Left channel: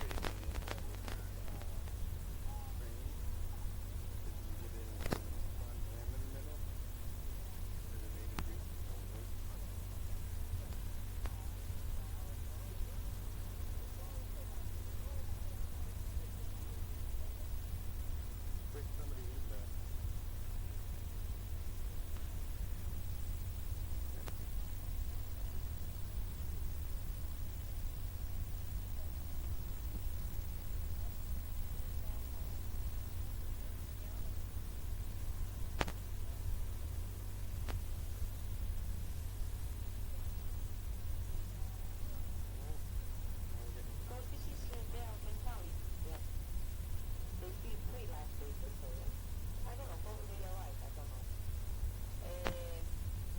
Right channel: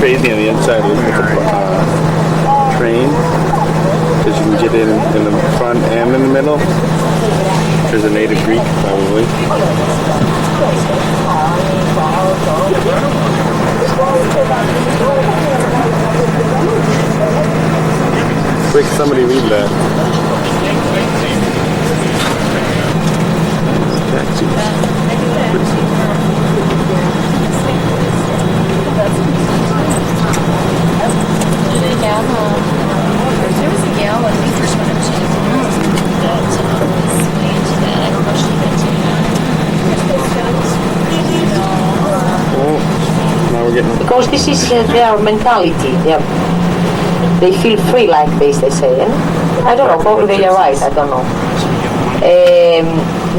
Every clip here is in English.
crazy on the inside with the train, because you can get in the front and in the middle. There's a native Greek, probably. Quick, somebody read that. There was a gal when we first went up to that was way into that. I don't know if she went to Now we're getting... Because this is their mentality. They feel free like this, they say. I don't know, probably they are right, I don't know.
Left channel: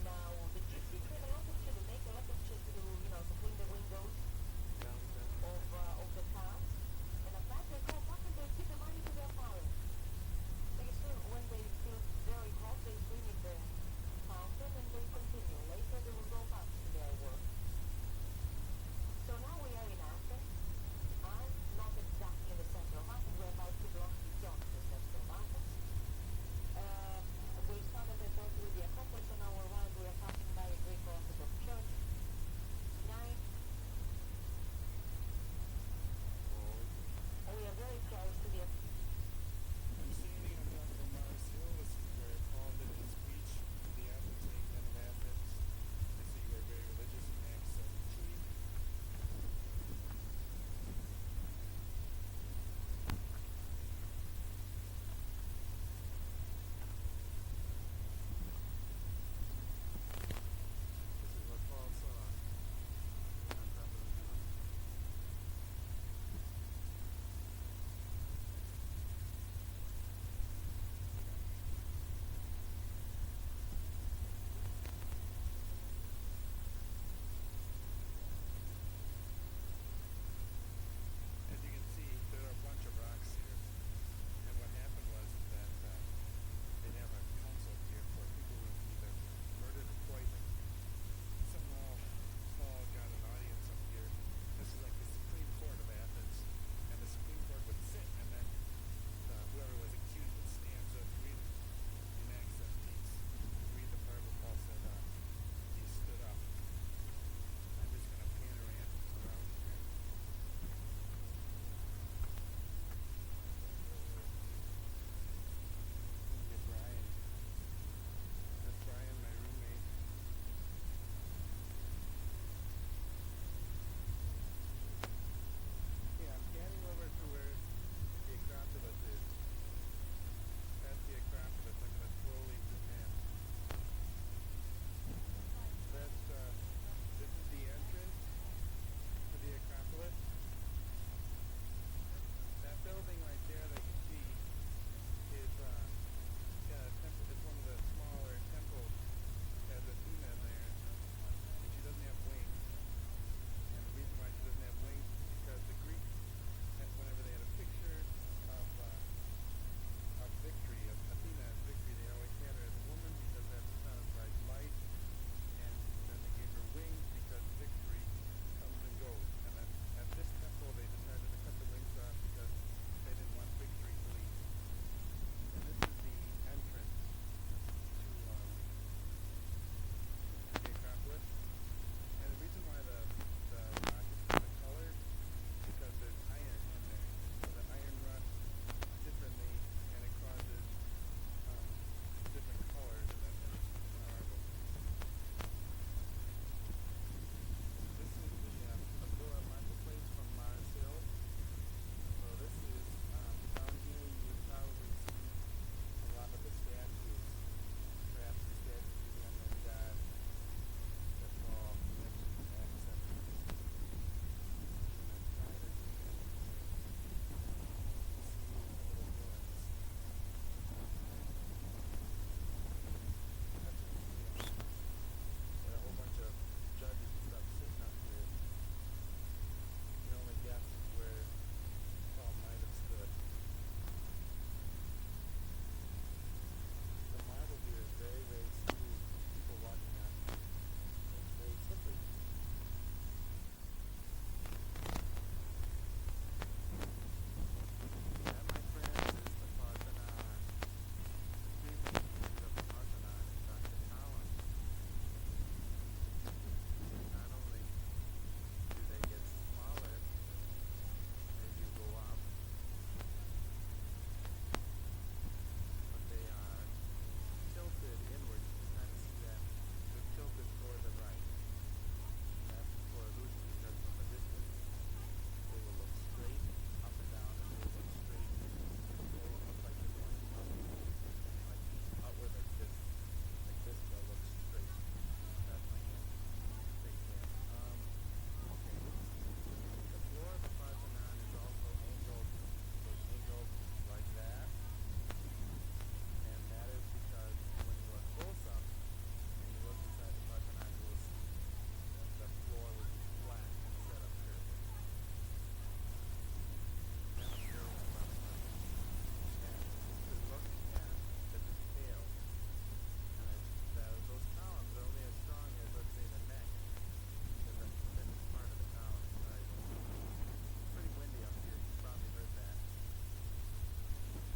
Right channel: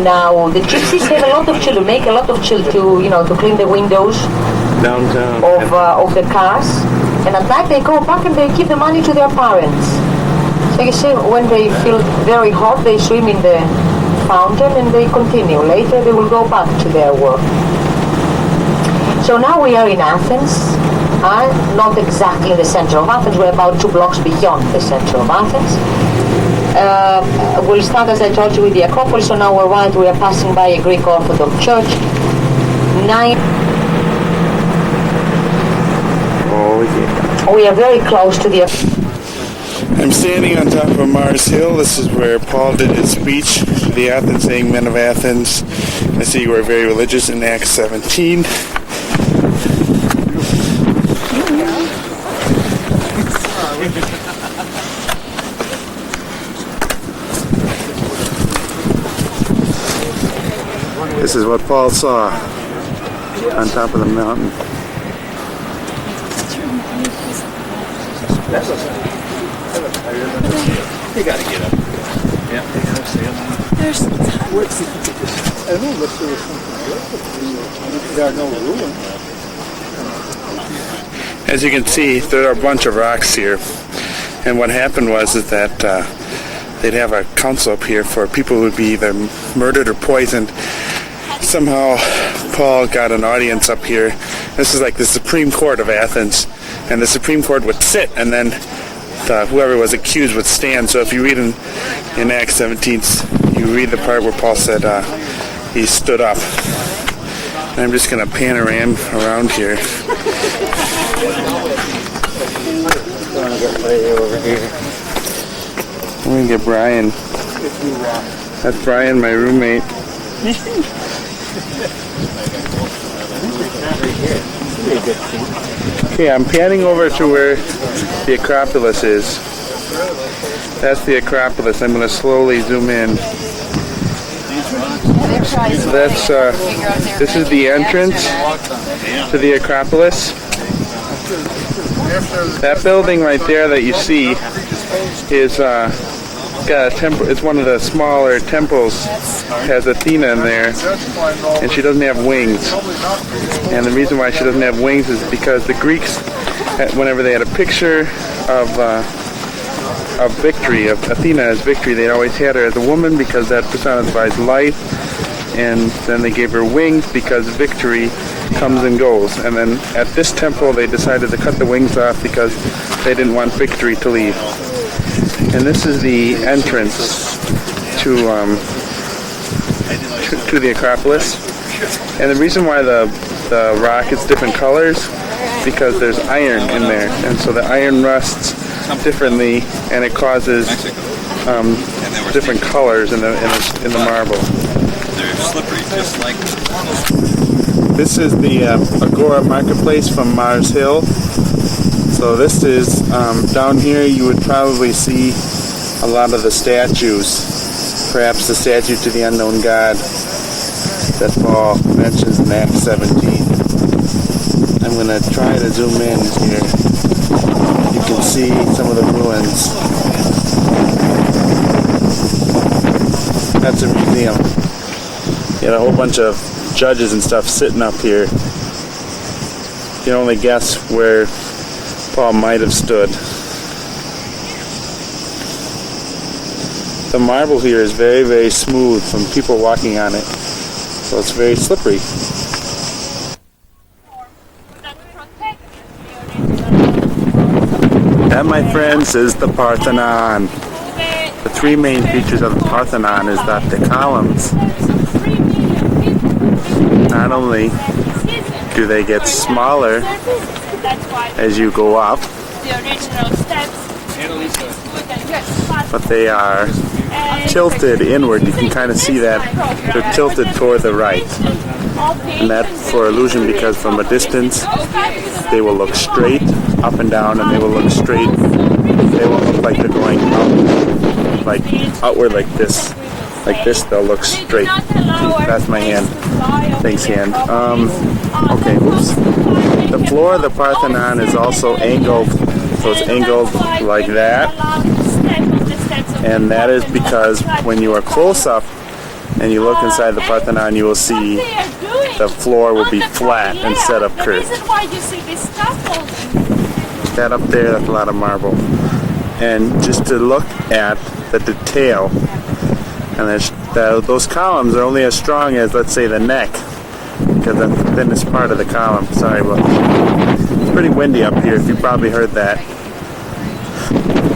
Now, the gypsies have a lot of children, make a lot of children to clean the windows downtown of the cars. And at night they go back and they give the money to their parents. So you see, when they feel very hot, they swim in the fountain and they continue. Later they will go back to their work. So now we are in Athens, not exactly in the center of Athens. We're about 2 blocks beyond the center of Athens. We'll start, as I told you, with the Acropolis. On our right, we are passing by a Greek Orthodox church. We are very close to the... I'm standing on top of Mars Hill. This is where Paul did his speech to the Athens, saying, "Men of Athens, I see you are very religious," in Acts 17. This is what Paul saw on top of the mountain. You gotta get up. Yeah, they gotta stay up. There's I don't know if there was something good. There are no ruins. As you can see, there are a bunch of rocks here. And what happened was that they'd have a council up here for people who would be either murdered or poisoned. Somehow Paul got an audience up here. This is like the Supreme Court of Athens. And the Supreme Court would sit, and then whoever was accused would stand. So if you read in Acts 17, you read the part where Paul said he stood up. And I'm just going to panorama around here. I'm going to get Brian. That's Brian, my roommate. Okay, I'm panning over to where the Acropolis is. That's the Acropolis. I'm going to slowly zoom in. So this is the entrance to the Acropolis. That building right there that you see is got a temple. It's one of the smaller temples. Has Athena in there, and she doesn't have wings. And the reason why she doesn't have wings is because the Greeks, whenever they had a picture of victory, of Athena as victory, they always had her as a woman because that personifies life. And then they gave her wings because victory comes and goes. And then at this temple, they decided to cut the wings off because they didn't want victory to leave. And this is the entrance to the Acropolis. And the reason why the rock is different colors because there's iron in there, and so the iron rusts differently, and it causes different colors in the marble. They're slippery, just like. This is the Agora Marketplace from Mars Hill. So this is down here. You would probably see a lot of the statues. Perhaps the statue to the unknown God that Paul mentions in Acts 17. I'm going to try to zoom in here. You can see some of the ruins. That's a museum. You had a whole bunch of judges and stuff sitting up here. You can only guess where Paul might have stood. The marble here is very, very smooth from people walking on it. So it's very slippery. That, my friends, is the Parthenon. The three main features of the Parthenon is that the columns, not only do they get smaller as you go up, but they are tilted inward. You can kind of see that they're tilted toward the right. And that's for illusion because from a distance they will look straight up and down, and they will look straight. They won't look like they're going out, like outward like this. Like this, they'll look straight. That's my hand. Thanks, hand. Okay, oops. The floor of the Parthenon is also angled, so it's angled like that. And that is because when you are close up and you look inside the Parthenon, you will see the floor will be flat instead of curved. That up there, that's a lot of marble. And just to look at the detail, and those columns are only as strong as, let's say, the neck, because that's the thinnest part of the column. Sorry, but it's pretty windy up here, if you probably heard that.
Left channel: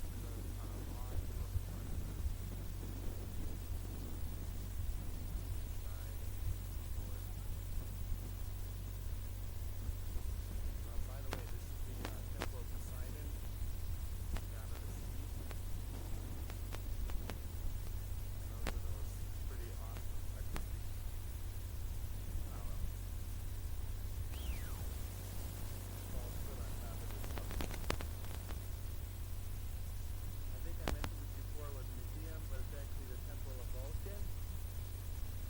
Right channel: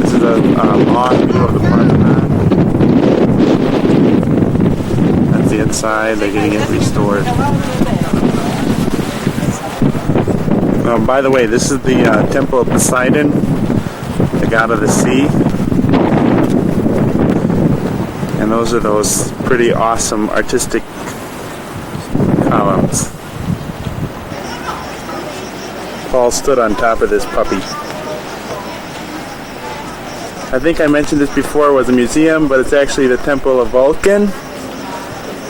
This is a long view of the Parthenon. That's the inside. They're getting it restored. By the way, this is the Temple of Poseidon, the god of the sea. And those are those pretty awesome artistic columns. Paul stood on top of this puppy. I think I mentioned this before, it was a museum, but it's actually the Temple of Vulcan.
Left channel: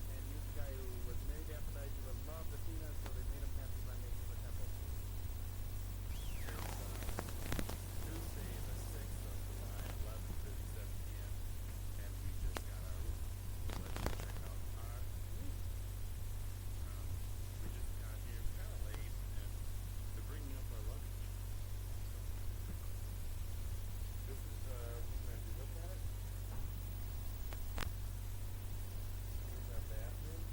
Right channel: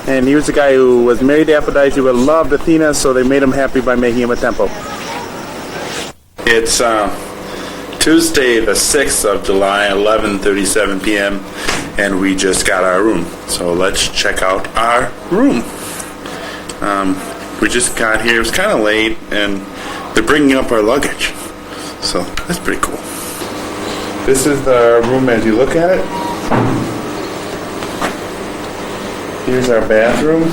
And he was a guy who was married to Aphrodite, who loved Athena, so they made him happy by making him a temple. It's Tuesday the 6th of July, 11:37 p.m., and we just got our room. So let's check out our room. We just got here, it was kind of late, and they're bringing up our luggage. So that's pretty cool. This is the room as you look at it. Here's our bathroom.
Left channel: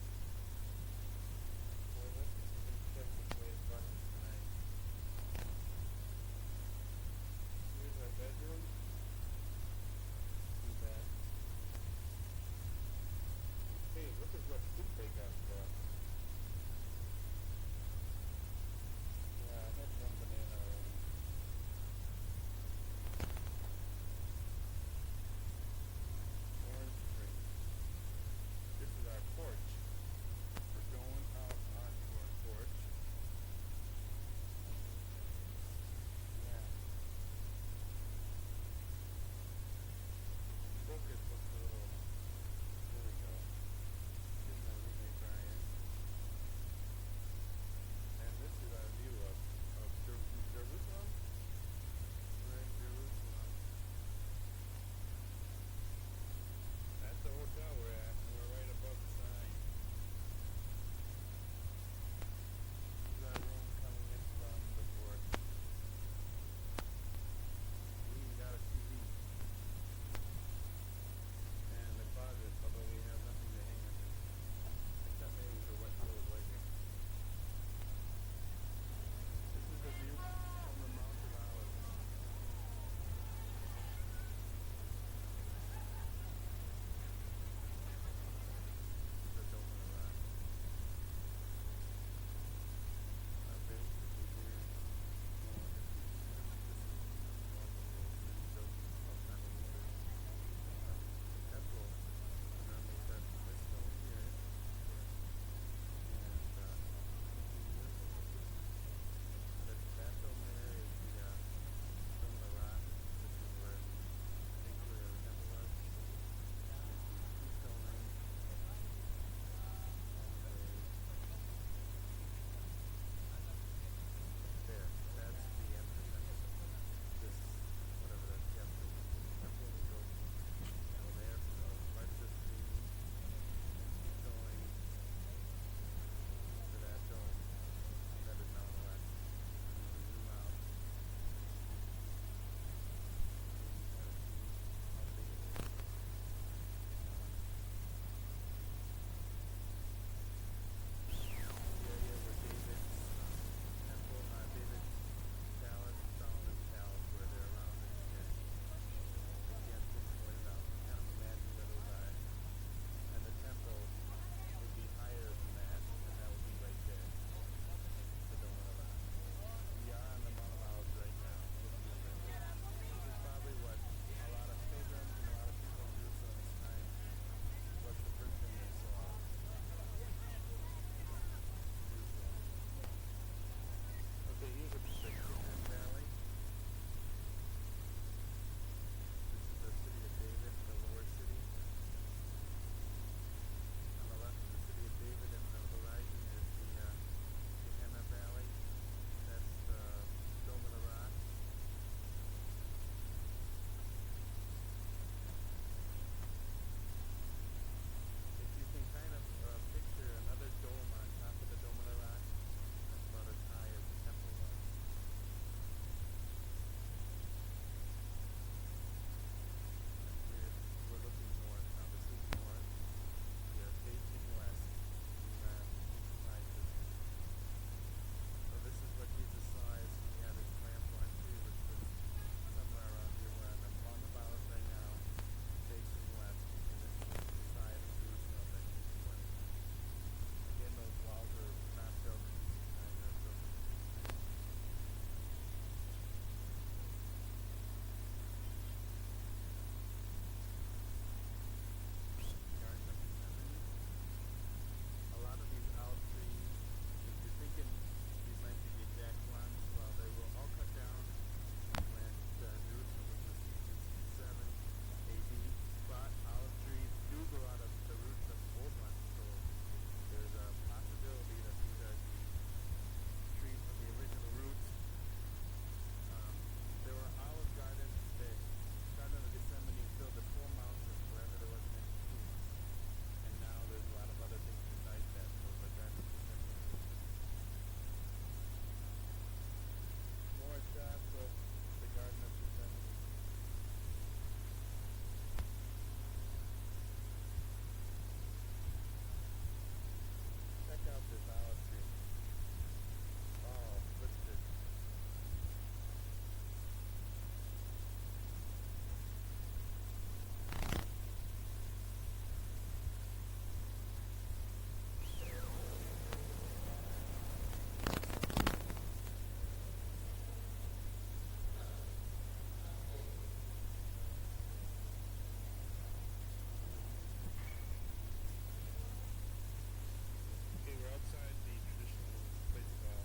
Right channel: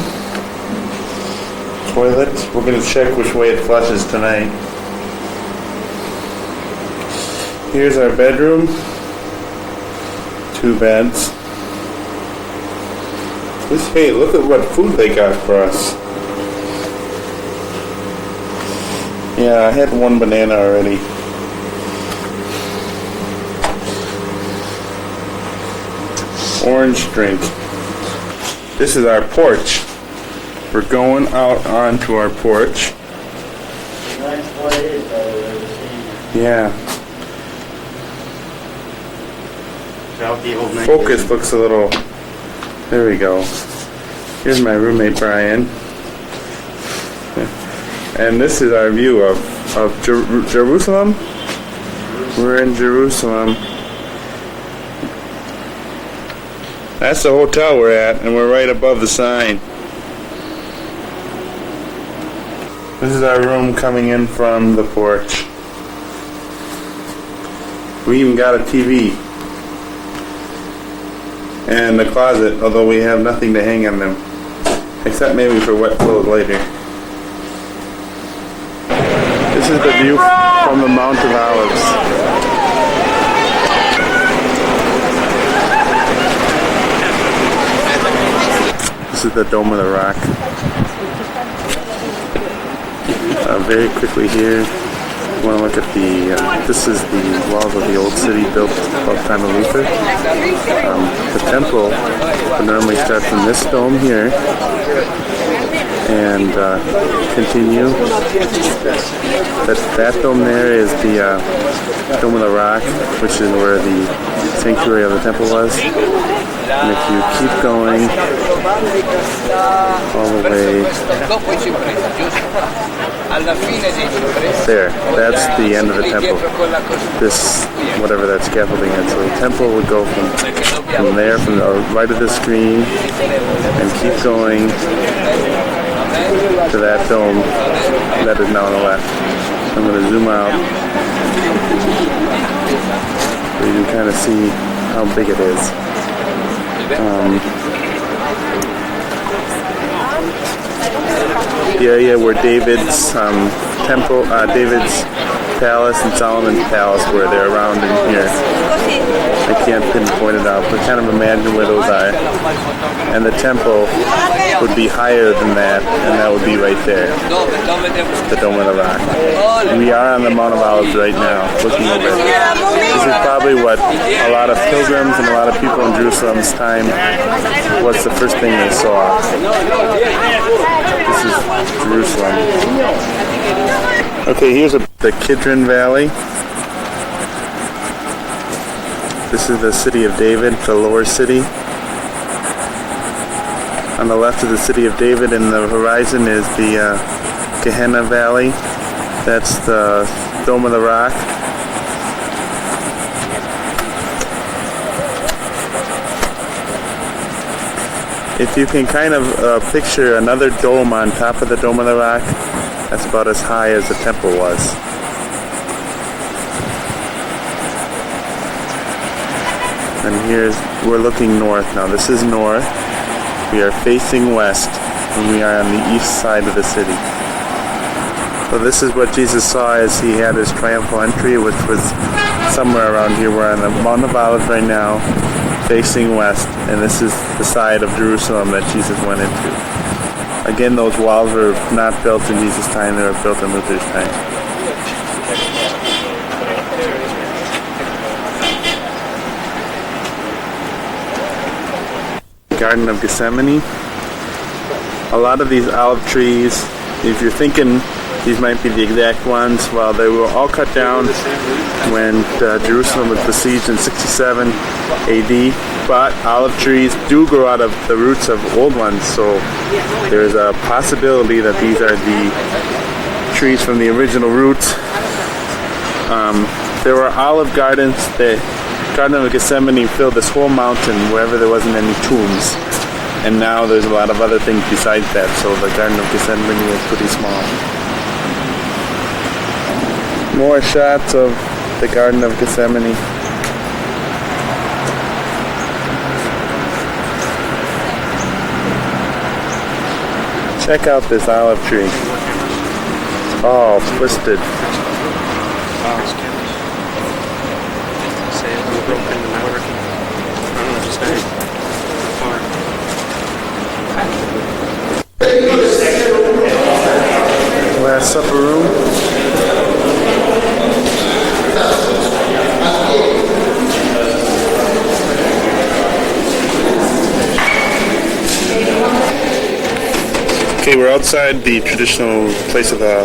Toilet. We're going to check which way it flushes tonight. Here's our bedroom. 2 beds. Hey, look at what food they got for us. Yeah, I had 1 banana already. Orange drink. This is our porch. We're going out onto our porch. Yeah. Focus looks a little... There we go. Here's my roommate Brian. And this is our view of Jerusalem. We're in Jerusalem. That's the hotel we're at, and we're right above the sign. This is our room coming in from the porch. We even got a TV. And a closet, although we have nothing to hang on them. Except maybe for wet clothes later. This is the view from the Mount of Olives. This is the Dome of the Rock. Very quickly here, you want to look at the, this is the walls of the old city built about the time of Luther. The temple would normally start from this dome here and continue. That dome there is the Dome of the Rock, which is where the sanctuary of the temple was. And if you keep going all the way there, that's the end of the temple. This, whatever that scaffolding is. So the temple would go from there, from the right of the screen, and keep going to that dome that is now on the left. I'm going to zoom out so you can kind of see how big it is. the area where David's temple, David's palace and Solomon's palace were. They're around in here. I can't pinpoint it out, but kind of imagine where those are. And the temple would be higher than that, and that would be right there, the Dome of the Rock. We are on the Mount of Olives right now, looking over it. This is probably what a lot of pilgrims and a lot of people in Jerusalem's time, what's the first thing they saw. This is Jerusalem. Okay, here's the Kidron Valley. This is the city of David, the lower city. On the left of the city of David in the horizon is the Gehenna Valley. That's the Dome of the Rock. If you can kind of picture another dome on top of the Dome of the Rock, that's about as high as the temple was. And we're looking north now. This is north. We are facing west, and we are on the east side of the city. So this is what Jesus saw as he had his triumphal entry, which was somewhere around here. We're on the Mount of Olives right now, facing west, and this is the side of Jerusalem that Jesus went into. Again, those walls were not built in Jesus' time, they were built in Luther's time. Garden of Gethsemane. A lot of these olive trees, if you're thinking these might be the exact ones, well, they were all cut down when Jerusalem was besieged in 67 AD. But olive trees do grow out of the roots of old ones, so there's a possibility that these are the trees from the original roots. There were olive gardens. The Garden of Gethsemane filled this whole mountain wherever there wasn't any tombs. And now there's a lot of other things besides that, so the Garden of Gethsemane is pretty small. More shots of the Garden of Gethsemane. Check out this olive tree. It's all twisted. Last Supper room. Okay, we're outside the traditional place of the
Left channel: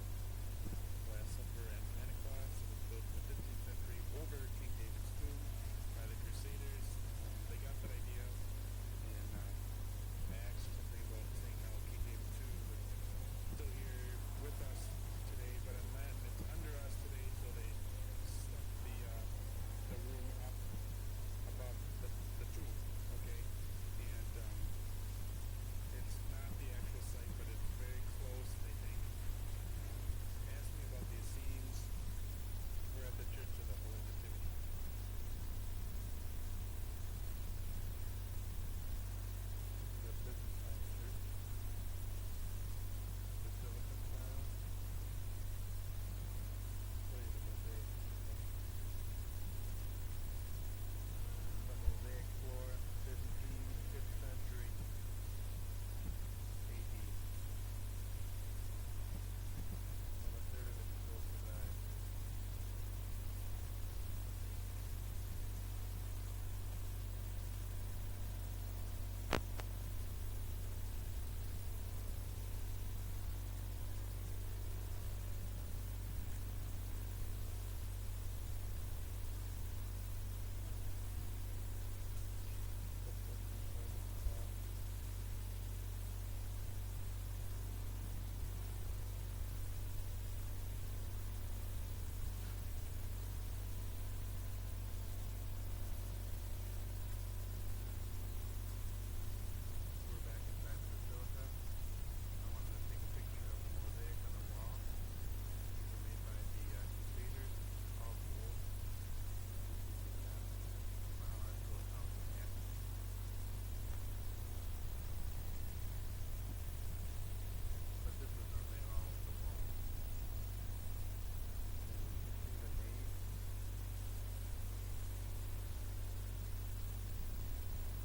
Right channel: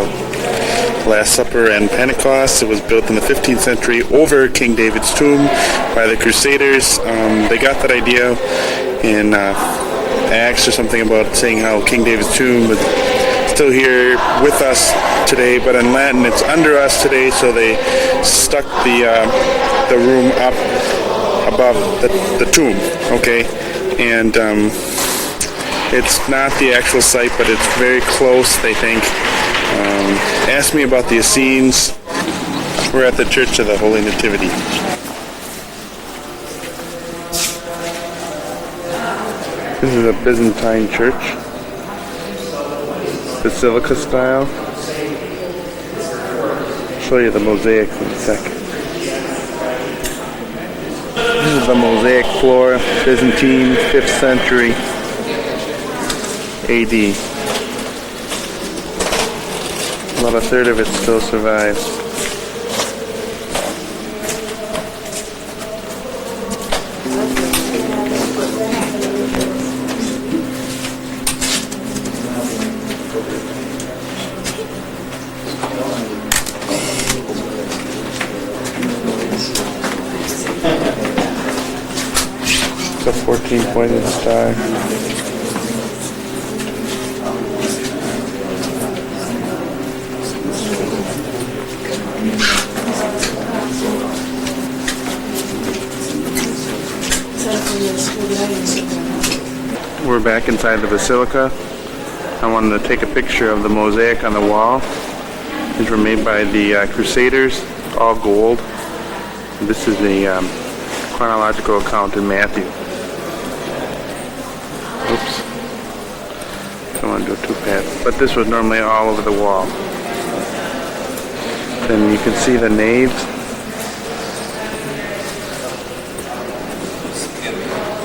Last Supper and Pentecost. It was built in the 15th century over King David's tomb by the Crusaders. They got that idea in Acts or something about saying how King David's tomb was still here with us today, but in Latin it's under us today, so they stuck the room up above the tomb, okay? And it's not the actual site, but it's very close, they think. Ask me about the Essenes. We're at the Church of the Holy Nativity. This is a Byzantine church. Basilica style. I'll show you the mosaics in a second. This is the mosaic floor, Byzantine, 5th century AD. About a third of it still survives. It's a 14-pointed star. We're back inside the basilica. I wanted to take a picture of the mosaic on the wall. These were made by the Crusaders, all gold. This is the chronological account in Matthew. Oops. Come want to do two paths. But this was normally all over the wall. Then you can see the nave.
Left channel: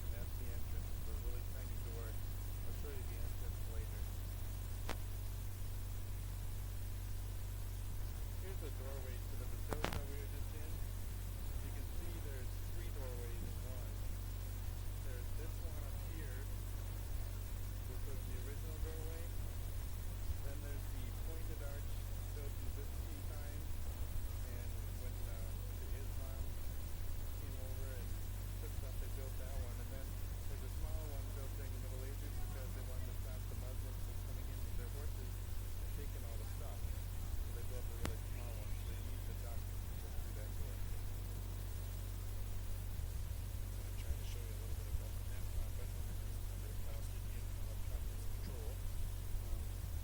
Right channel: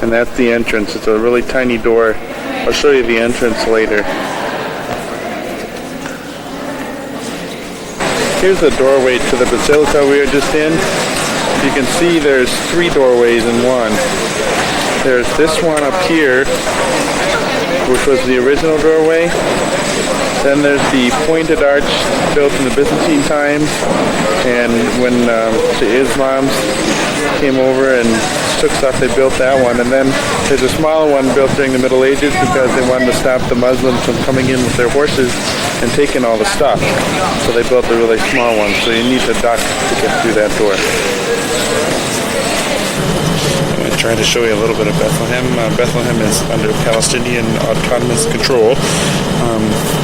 And that's the entrance. It's a really tiny door. I'll show you the entrance later. Here's the doorway to the basilica we were just in. You can see there's three doorways in one. There's this one up here, which was the original doorway. Then there's the pointed arch built in the Byzantine times, and when the Islams came over and took stuff, they built that one. And then there's a smaller one built during the Middle Ages because they wanted to stop the Muslims from coming in with their horses and taking all the stuff. So they built a really small one, so you need to duck to get through that door. I'm going to try to show you a little bit of Bethlehem. Bethlehem is under Palestinian autonomous control,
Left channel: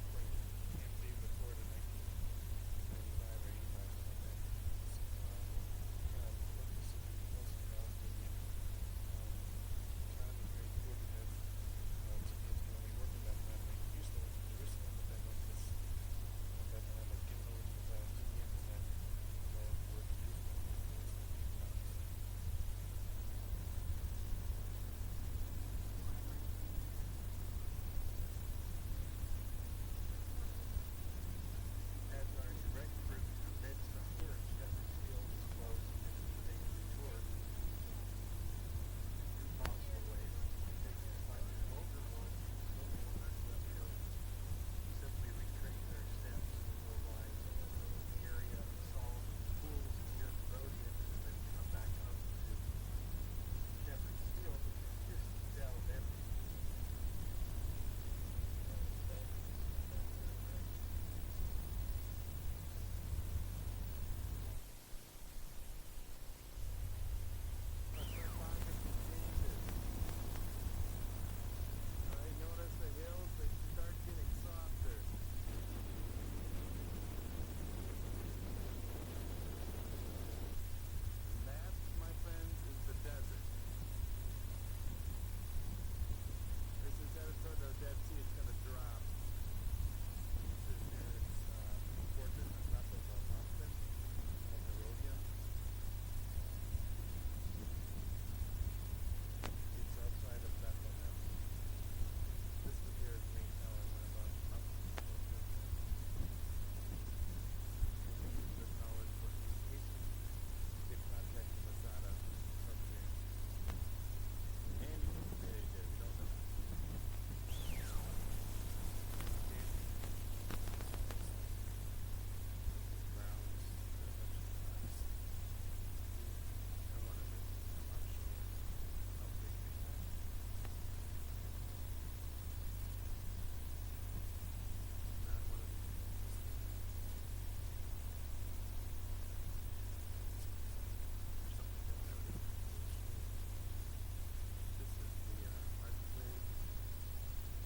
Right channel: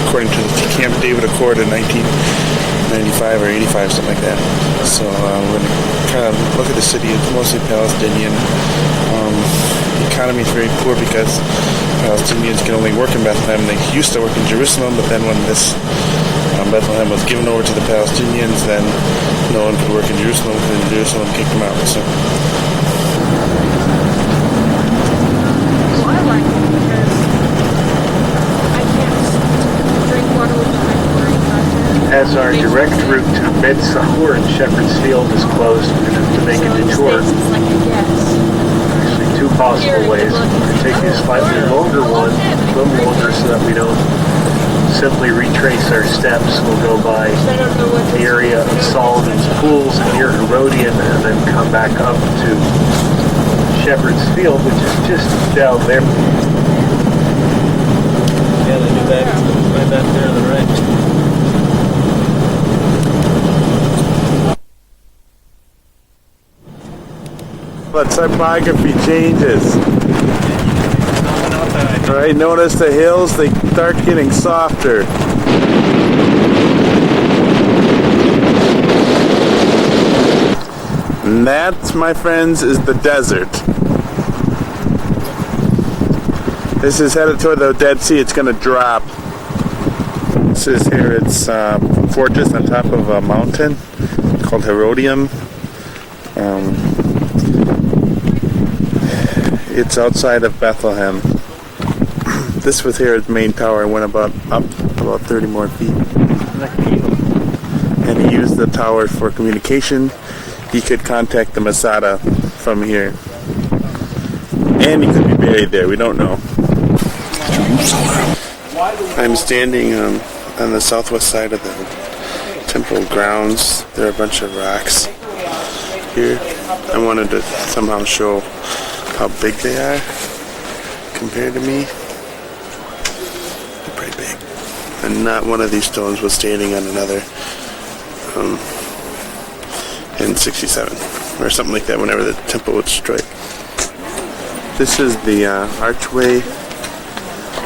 according to the Camp David Accord in 1995 or 85, something like that. So we're going to kind of look at the city. It's mostly Palestinian. The economy is very poor because Palestinians can only work in Bethlehem. They used to work in Jerusalem, but then when this Bethlehem was given over to the Palestinians, then no one could work in Jerusalem because Jerusalem kicked them out. So. Well, I like it because I can't drink water with my chlorine. As our direct route to Beth Sahur and Shepherd's Field is closed, we're going to have to make a detour. Actually, two possible ways. We're going to take a slightly longer one, a little longer, so that we don't simply retrace our steps. We'll go by the area of Solomon's Pools near Herodian and then come back up to Shepherd's Field, which is just down there. Yeah, they do that right back there on the right. But typography changes. Right, notice the hills, they start getting softer. And that, my friends, is the desert. This is headed toward the Dead Sea. It's going to drop. This is here. It's a fortress on top of a mountain called Herodium. It's outside of Bethlehem. This was here, its main tower. Went up about 30 more feet. And he used the tower for communication. He could contact the Masada from here. And he could be buried there. We don't know. I'm standing on the southwest side of the temple grounds. There are a bunch of rocks here. I wanted to somehow show how big they are compared to me. They're pretty big. And not one of these stones was standing on another in 67 or something like that, whenever the temple was destroyed. This is the archway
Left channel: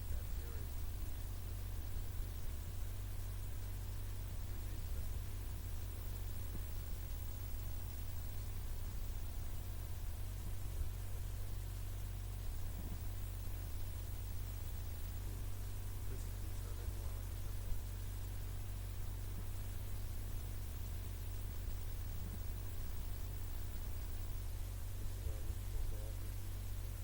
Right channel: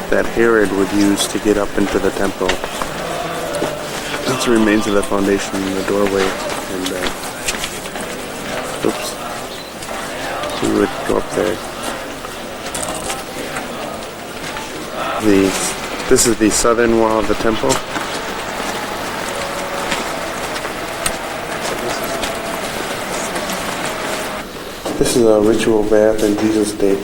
that Herod would use to get up into the temple. That's the remains of the foundation in the doorway. And oops. We would go up there. This is the southern wall of the temple. This is a ritual bath in Jesus' day.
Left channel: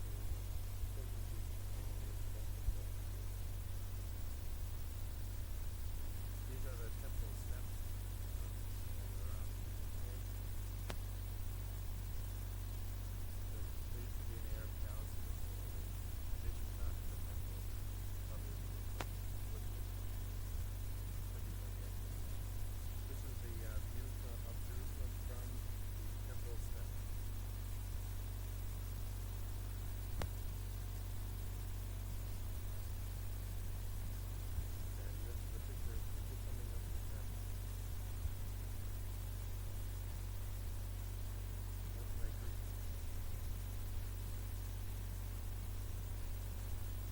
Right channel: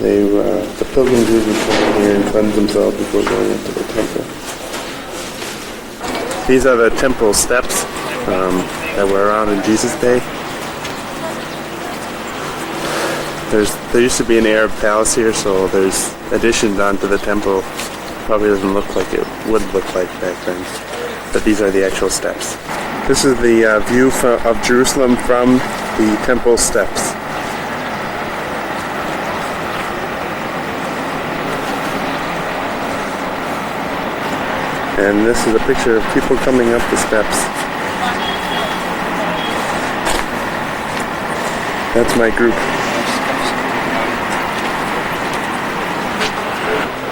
The pilgrims usually come here and cleanse themselves before going into the temple. These are the temple steps that were around in Jesus' day. There used to be an Arab palace here, so there's additions onto the temple. Probably doesn't look like it would look like back then. But these are the actual steps. This is the view of Jerusalem from the temple steps. And this is a picture of people coming up the steps. That's my group.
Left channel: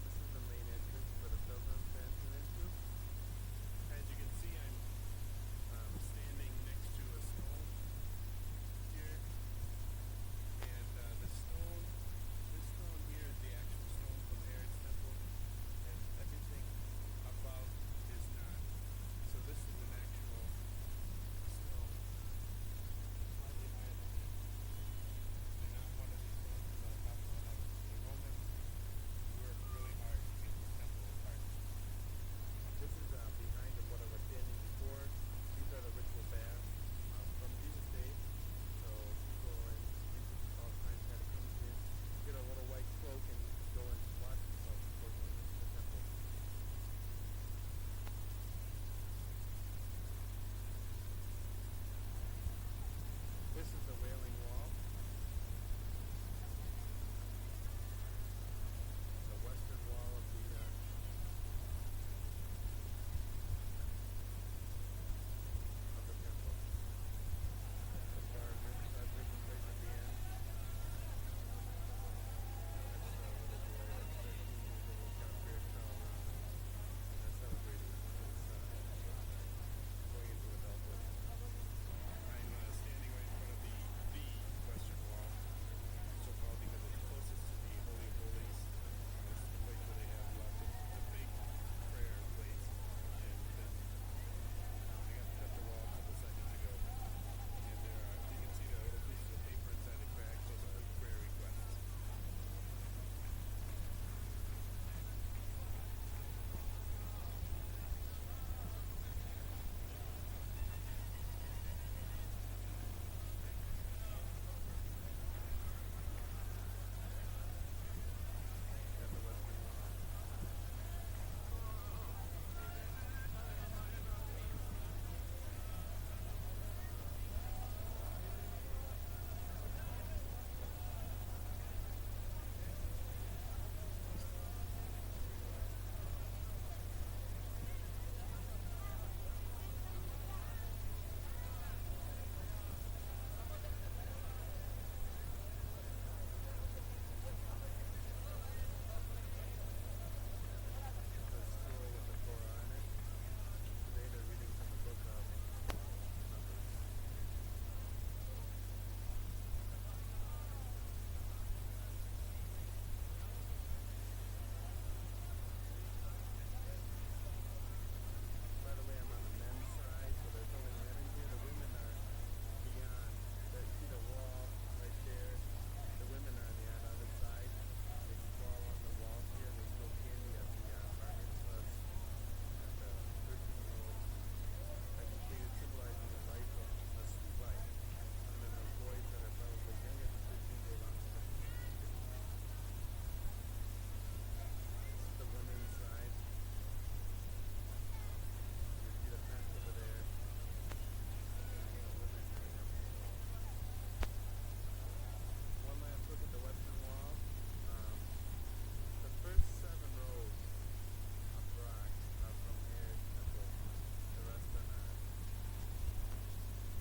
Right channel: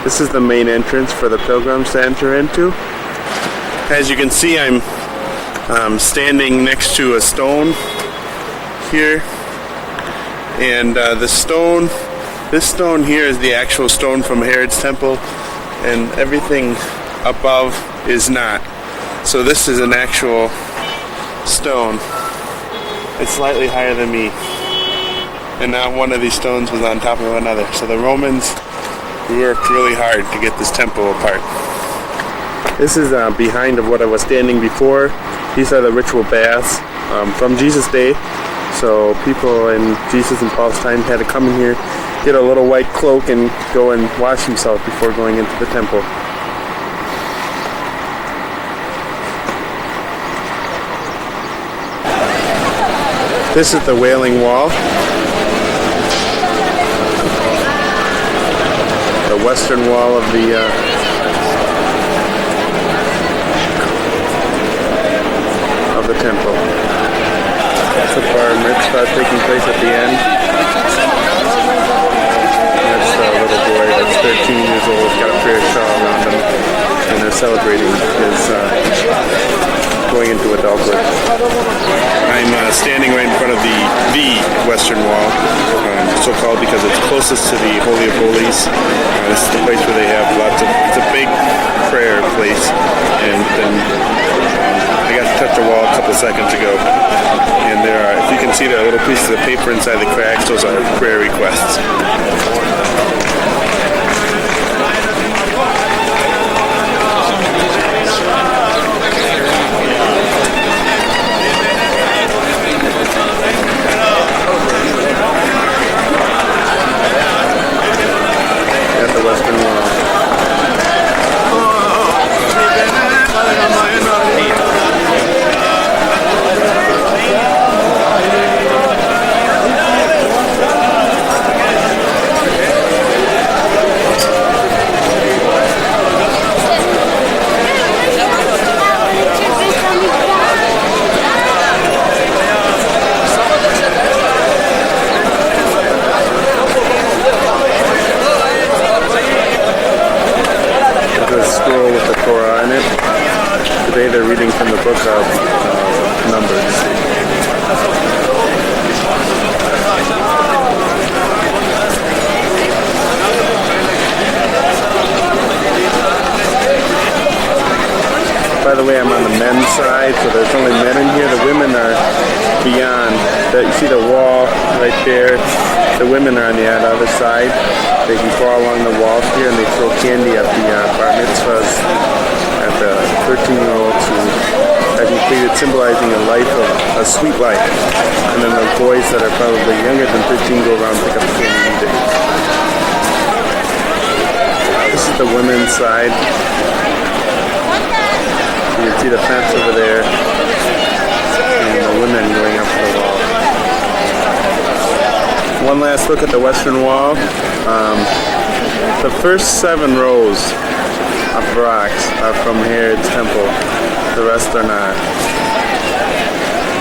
This is the main entrance for the pilgrims to enter into. As you can see, I'm standing next to a stone here. And the stone This stone here is the actual stone from Herod's temple, and everything above is not. So this is an actual stone. It's slightly higher than me. And not one of these stones was on top of another. So the Romans worked really hard to get this temple apart. This is behind of what I was standing before. These are the ritual baths from Jesus' day. So people in Jesus and Paul's time had to come in here, get a little white cloak, and go and wash himself before going into the temple. This is the Wailing Wall. The western wall of the temple. That's the bar mitzvah taking place at the end. That's a little boy that's 13 years old, got a prayer shawl around him, and they're celebrating his going into adulthood. I'm standing right in front of the Western Wall, so-called because it's closest to the Holy of Holies. This is the place where they have it's a big prayer place, and then I got to touch the wall a couple seconds ago, and there are, if you can see, there are little pieces of paper inside the cracks. Those are prayer requests. Today they're reading from the book of Numbers. By the way, I'm on the men's side, so there's only men in here. The women are beyond. You see the wall right there. The women are on the other side. They can crawl along the walls here, and they throw candy at the bar mitzvahs, at the 13-year-olds who have completed, symbolizing a life of a sweet life. And then the boys that are probably younger than 13 go around and pick up the candy and eat it. This is the women's side. You can see the fence over there, and the women going up to the wall. One last look at the Western Wall. The first 7 rows of rocks are from Herod's temple. The rest are not.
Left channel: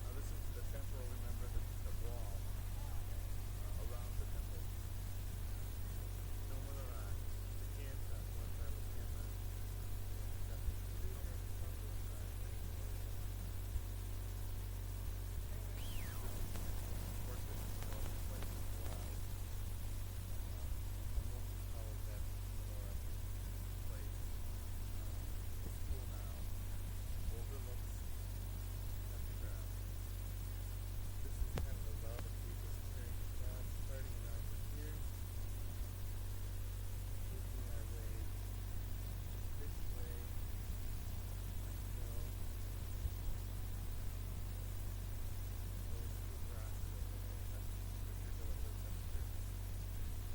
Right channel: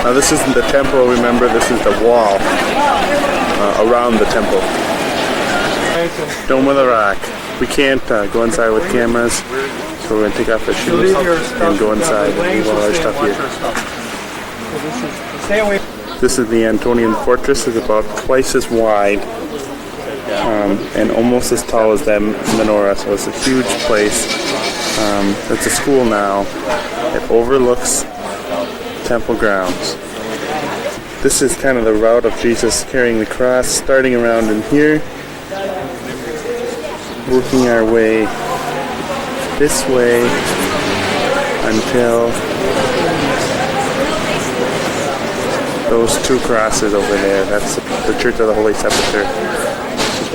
Now this isn't the temple, remember, this is the wall around the temple. Dome of the Rock. We can't go inside with cameras, so we're going to take off the shoes and go inside and move all our stuff here. This is the Antonian fortress. It's about twice as wide and almost as tall as that menorah, so it's a huge place. It's a school now. It overlooks temple grounds. This is kind of the route of Jesus carrying the cross, starting around in here, working our way this way until those 2 crosses over there. That's the Church of the Holy Sepulchre,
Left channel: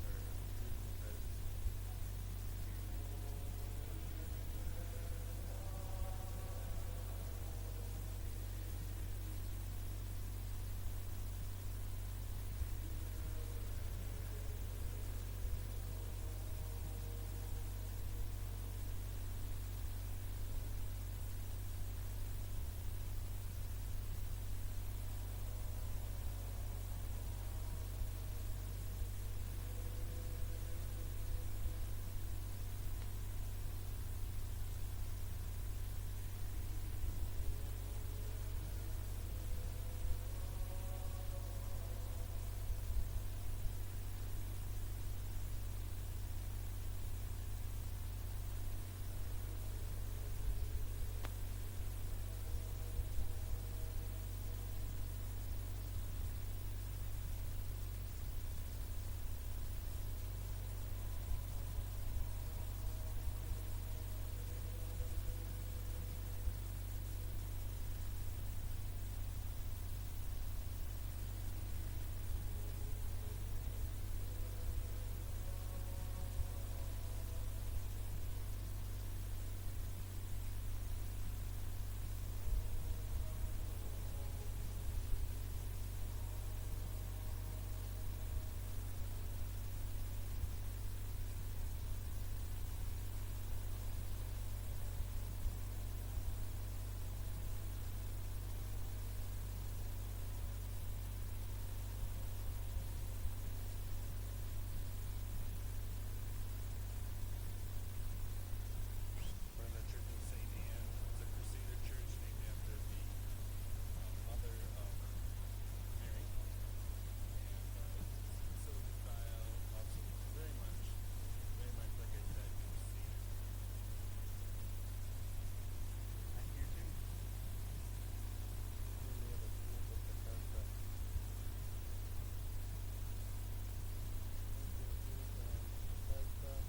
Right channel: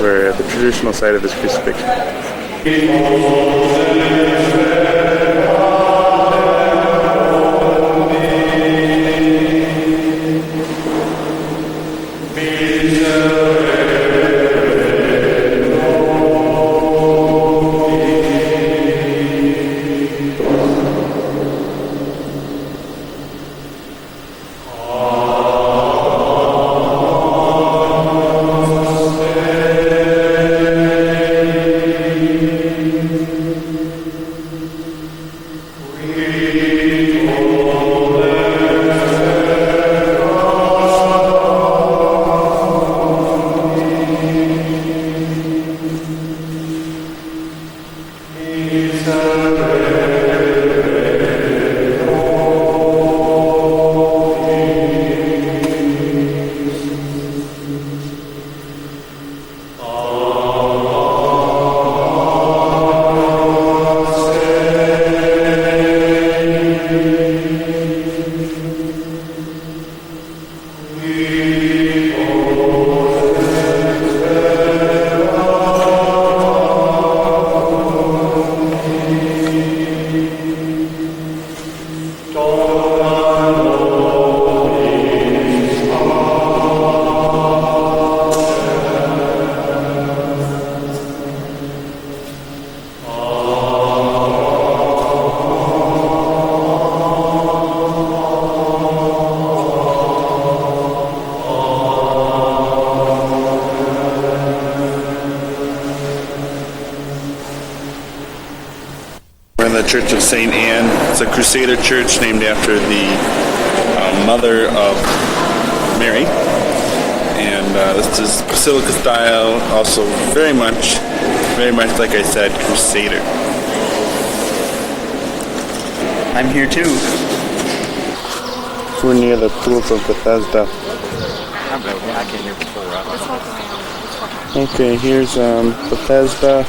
where the traditional site of his crucifixion. the Church of St. Anne. It's a Crusader church named after the mother of Mary. And this is Basilica style, also very much like I said, Crusader. I'm here too. We're near the pools of Bethesda. I came here before. Okay, here's Bethesda.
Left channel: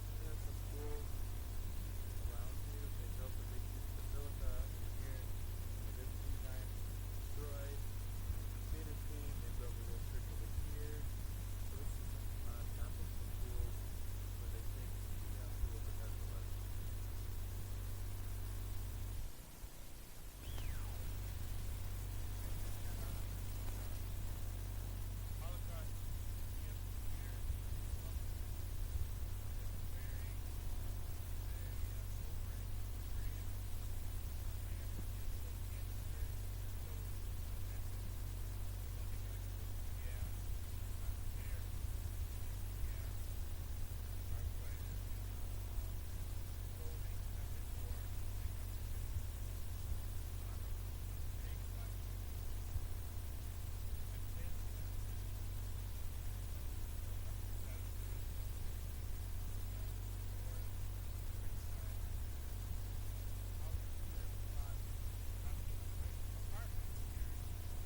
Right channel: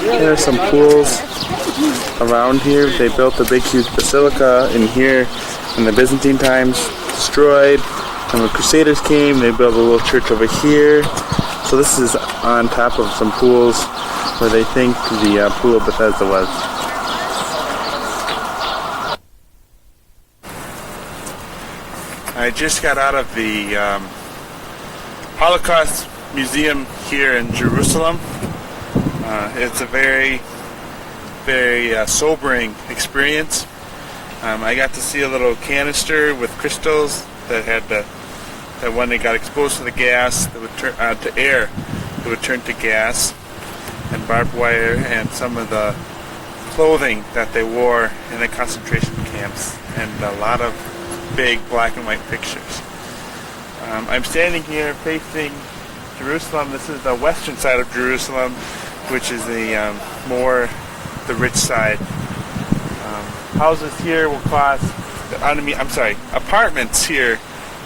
There are some pools around here. They built a big, huge basilica in here in the Byzantine times, destroyed. And when Crusaders came, they built a little church over here. So this is on top of some pools where they think the pool of Bethesda was. I just got out of the Holocaust Museum here in Jerusalem. It's a very, very sobering experience. I got to see a little canister with crystals that had that when they got exposed to the gas, that would turn to air, it would turn to gas, and barbed wire, and some of the clothing that they wore in the concentration camps, and a lot of big black and white pictures. I'm standing here facing Jerusalem. This is the western side of Jerusalem, which is the rich side. Houses here will cost, apartments here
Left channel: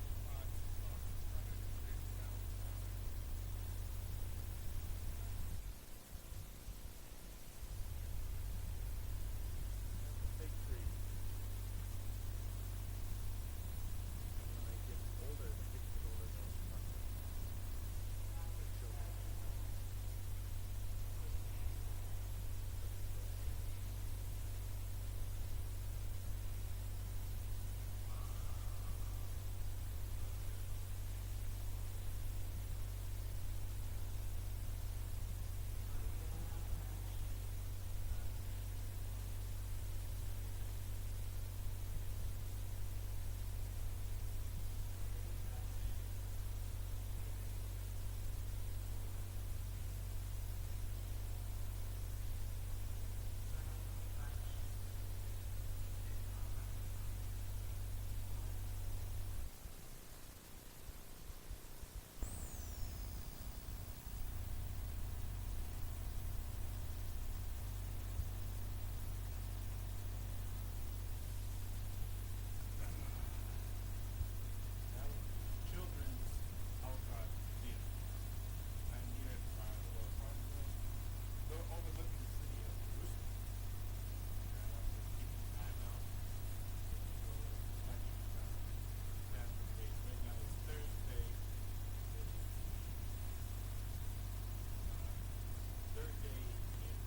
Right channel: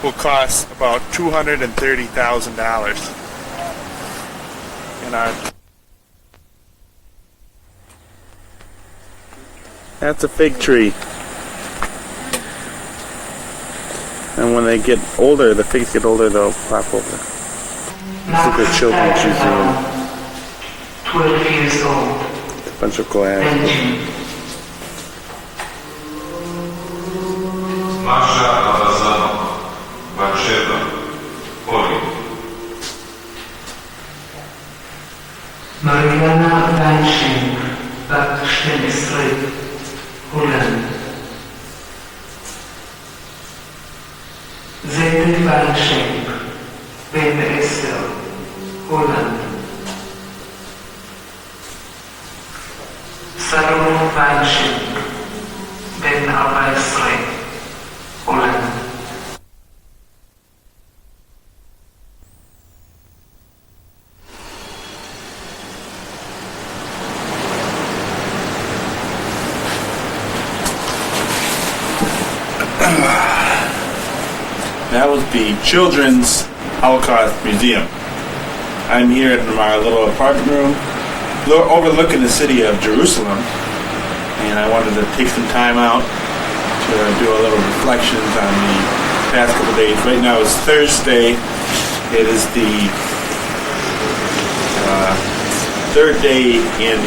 will cost about $230,000. That's a fig tree. And when they get older, the figs get older, they'll pop over. This is the Children's Museum. 12 years old. A bunch of glass. Masha Abazano, Batsheva, Poli. Mariana Weinschenk, בת 12, הולנד. זייד ויינשנק, בן 10, הולנד. סלומון ויינשנק, בן 14, הולנד. That was the Children's Holocaust Museum. I'm here in my little apartment room overlooking the city of Jerusalem, and I wanted to take some time out to do a little reflections on the past couple days. Right now it's Thursday. It is the third day in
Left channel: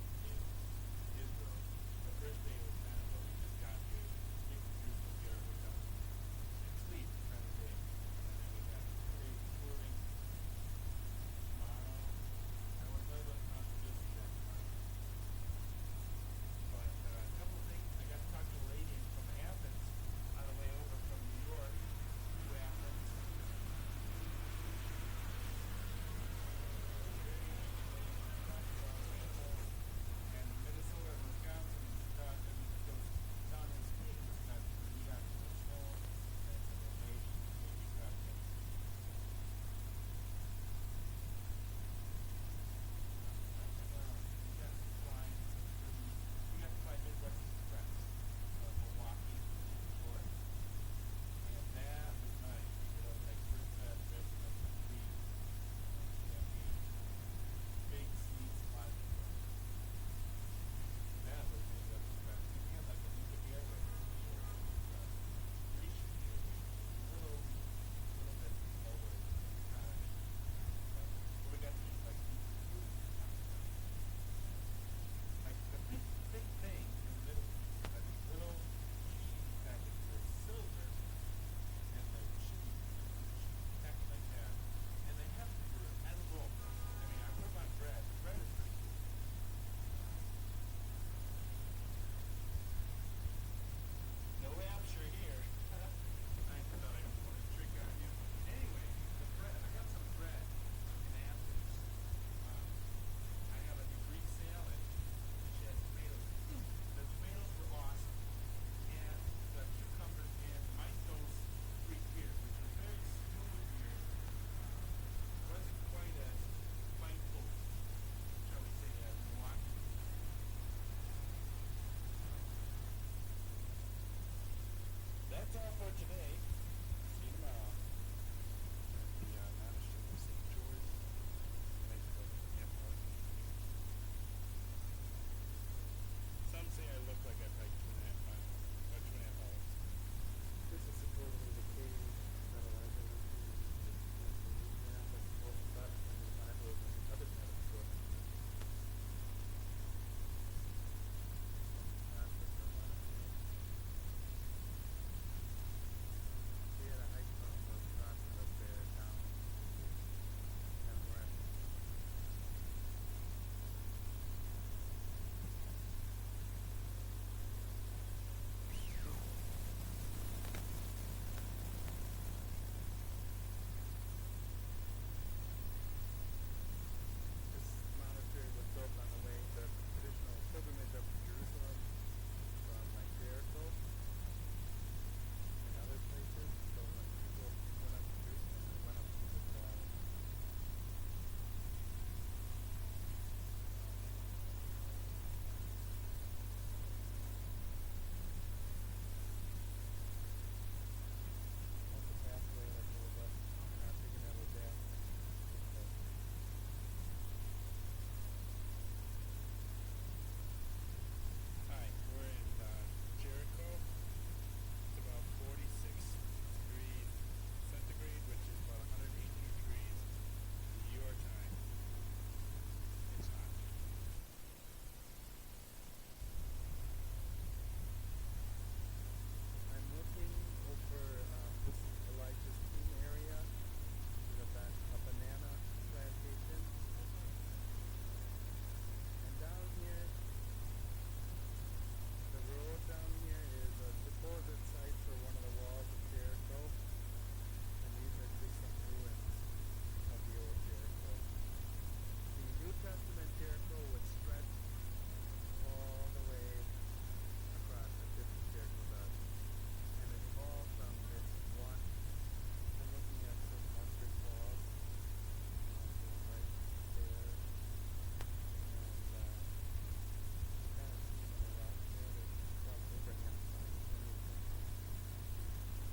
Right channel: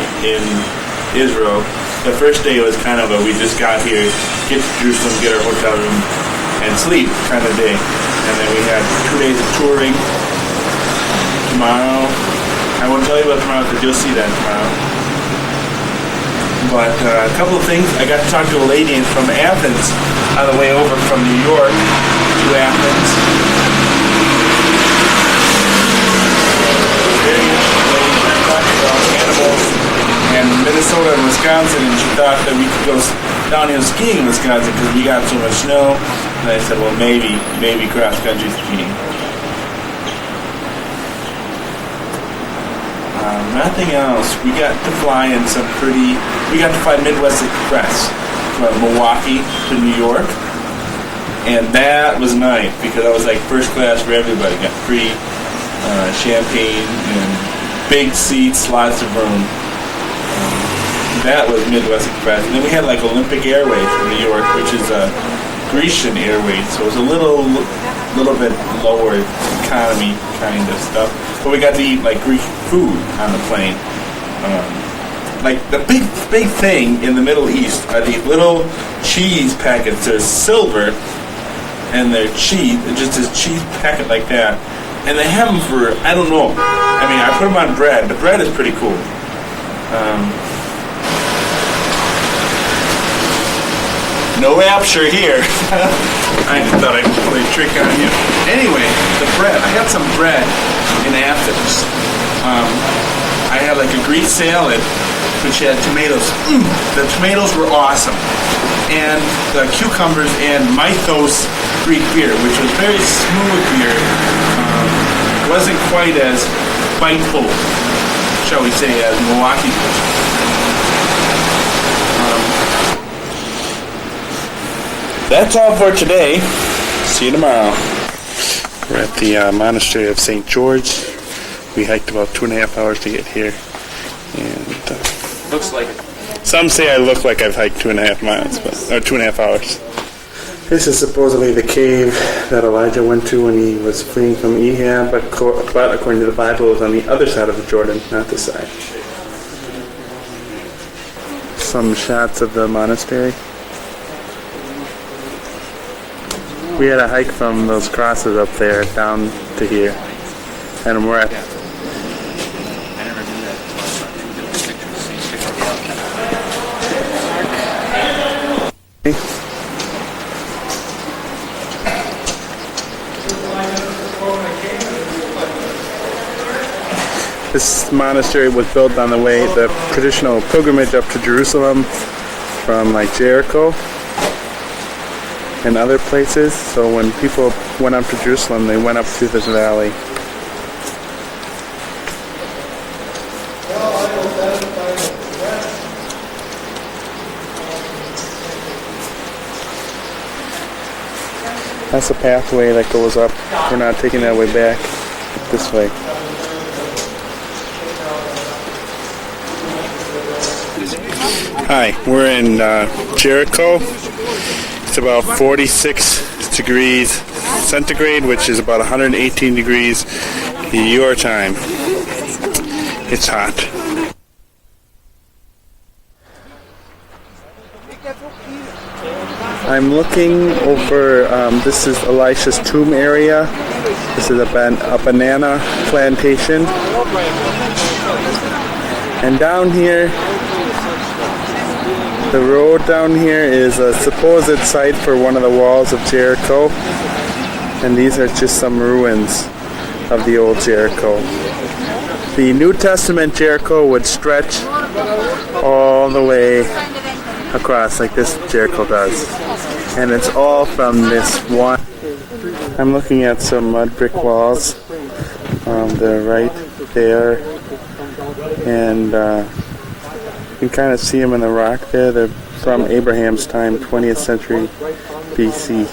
Israel. The first day was kind of we just got here, get to Jerusalem, get our hotel room, and sleep kind of day. And then we had 2 days of touring. Tomorrow, I won't tell you about tomorrow because you'll see that tomorrow. But a couple of things. I got to talk to a lady from Athens on the way over from New York to Athens. Very interesting lady. We talked about animals and Minnesota and Wisconsin, and she thought that we could go downhill skiing in Wisconsin because we got so much snow. And I said, well, maybe cross-country skiing. Nothing else. We got to fly Midwest Express from Milwaukee to New York. And that was nice because I was like first class for everybody. Got free champagne and big seats, lots of room. That was Midwest Express. And then we had like Olympic Airways from New York, which is Grecian Airways, so it was a little bit lower economy kind of stuff. But we got to eat like Greek food on the plane. Like the big thing in the Middle East are these little cheese packets. They're silver, and they're cheese. They're just this cheese packet like that, and they have them for I don't know. I mean, I put them on bread. The bread is pretty cool. No rapture here. I just thought I'd play a trick on you. Anyway, the bread. I had some bread in Athens. I had like a Greek salad which had tomatoes. The tomatoes were awesome. And the cucumbers and mythos Greek beer, which was very smooth beer. Wasn't quite as biteful, shall we say, as Milwaukee was. That's all for today. See you tomorrow. We're at the monastery of St. George. We hiked about 2.5 hours to get here. And Looks like it. some say I look like I've hiked 2.5 miles, or 2.5 hours. This is supposedly the cave that Elijah went to when he was fleeing from Ahab, but according to the Bible, it was on the other side of the Jordan, not this side. Some shots of the monastery. We had a hike from those crosses up there down to here, and we're at This monastery was built on the traditional pilgrimage up to Jerusalem from like Jericho and other places. So when people went up to Jerusalem, they went up through this valley. That's a pathway that goes up. We're not taking that way back. This way. Hi, we're in Jericho. It's about 46 degrees centigrade, which is about 118 degrees your time. It's hot. I'm looking over, this is Elisha's tomb area. This is a banana plantation. And down here, the road down here is a supposed site for one of the walls of Jericho. And these are just some ruins of the old Jericho. The New Testament Jericho would stretch all the way across like this Jericho does. And it's all from this one. I'm looking at some mud brick walls. They're right there. And you can kind of see them in the rock there. They're from Abraham's time, 20th century BC.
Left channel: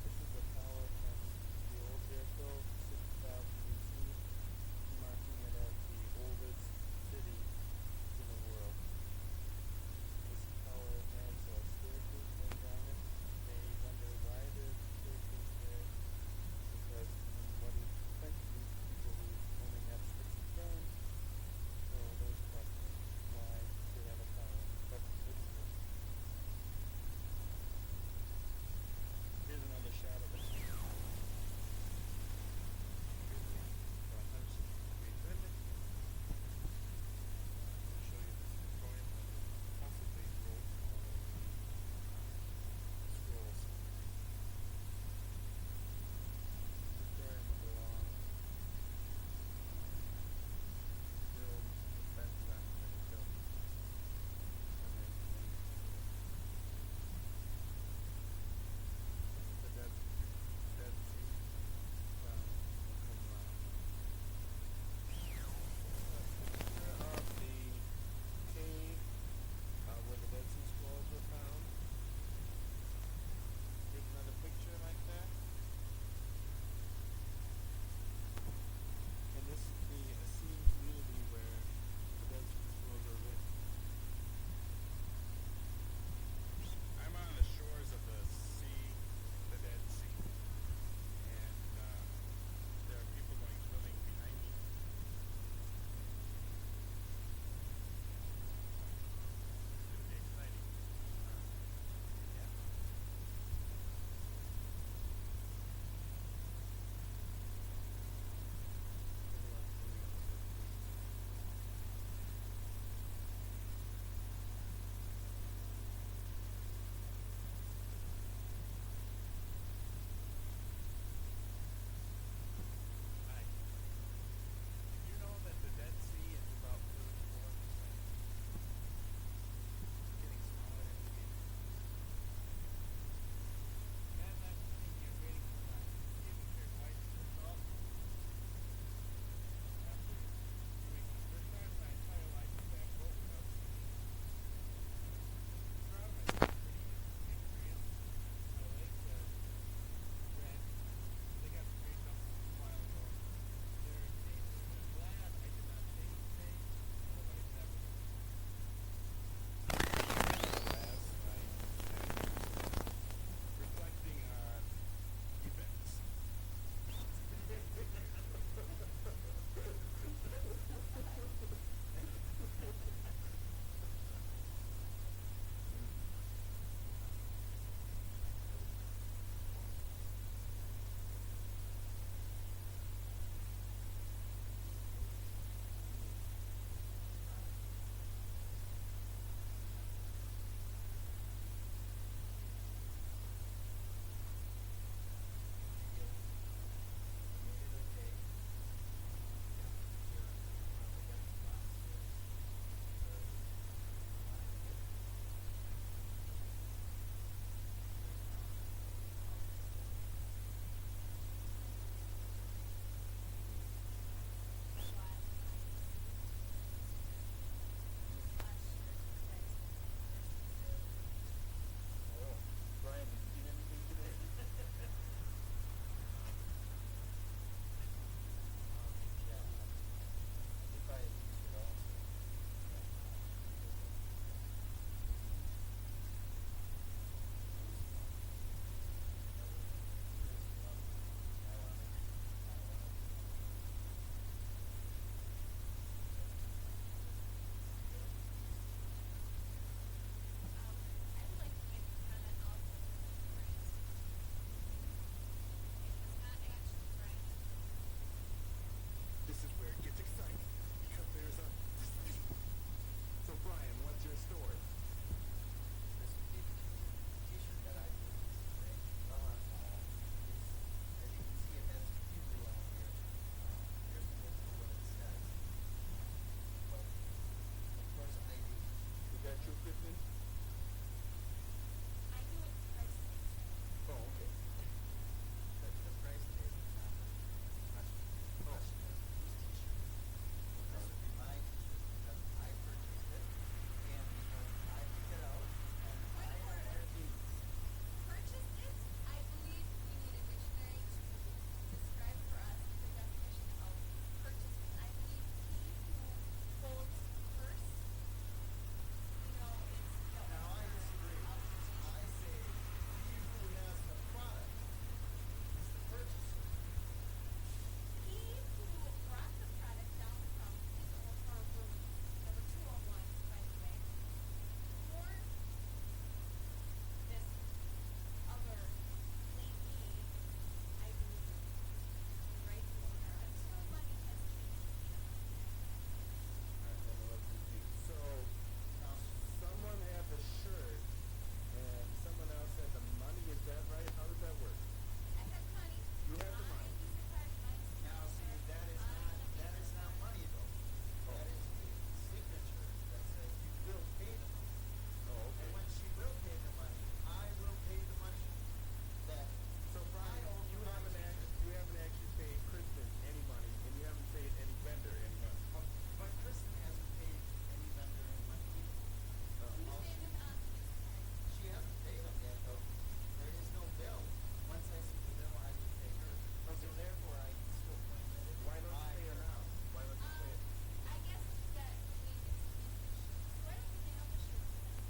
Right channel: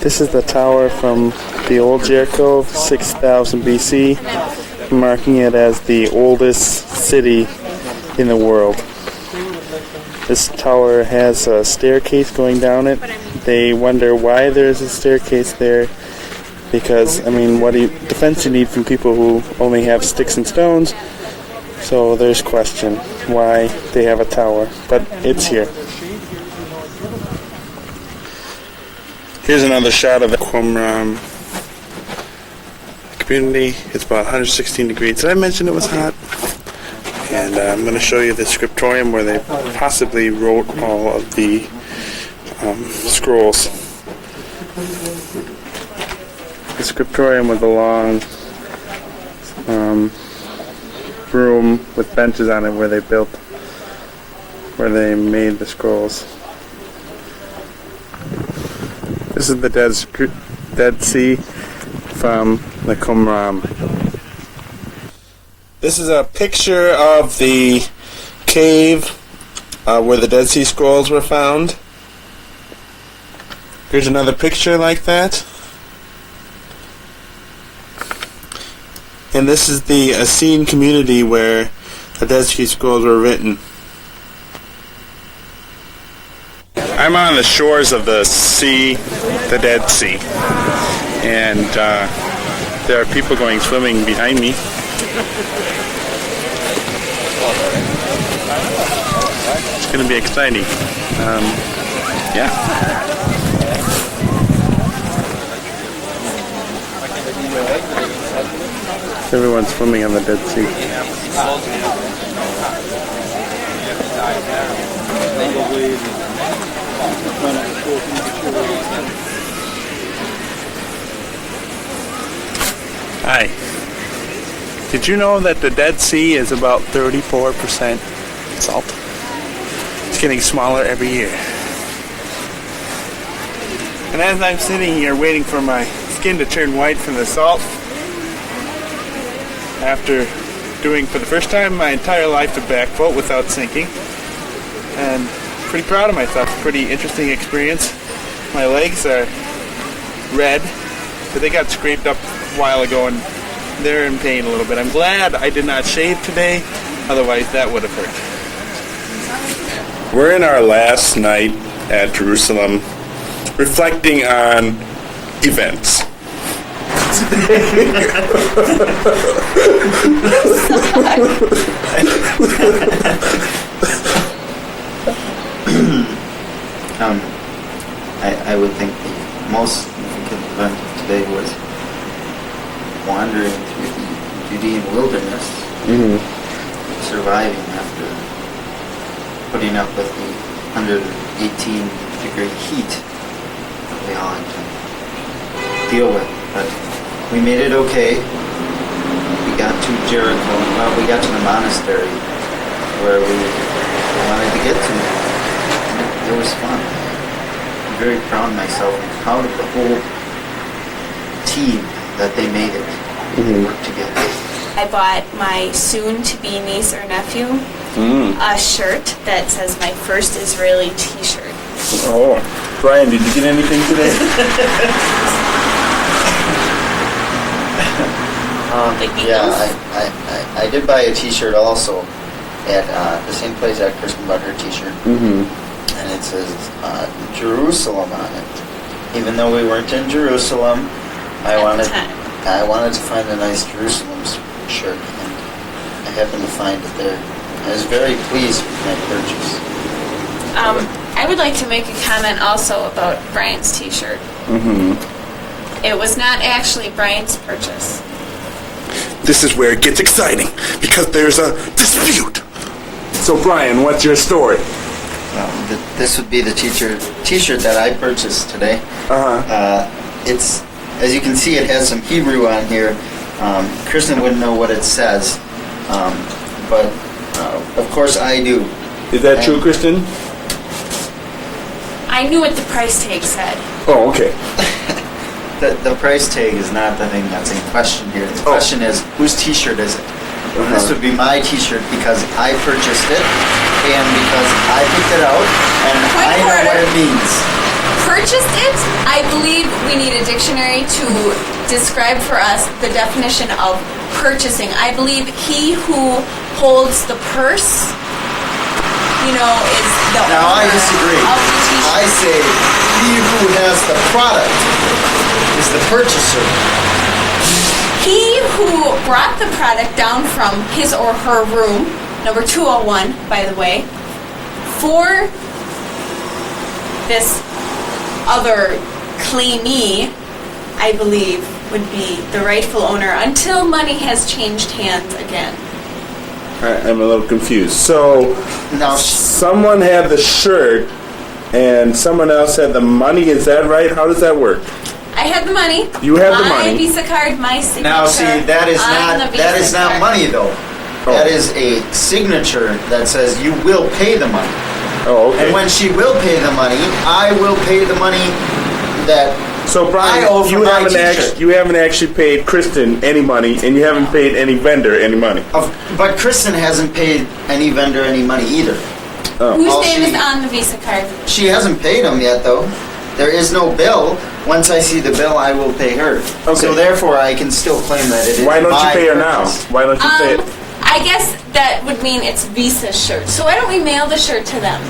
This is the tower from the old Jericho, 6000 BC, marking it as the oldest city in the world. This tower has a staircase going down it. They wonder why there's a staircase there. Because, I mean, what defense you need from people who only have sticks and stones. So there's question why they have a tower. But it's here. Here's another shot of the Qumran community. It's about 116 degrees. Did I mention it was hot? And I'm going to show you the scriptorium where they possibly wrote all of the scrolls. The scriptorium was a long room with benches on it where they made the scrolls. This is the Dead Sea from the Qumran. This is a picture of the cave where the Dead Sea Scrolls were found. Here's another picture like that. And this is the Essene community where the Dead Sea Scrolls were written. I'm on the shores of the sea, the Dead Sea. And there are people going swimming behind me. It's going to be exciting. Yeah. Everyone's swimming on the Dead Sea. Hi. Did you know that the Dead Sea is about 34% salt? It's getting smaller every year. And as I'm sitting here waiting for my skin to turn white from the salt, after doing for the first time in my entire life the back float without sinking, and pretty proud of myself. Pretty interesting experience. My legs are red, but they got scraped up a while ago and they're in pain a little bit. I'm glad I did not shave today, otherwise that would have hurt. We're in our last night at Jerusalem, reflecting on events. I would think the most significant event of today was wandering through the Judean wilderness, surviving after putting up with the 118-degree heat that we all had to deal with. But we made it okay. We got to Jericho. Well, we got to the monastery where we wanted to get to. And it was fun. I'm very proud of myself and proud of the whole team that they made it work together. I bought my soon-to-be niece or nephew a shirt that says my first Israeli t-shirt. Oh, Brian, did you get anything today? I did buy a t-shirt also at the same place that Kristin bought her t-shirt. And it says Jerusalem on it. Even though we weren't in Jerusalem, I wanted to find a nice Jerusalem shirt, and I happened to find it there. I was very pleased with my purchase. I would like to make a comment also about Brian's t-shirt. It was not actually Brian's purchase. This is where it gets exciting, because there's a dispute. So, Brian, what's your story? This would be the t-shirt that I purchased today. It's, as you can see, it has some Hebrew on here. Kristin wouldn't know what it says, but of course I do. Is that true, Kristin? I knew what the price tag said. Oh, okay. The price tag is not the thing that's in question here. The question is, whose t-shirt is it? This would be my t-shirt because I purchased it and because I picked it out and I know what it means. Purchased it? I believe we need a dictionary to describe for us the definition of purchasing. I believe he who holds the purse, is the Now owner I disagree. of the t-shirt. I say he who has the product is the purchaser. He who brought the product down from his or her room, number 201, by the way, for this other claimee, I believe, would be the rightful owner until money has changed hands again. I'm a little confused. So, Now, someone had the shirt and someone else had the money. Is that right? How does that work? I had the money. You had the My money. Visa card, my signature. now see, that is on not the Visa that is not card. money though. That is a signature that says you will pay the money. Oh, okay. And when she will pay the money, I will pay the money that So, Brian, I owe for my t-shirt. you haven't actually paid Kristin any money, and you haven't paid any vendor any money. But Kristin hasn't paid any vendor any money either. Whose All name she- is on the Visa card? She hasn't paid them yet, though. There is no bill. Once I see the bill, I will pay her. Okay. So therefore, I can still claim that it is Why don't you my pay her now? purchase. Why don't you pay it? I guess that would mean it's Visa's shirt. So why don't we mail the shirt to them?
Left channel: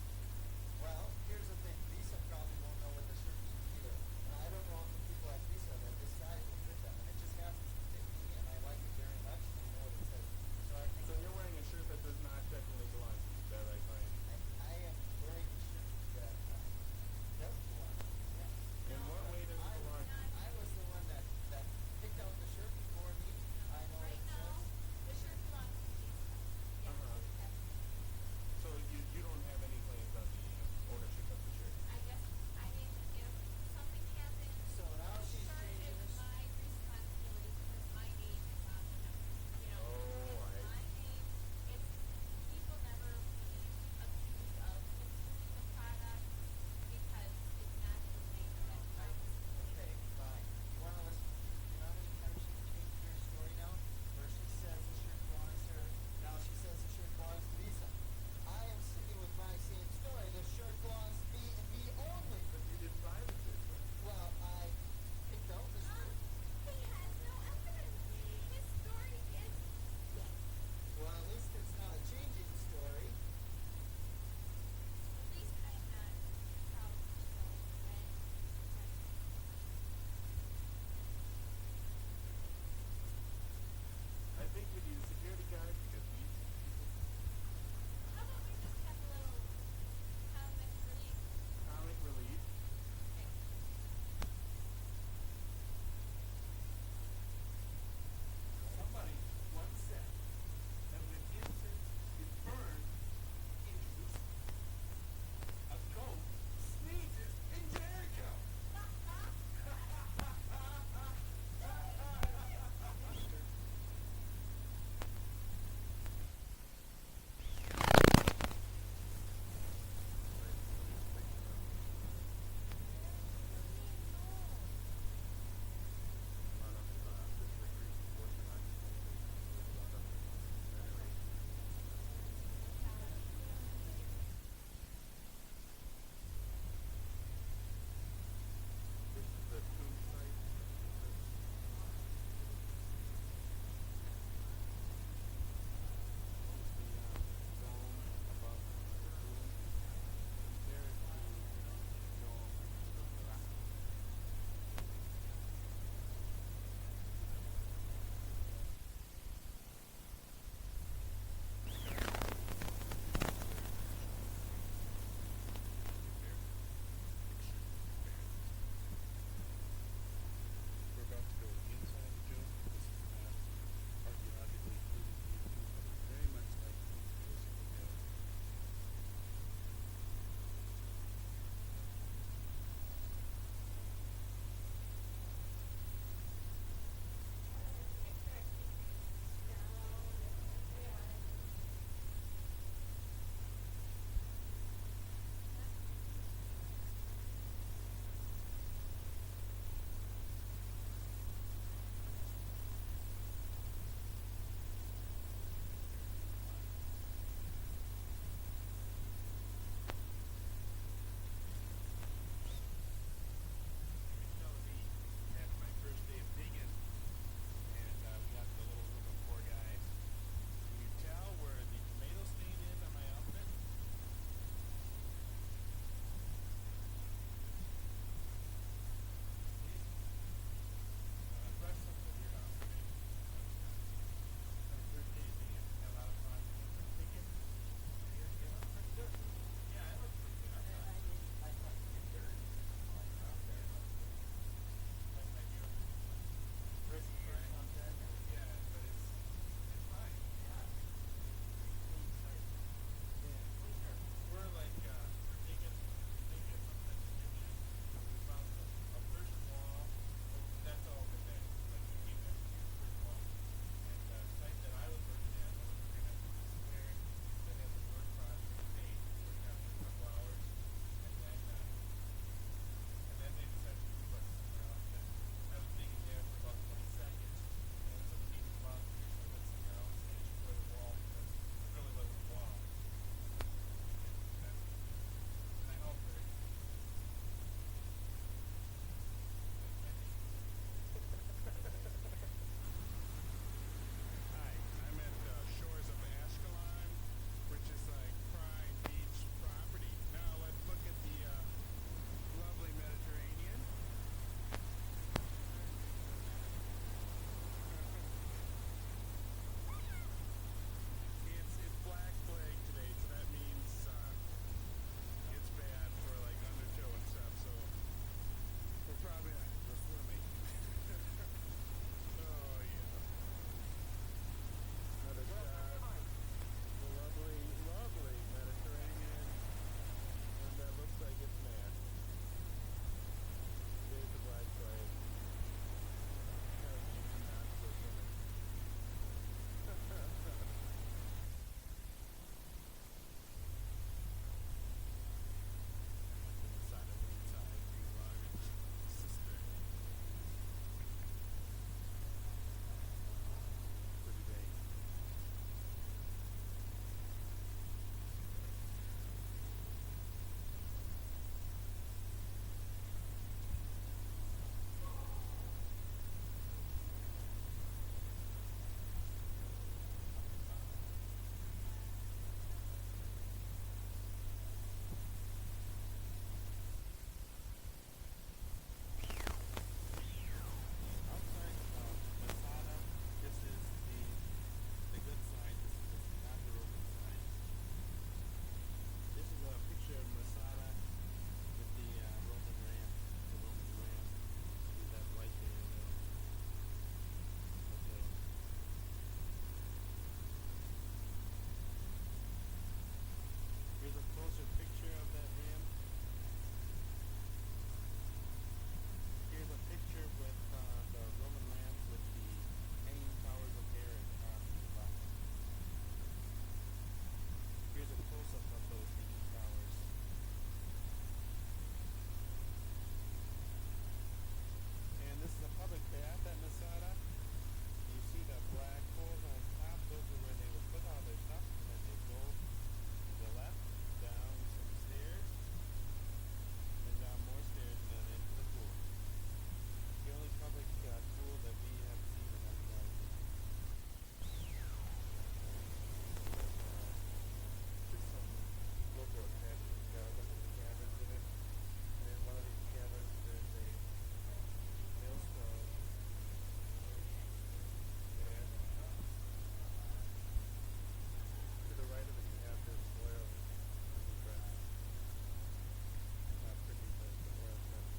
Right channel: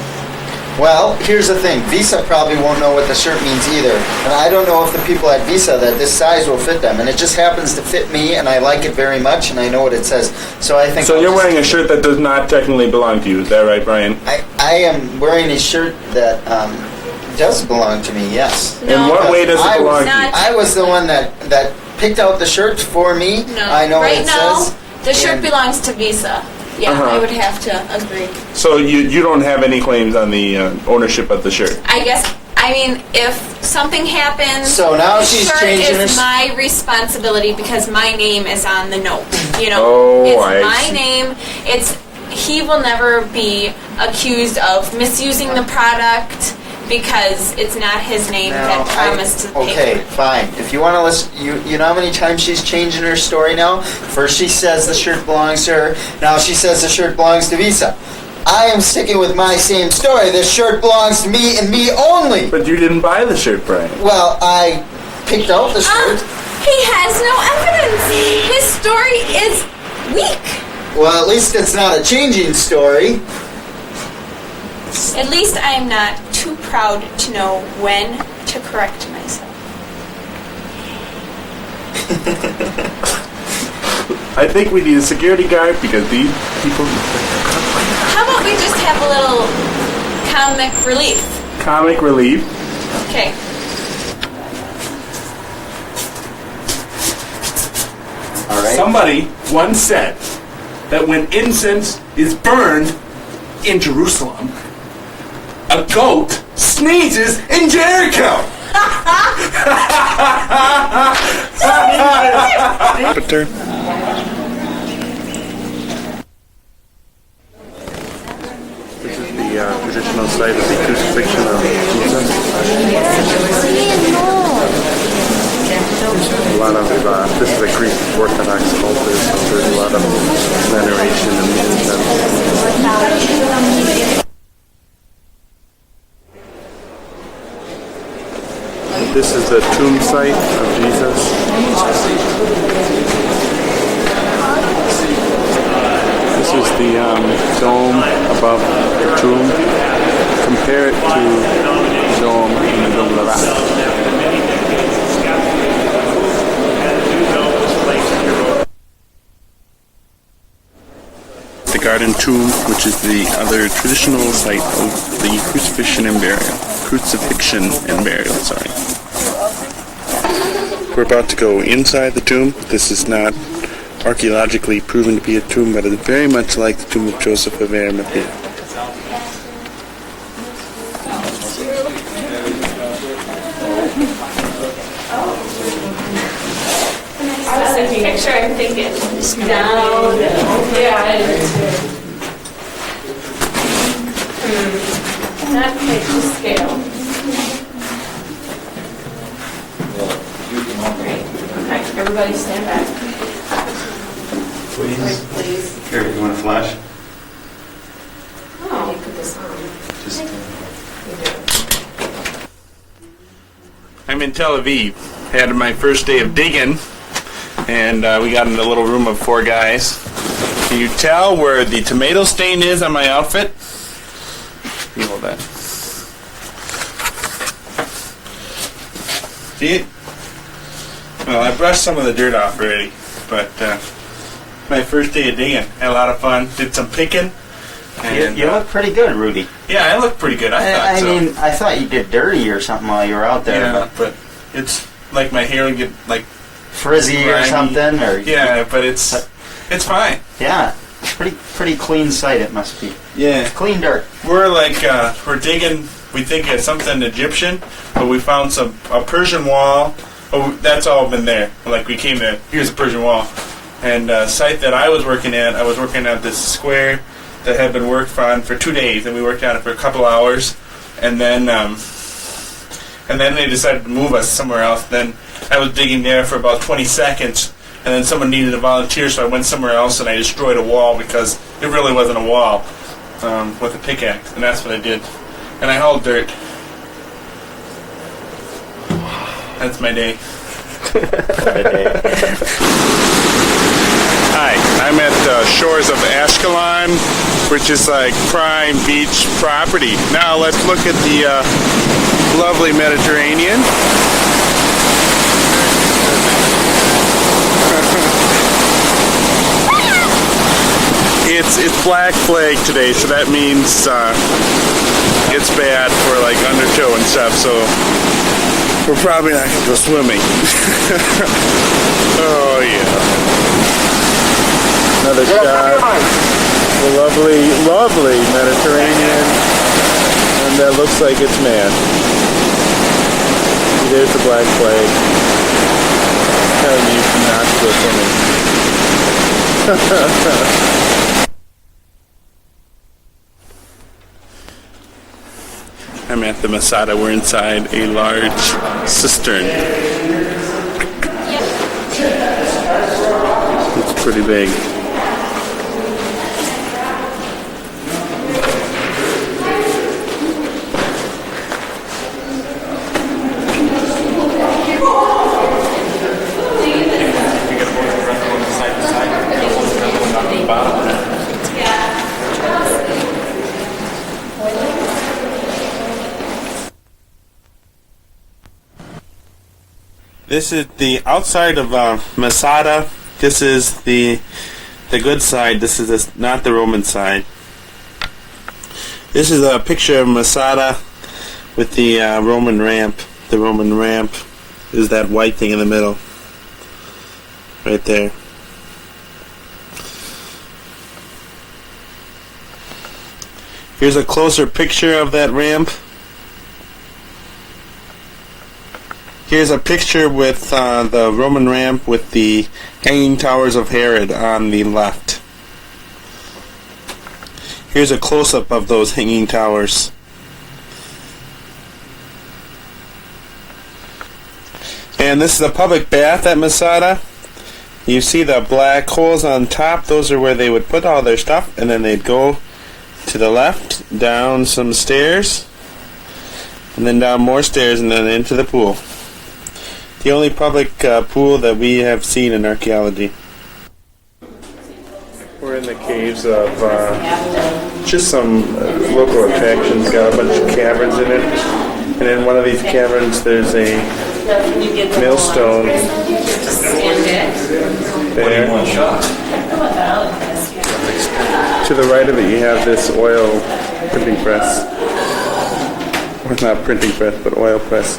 Well, here's the thing. Visa probably won't know what the shirt means either. And I don't know if the people at Visa that this size will fit them. And it just happens to fit me, and I like it very much, and I know what it says. So I think So I'll you're just- wearing a shirt that does not technically belong to you. Is that right, Brian? I am wearing a shirt that does belong to me, yes. In what way does it I belong was, to you? Not- I was the one that picked out the shirt for me. No. I know right what it now, says. the shirt and- belongs to Visa. Yeah, I would have to agree. So you don't have any claims on the ownership of the shirt? I guess I I mean, if something happens, So now the she's shirt changing is her- my responsibility because my name is on the note. You know, Oh, it's I my see. name. He will never be accused of misusing the product because it's not his name that promised to pay Okay, for it. fine. If you want to listen, you know how many times she's changing her story now? First she says the shirt belongs to her. Now she says the shirt belongs to Visa. I am sticking with my same story. This shirt belongs to me and me only. But you didn't buy the shirt, Brian. Well, I picked out the shirt. He has no evidence. His story is weak. Well, at least it's not a changing story. At least I am not too proud to know when to correct myself. I think we need a security guard because these people... How about we just have a little comic relief? Comic relief. Okay. All right. Somebody once said that when incense is burned in Jerusalem, a goat sneezes in Jericho. But there. This is the traditional site of the crucifixion of Jesus. A lot of this is a Greek Orthodox culture, so there's a lot of veneration and incense. This is the tomb site of Jesus. This is the dome above the tomb. Compare it to the dome in the Dome de la The Garden Tomb, which is the other traditional site of the crucifixion and burial. We're about to go inside the tomb. This is not archaeologically proven to be a tomb, but it's very much like the tomb of Joseph of Arimathea. Picture, I'm thinking down. Yeah, I did too. Not quite to scale. Okay, everybody stand back. Please. Here, you want a flash? Oh, you put this on. I'm in Tel Aviv. Had my first day of digging, and we got in a little room of 4 guys. Can you tell where the tomato stain is on my outfit? You hold that. See it? Well, I brushed some of the dirt off already, but my first day of digging. Had a lot of fun. Did some picking. And, You look pretty good, Rudy. yeah, I look pretty good. I mean, I thought you did dirty or something while you were out there. yeah, but it's like my hair would get like Frizzy or grimy. something, or Yeah, but it's fine. yeah, pretty clean site it must be. Yeah. Clean dirt. We're like we're digging. We think it's something Egyptian, but we found a Persian wall. Oh, that's all been there. Like we came to here's a Persian wall, and site that I was working at this square that had been worked on for 2 days, and we worked on it for a couple hours, and then they decided to move us somewhere else. Then I was digging there for about 20 seconds, and then someone needed a volunteer, so I went somewhere else and I destroyed a wall because it really wasn't a wall with a pickaxe, and that's what I did. And I hauled dirt. That's my day. Hi, I'm at the shores of Ashkelon, which is like prime beach property. Now let's look at the lovely Mediterranean. It's Black Flag today, so that means it's bad for like undertow and stuff, so we're probably not going to go swimming. Oh yeah. Another shot. The lovely Mediterranean. And that looks like it's man. There's the black flag. Telling you not to go swimming. I'm at the Masada. We're inside a large cistern. It's pretty big. This is the outside of Masada. This is the good side. This is not the Roman side. This is a picture of Masada with the Roman ramp. The Roman ramp is that white thing in the middle. Right there. Here's a closer picture of that ramp. Here's a picture with the Roman ramp with the Hanging Towers of Herod on the left. Here's a close-up of those hanging towers. And this is a public bath at Masada. You see the black holes on top. Those are where they would put all their stuff, and then they'd go to the left, down some stairs, and then down more stairs, and then into the pool. The only public pool that we have seen in archaeology. We're in the caves of just some local attractions. Got a bunch of caverns in it, and in one of these caverns there's a millstone there. To the right of it you have this oil printing press. Or not printing press, but oil press.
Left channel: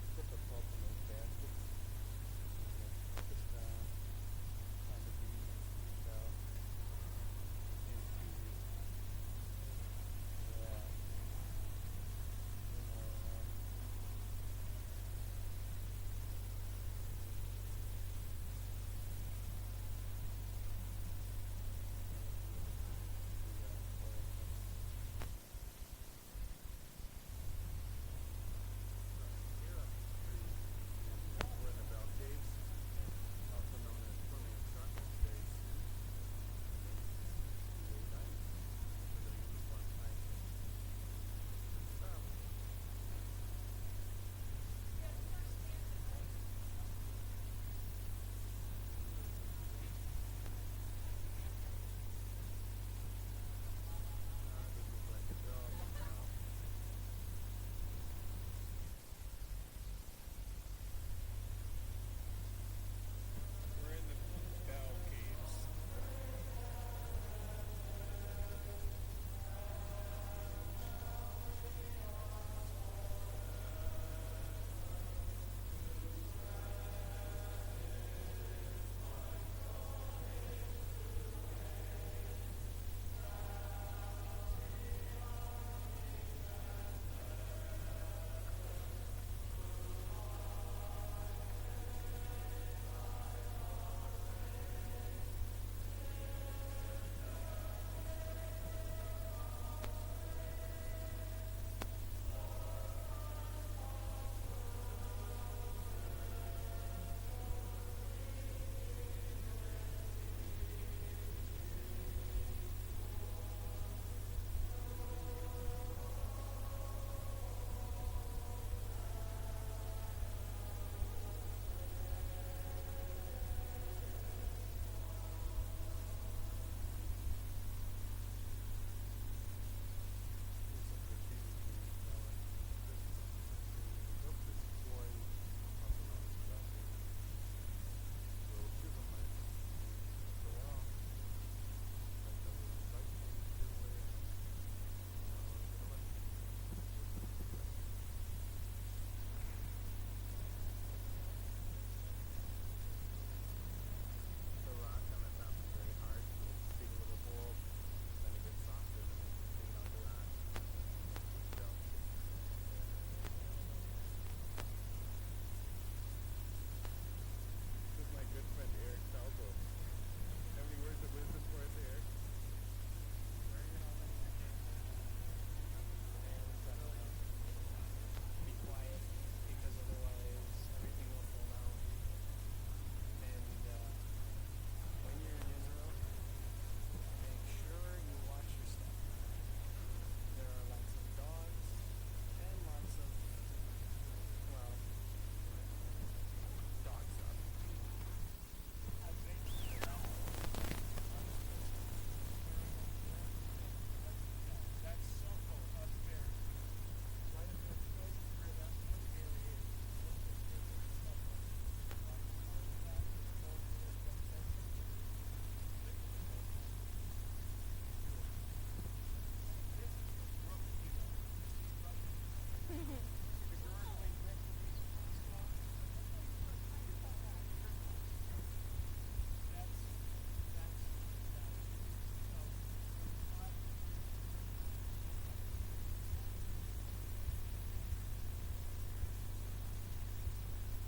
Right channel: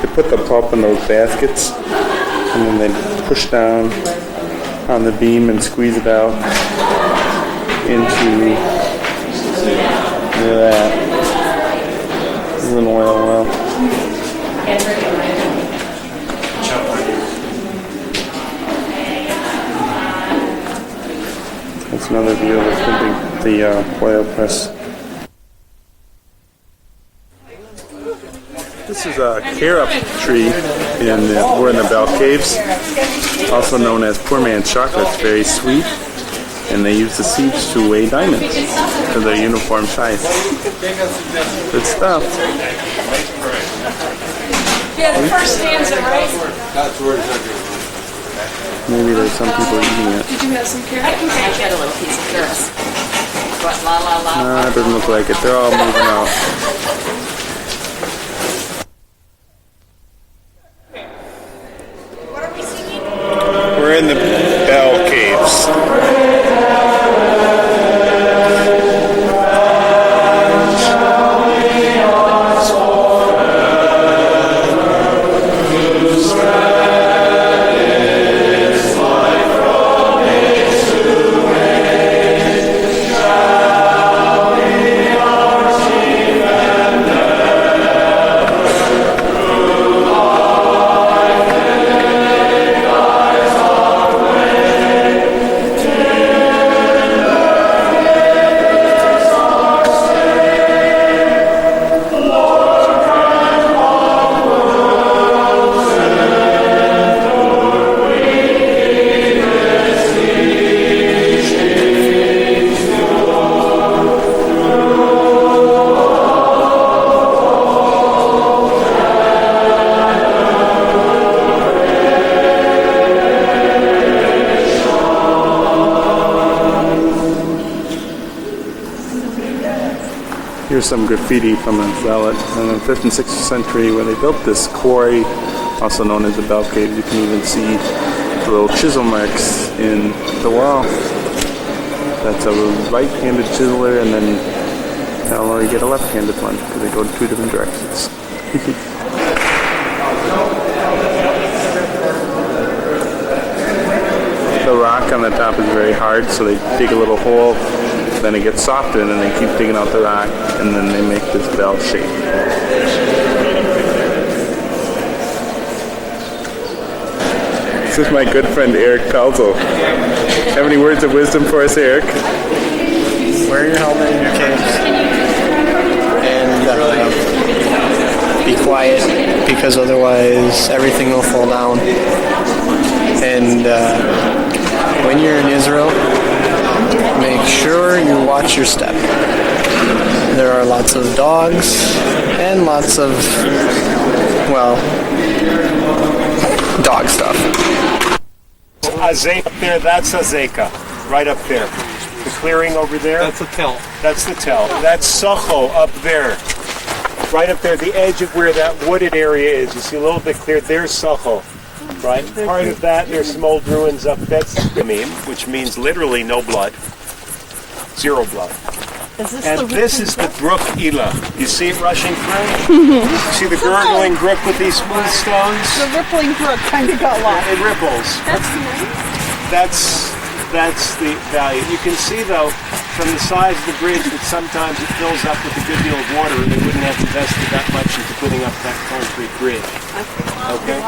They put the pulp in those baskets, and then they push down on the beam and squeeze it out into that. This is an oil well. That's another view of the oil press. This is a carob tree. We're in the Bell Caves, also known as poor man's chocolate. It's very sweet, and they use the seeds to weigh diamonds to their uniform size. Good stuff. Yeah, the first stanza, right? Maybe there's some people eating it. Did you have some carrots? I can get a little piece of carrots. What, la la la? Nah, it doesn't look like it. They're all moving out. We're in the Bell Caves. Here's some graffiti from a zealot in the 5th and 6th century where they built this quarry, also known as the Bell Caves. You can even see the little chisel marks in the wall. That's a right-handed chiseler, and then now you get a left-handed one because they go in two different directions. The rock on the top is very hard, so they dig a little hole, then it gets softer, and then they keep digging out the rock, and then they make this bell shape. This is my good friend Eric Pelzel. Have any words of wisdom for us, Eric? Wear your helmet in your caves. And be quiet, because otherwise everything will fall down. And when you're in Israel, make sure you watch your step. There are lots of dogs and lots of, well, dog stuff. Up there, that's Azeka, right up there. The clearing over there. That's the tell. That's the tell. That's Socho up there. Right up there, the edge of where that wooded area is. You see a little bit clear. There's Socho. Right? Part of that, there's some old ruins up. That's Yamim, which means literally no blood. Zero blood. And this is the brook Elah. You see it rushing through? See the gurgling brook with these smooth stones? The rippling brook kind of got lost. It ripples. That's nice. That's the value. You can see, though, from the size of the bridge that sometimes it fills up with a good deal of water, and they wouldn't have invested that much into putting up that concrete bridge. Okay?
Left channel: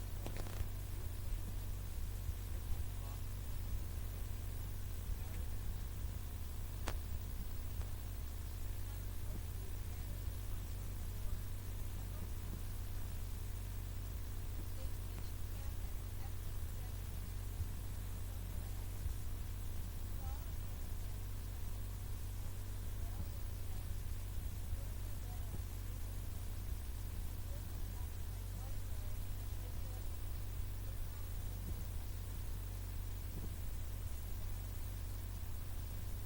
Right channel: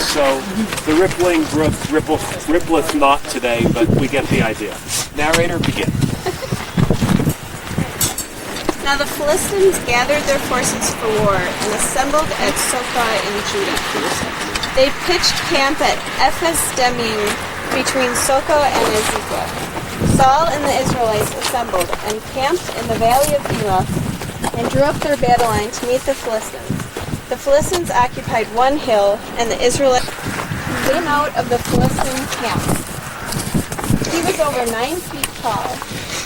So the rippling brook rippleth not today, but we get the idea. Narrator, begin. Now the Philistines gathered their forces for war and assembled at Soka in Judah. They pitched camp at Ephes-Dammim between Soka and Azekah. Saul and the Israelites assembled and camped in the valley of Elah and drew up their battle line to meet the Philistines. The Philistines occupied one hill, and the Israelites came out of the Philistine camp. He was over 9 feet tall.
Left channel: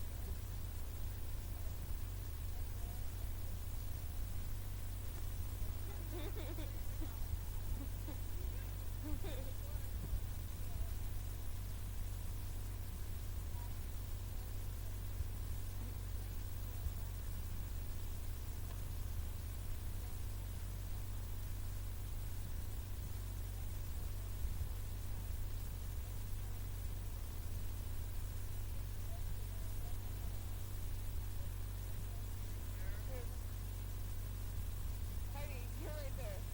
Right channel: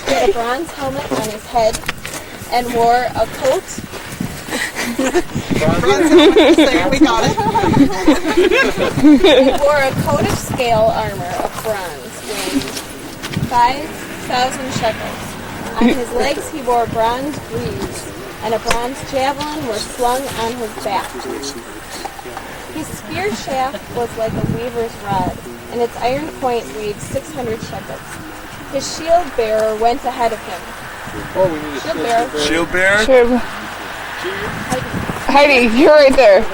He had a bronze helmet on his head and wore a coat. We got it. He wore a coat of scale armor of bronze, weighing 5,000 shekels. On his legs he wore bronze greaves, and a bronze javelin was slung on his back. His spear shaft was like a weaver's rod, and its iron point weighed 600 shekels. His shield bearer went ahead of him. Oh, we need a Shield bearer. Shield bearer? Sure. Heidi, you're right there.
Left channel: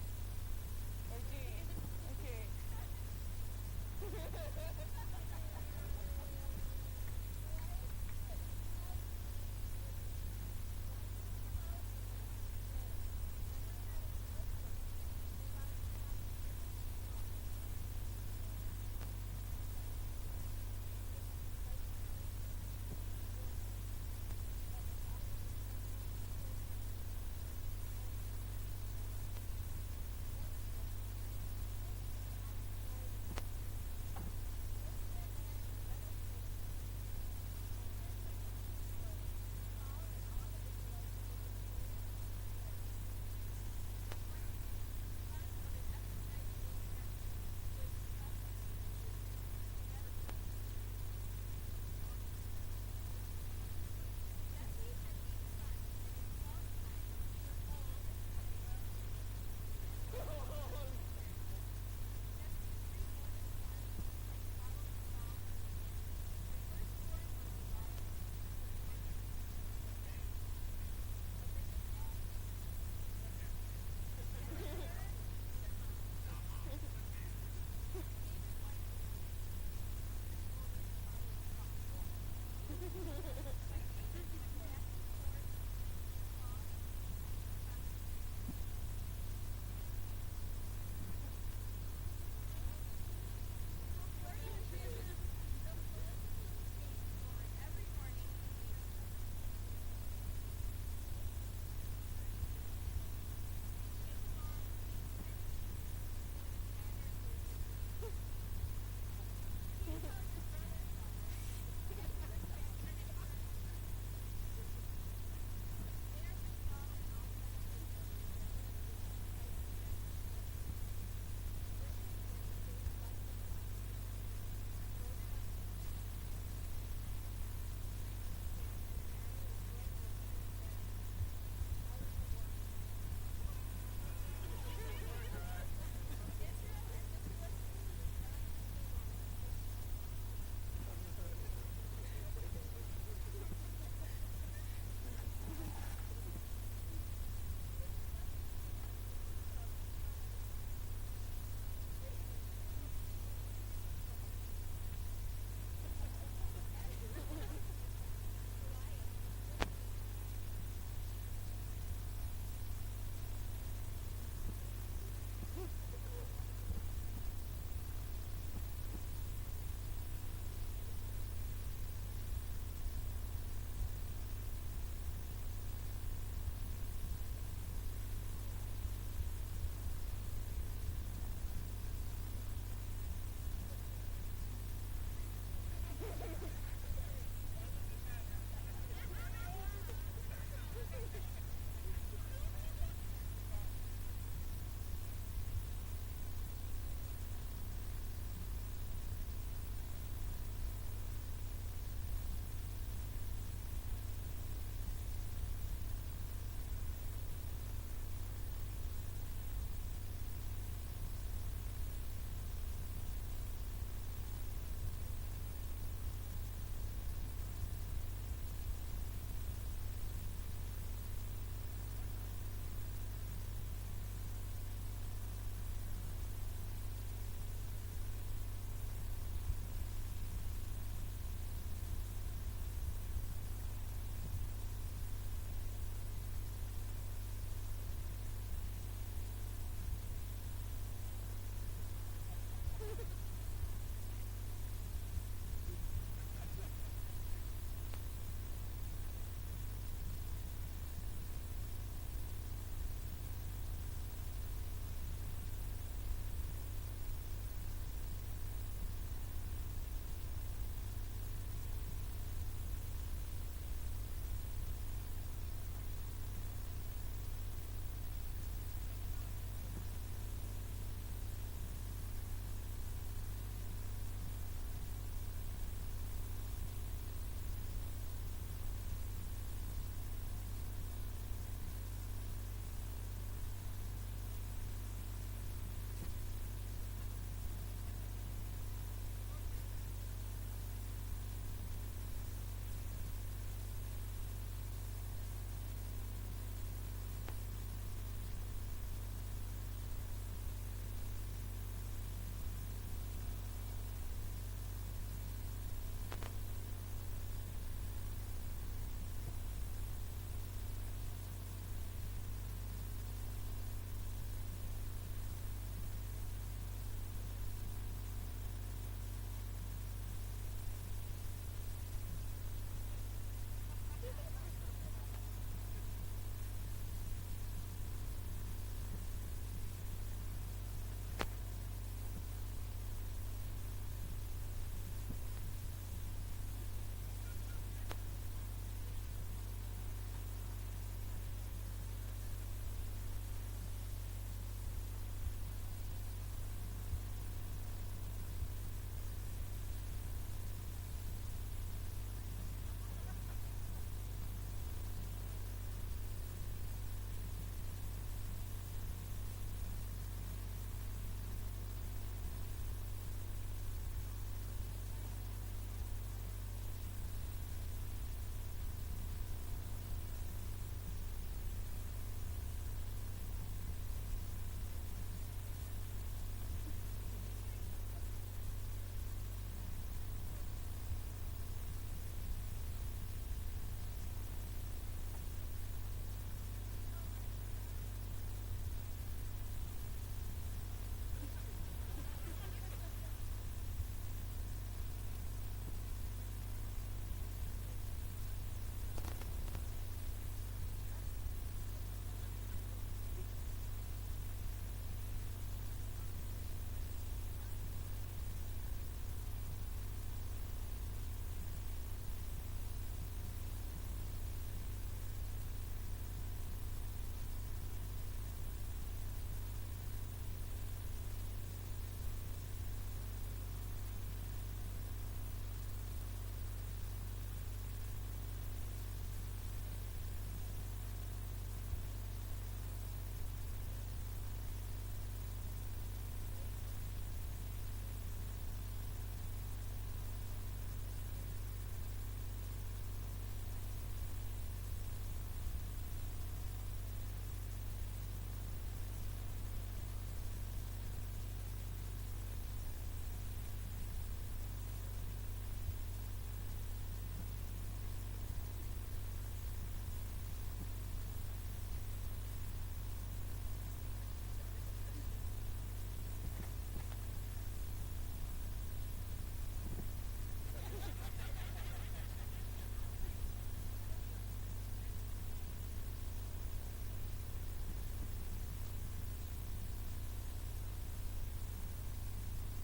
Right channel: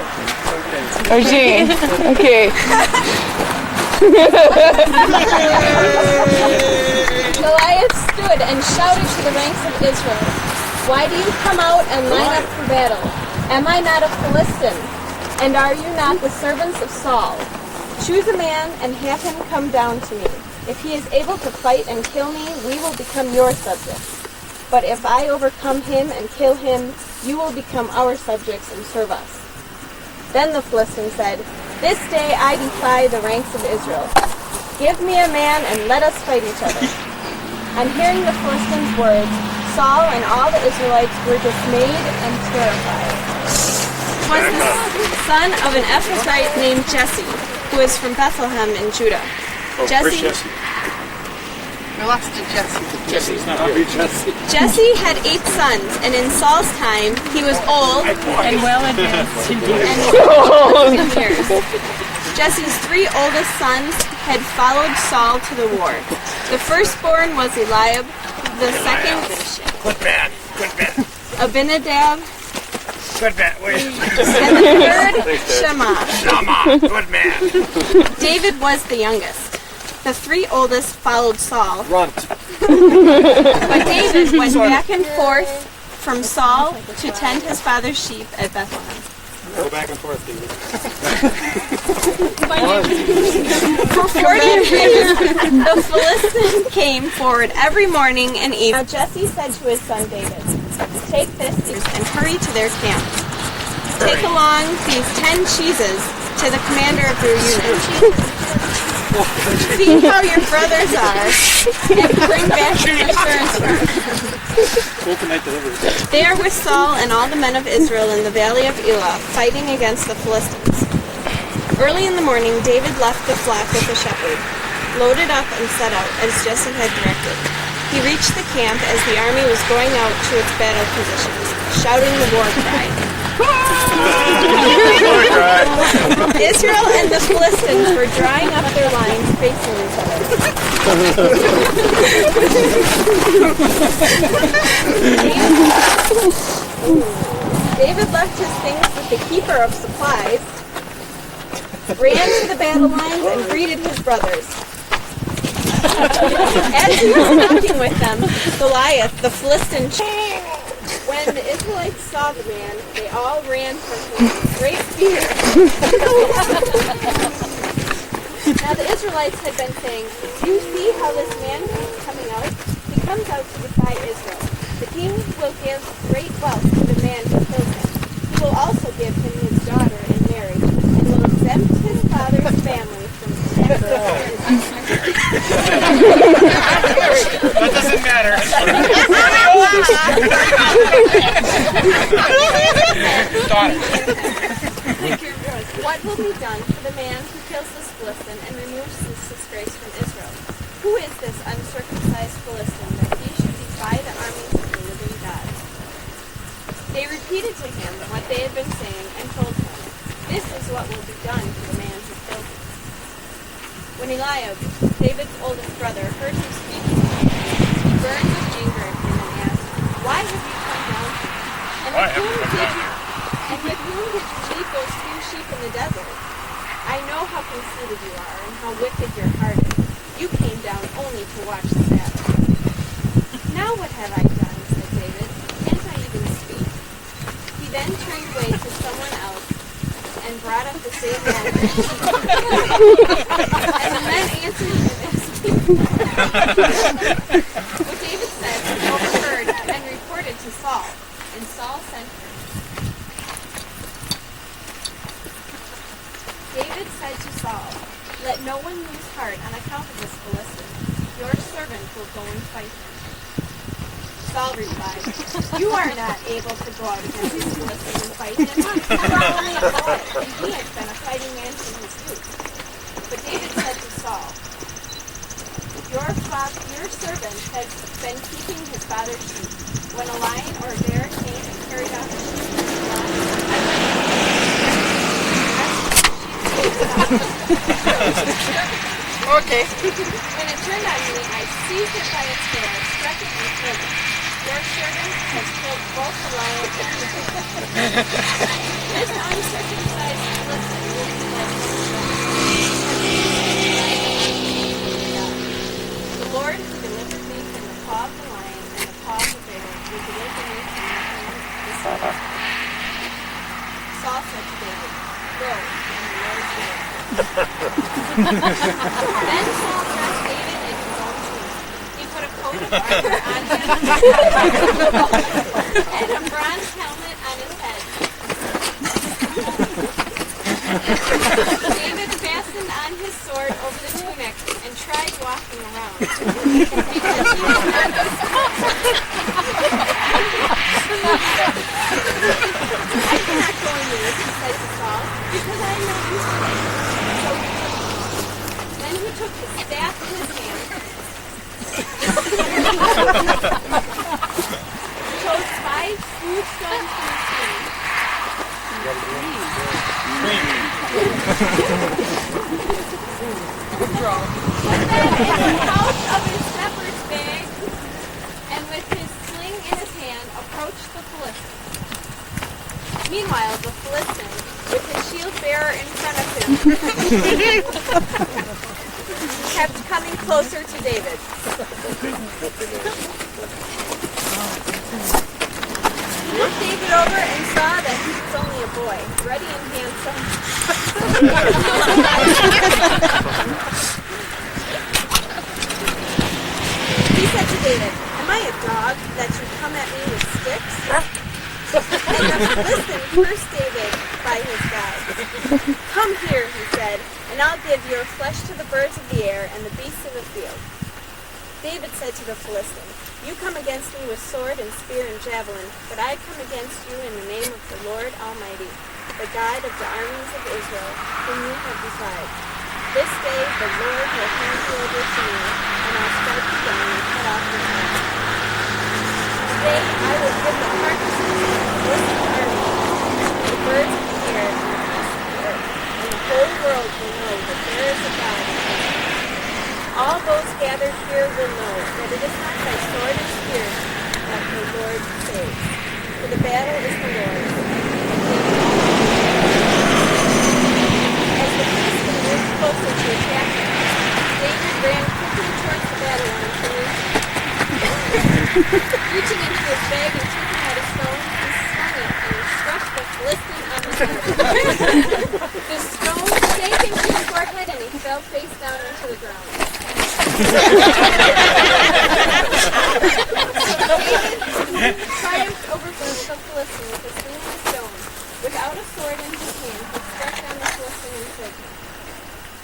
Or Jean. Okay. Goliath stood and shouted to the ranks of Israel, "Why do you come out and line up for battle? Am I not a Philistine? And are you not the servants of Saul? Choose a man and have him come down to me. If he is able to fight and kill me, we will become your subjects. But if I overcome him and kill him, you will become our subjects and serve us." Then the Philistine said, "This day I defy the ranks of Israel. Give me a man and let us fight each other." On hearing the Philistines' words, Saul and all the Israelites were dismayed and terrified. It was the son of an Ephrathite named Jesse, who was from Bethlehem in Judah. Jesse We lost to Jesse. Jesse's not here. Jesse had 8 sons, and in Saul's time he was old And well advanced in years. Jesse's 3 oldest sons had followed Saul to the war. The firstborn was Eliab, the second Abinadab, Good man. and the third Shammah. Good man. David was the youngest. The 3 oldest followed Saul. Runt. But David went back and forth from Saul to tend his father's sheep at Bethlehem. Go back and forth, David. For 40 years, the Philistine came forward every morning and evening. Now Jesse said to his son David, "Take this and hurry to their camp. Take along these 10 cheeses to the commander of your unit. See how your brothers are, and bring back your insurance card." They are with Saul and all the men of Israel in the valley of Elah, fighting against the Philistines. Early in the morning, David left the flock with the shepherd, loaded up and set out, as Jesse had directed. He reached the camp as the army was going out to its battle positions, shouting the war cry. Israel and the Philistines were drawing up their lines facing each other. David left his things with the keeper of supplies ran to the battle lines and greeted his brothers. As he was talking with them, Goliath, the Philistine, when the Israelites saw the man, they all ran from him in great fear. Now the Israelites had been saying, "Do you see how this man is coming out? He comes out to defy Israel. The king will give great wealth to the man who kills him. He will also give him his daughter in marriage, and will exempt his father's family from taxation." That doesn't matter. What will be done for the man who kills this Philistine and removes this disgrace from Israel? Who is this uncircumcised Philistine that he should defy the armies of the living God? They repeated to him what they had been saying and told him, "This is what will be done to the man who killed him." When Eliab, David's oldest brother, heard him speaking, he burned with anger at him and asked, "Why have you come down here? And with whom did you leave those few sheep in the desert? I know how conceited you are and how wicked your heart is. You came down only to watch the battle." "Now what have I done?" said David. "Can't I even speak?" He then turned away to someone else and brought up the same matter. And the men answered him as what David said was overheard and reported to Saul, and Saul sent for him. David said to Saul, "Let no one lose heart on account of this Philistine. Your servant will go and fight him." Saul replied, "You are not able to go out against this Philistine and fight him. You are only a boy, and he has been a fighting man from his youth." But David said to Saul, Your servant has been keeping his father's sheep. When a lion or a bear came and carried off the sheep and the flock, I went Okay. When it turned on me, I seized it by its hair, struck it, and killed it. Your servant has killed both the lion and the bear. This uncircumcised Philistine will be like the Lord who delivered me from the paw of the lion and the paw of the bear will deliver me from the hand of the serpent. Saul said to David, "Go, and the Lord did." Then Saul dressed David in his own tunic. He put a coat of armor on him and a bronze helmet on his head. David fastened on his sword over the tunic and tried walking around. "I cannot go into this," he said to Saul, "because I am not used to it." So he took it. Then he took his staff in his hand, chose 5 smooth stones from his hand, put them in the pouch of his shepherd's bag, and with his sling in his hand, approached the Philistine. Meanwhile, the Philistine, with his shield bearer in front of him, kept coming closer to David. He looked David over and saw that he was only a boy, ruddy and handsome. He said to David, "Am I a dog that you come at me with sticks?" And the Philistine cursed David by his God. "Come here," he said, "and I'll give your flesh to the birds of the air and the beasts of the field." David said to the Philistine, "You come against me with sword and spear and javelin, but I come against you in the name of the Lord Almighty, the God of the armies of Israel, whom you have defied. This day the Lord will hand you over to me, and I'll strike you down and cut off your head. Today I will give the carcasses of the Philistine army, the birds of the air, and the beasts of the earth, and the whole world will know that there is a God in Israel. All those gathered here will know that it is not by sword and spear that the Lord saves, for the battle is the Lord's, and he will all. As the Reaching into his bag and taking out a stone, he swung it and struck the Philistine on the head. The stone sank into his forehead and he fell face down into the ground. David triumphed over the Philistine with a sling and a stone. Without a sword in his hand, he struck down the Philistine and killed him.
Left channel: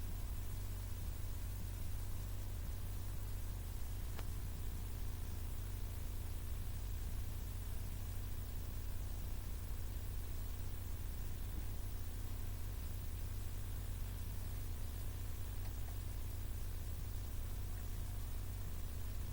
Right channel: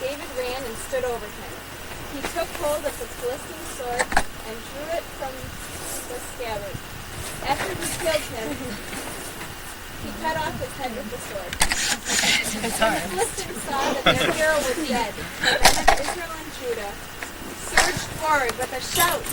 David ran and stood over him. He took hold of the Philistine's sword and drew it from the scabbard. After he killed him, he cut off his head with the sword. When the Philistines saw that their hero was dead, the men of Israel and Judah surged forward with a shout.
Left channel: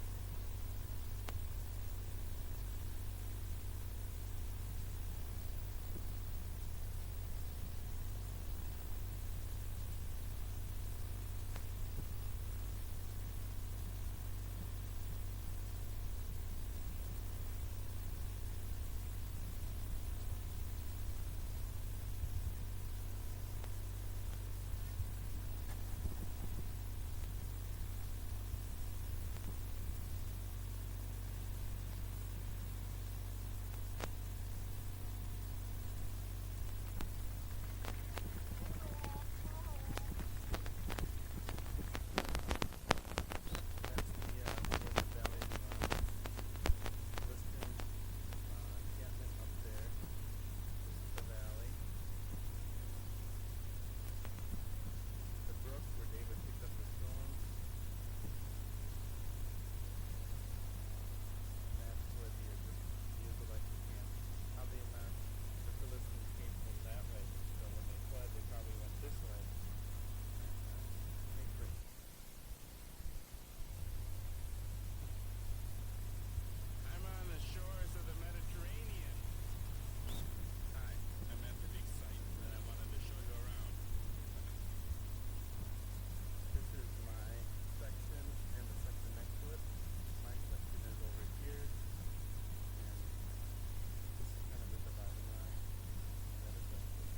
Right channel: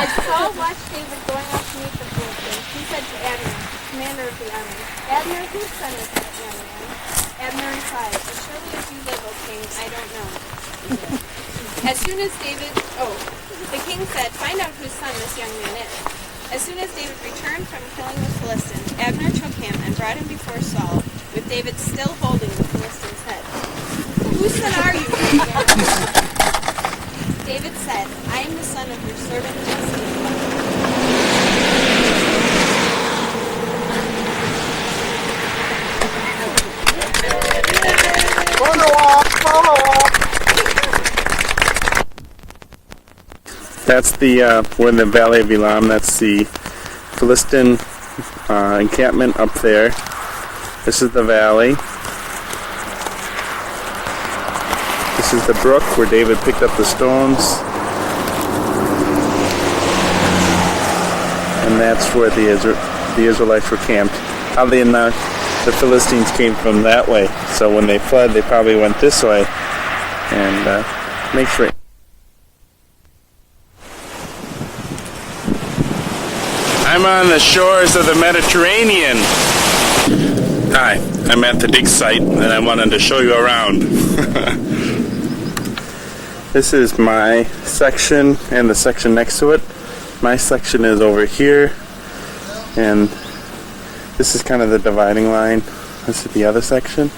As Saul watched David going out to meet the Philistines, he said to Abner, commander of the army, Abner, whose son is that young man? Abner replied, as surely as you live, O king, I don't know. As soon as the king said, find out whose son this young man is. As soon as David returned from killing the Philistine, Abner took him and brought him before Saul, with David still holding the Philistine's head. Whose son are you? David said, I am the son of your servant Jesse. That's we're in the Valley of Elam. That's the Philistine encampment up there. This is the valley. This is the brook where David picked up the stones. And that's where the Israelites were camped. Oddly enough, the Philistines came from that way. So when they fled, they probably went this way. And make sure. I'm on the shores of the Mediterranean. Hi, I'm at the dig site and I wanted to show you around. This is my section and the section next to it. My section is over here, and this is kind of the dividing line. This is the other section.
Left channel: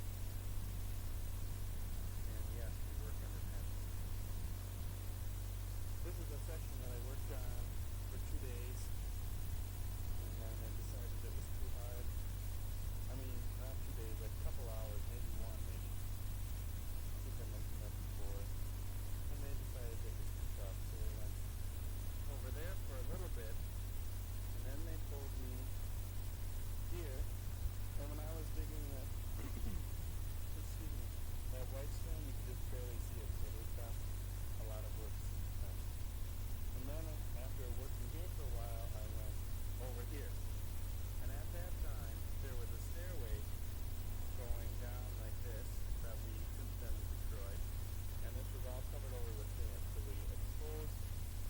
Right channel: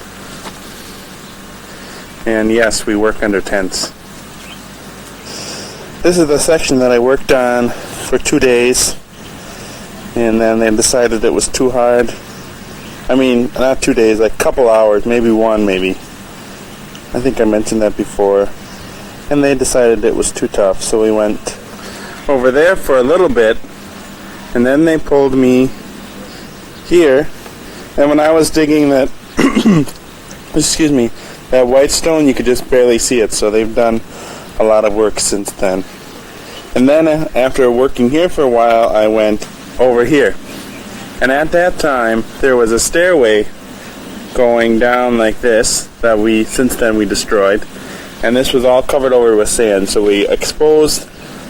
And yes, we work under tents. This is the section that I worked on for 2 days, and then they decided it was too hard. I mean, not 2 days, like a couple hours, maybe one, maybe. I think I mentioned that before. And they decided it was too tough, so we went over there for a little bit, and then they pulled me here. And when I was digging that, excuse me, that white stone, you could just barely see it, so they've done a lot of work since then. And then after working here for a while, I went over here. And at that time, there was a stairway going down like this that since then we destroyed. And this was all covered over with sand, so we exposed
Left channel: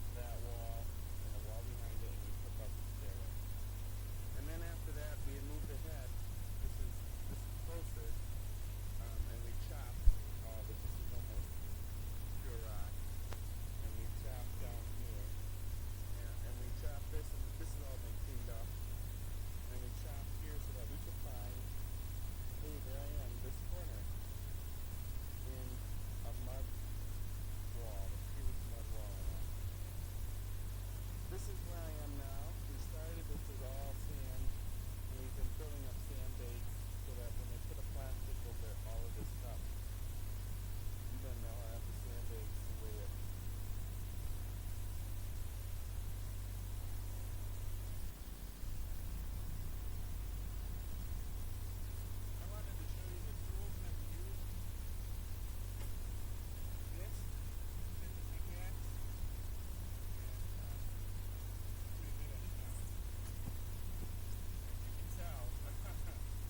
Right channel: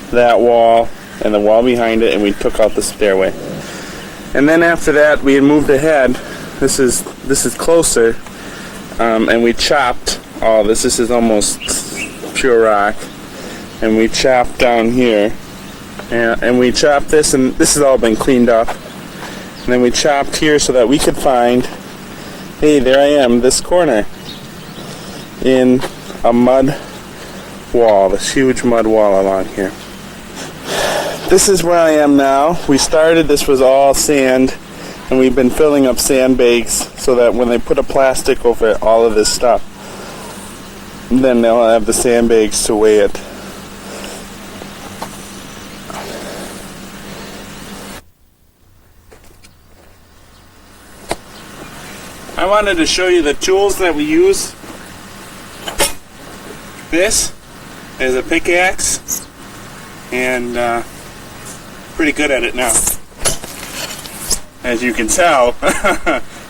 that wall and the wall behind it, and we took out the stairway. And then after that, we had moved ahead. This is closer, and we chopped all this. This is almost pure rock, and we chopped down here, and we chopped this, and this has all been cleaned up. And then we chopped here so that we could find, hey, there I am, this corner in a mud wall, this huge mud wall along here. This is where I am now. We started, this was all sand, and we've been filling up sandbags so that when they put a plastic over all of this stuff, then they'll have the sandbags to weigh it. I wanted to show you the tools that we use. This is a pickaxe, and pretty good at it now, as you can tell.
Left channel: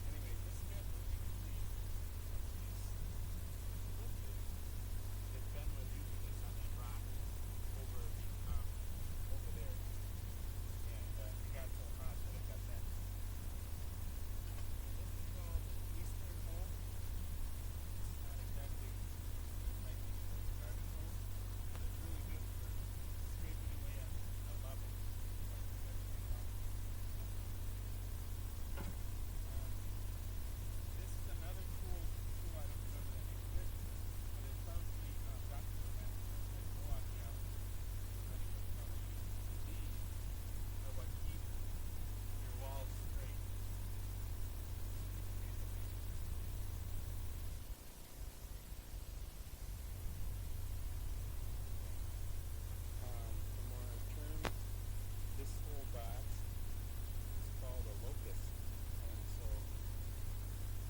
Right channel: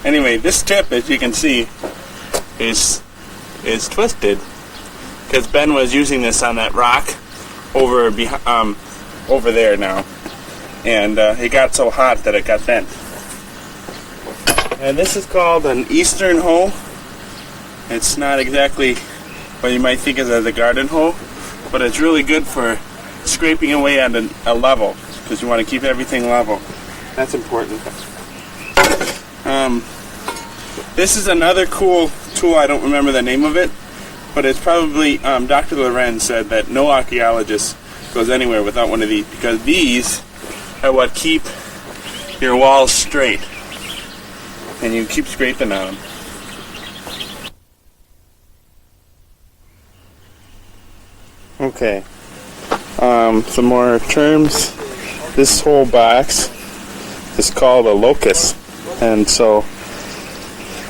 Anyway, this tip, as you can see, is twisted because Ben was using this on that rock over there now, and it got so hot that it got bent. And this is called an eastern hoe. It's not exactly what you might think of as a garden hoe, but it's really good for scraping away on a level, because you want to keep everything level. That's important. This is another cool tool. I don't remember the name of it, but it's probably, Dr. Lorenz said that no archaeologist goes anywhere without one of these, because these are what keep your walls straight, and you keep scraping on them. Okay, some more terms. This whole box is called a locus, and so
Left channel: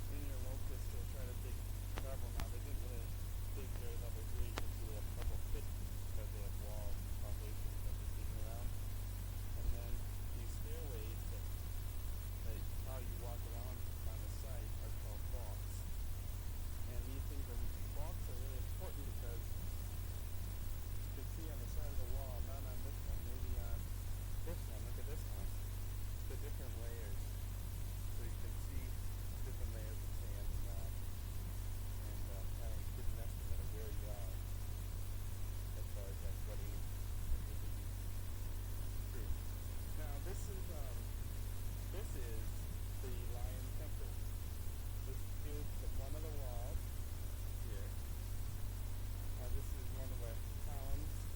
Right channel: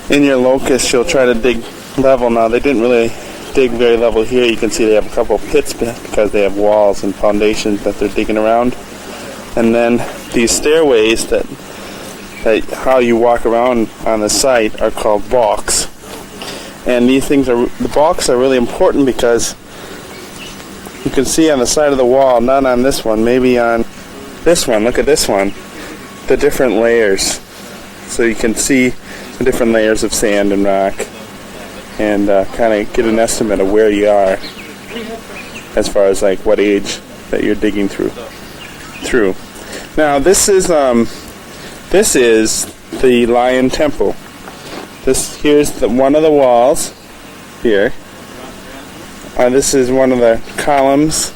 in your locus you'll try to dig level. Now they didn't really dig very level here. You can see they have a couple pits because they have walls and foundations that they're digging around, and then these stairways that how you walk around on the site are called balks. And these things the balks are really important because you can see on the side of the wall, not on this one, maybe on this one, look at this one, the different layers. So you can see the different layers of sand and rock, and kind of get an estimate of where you are as far as like what age that you're digging through. Now this is the Lion Temple. Here's one of the walls here. This is one of the columns,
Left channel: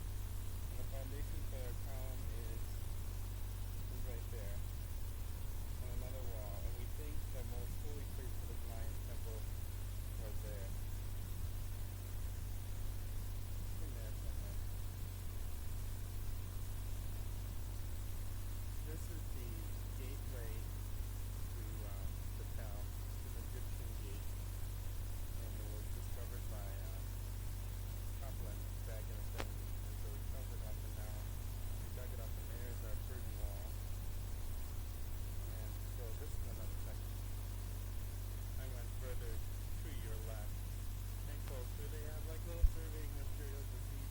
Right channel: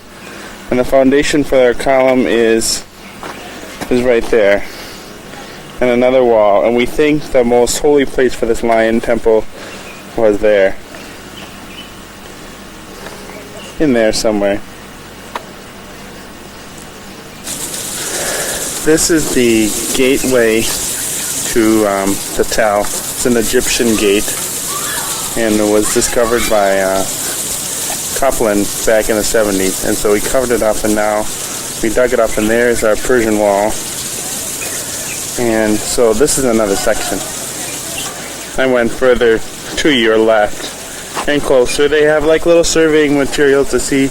and the foundation for our column is right there. And another wall, and we think the most holy place for this Lion Temple was there. In there somewhere. This is the gateway to the Tell. It's an Egyptian gate, and it was discovered by Copeland back in the 70s, and so we covered it up, and now we dug it up, and there's our Persian wall. And so this is another section. I went further to your left and closer. They have like little surveying materials to see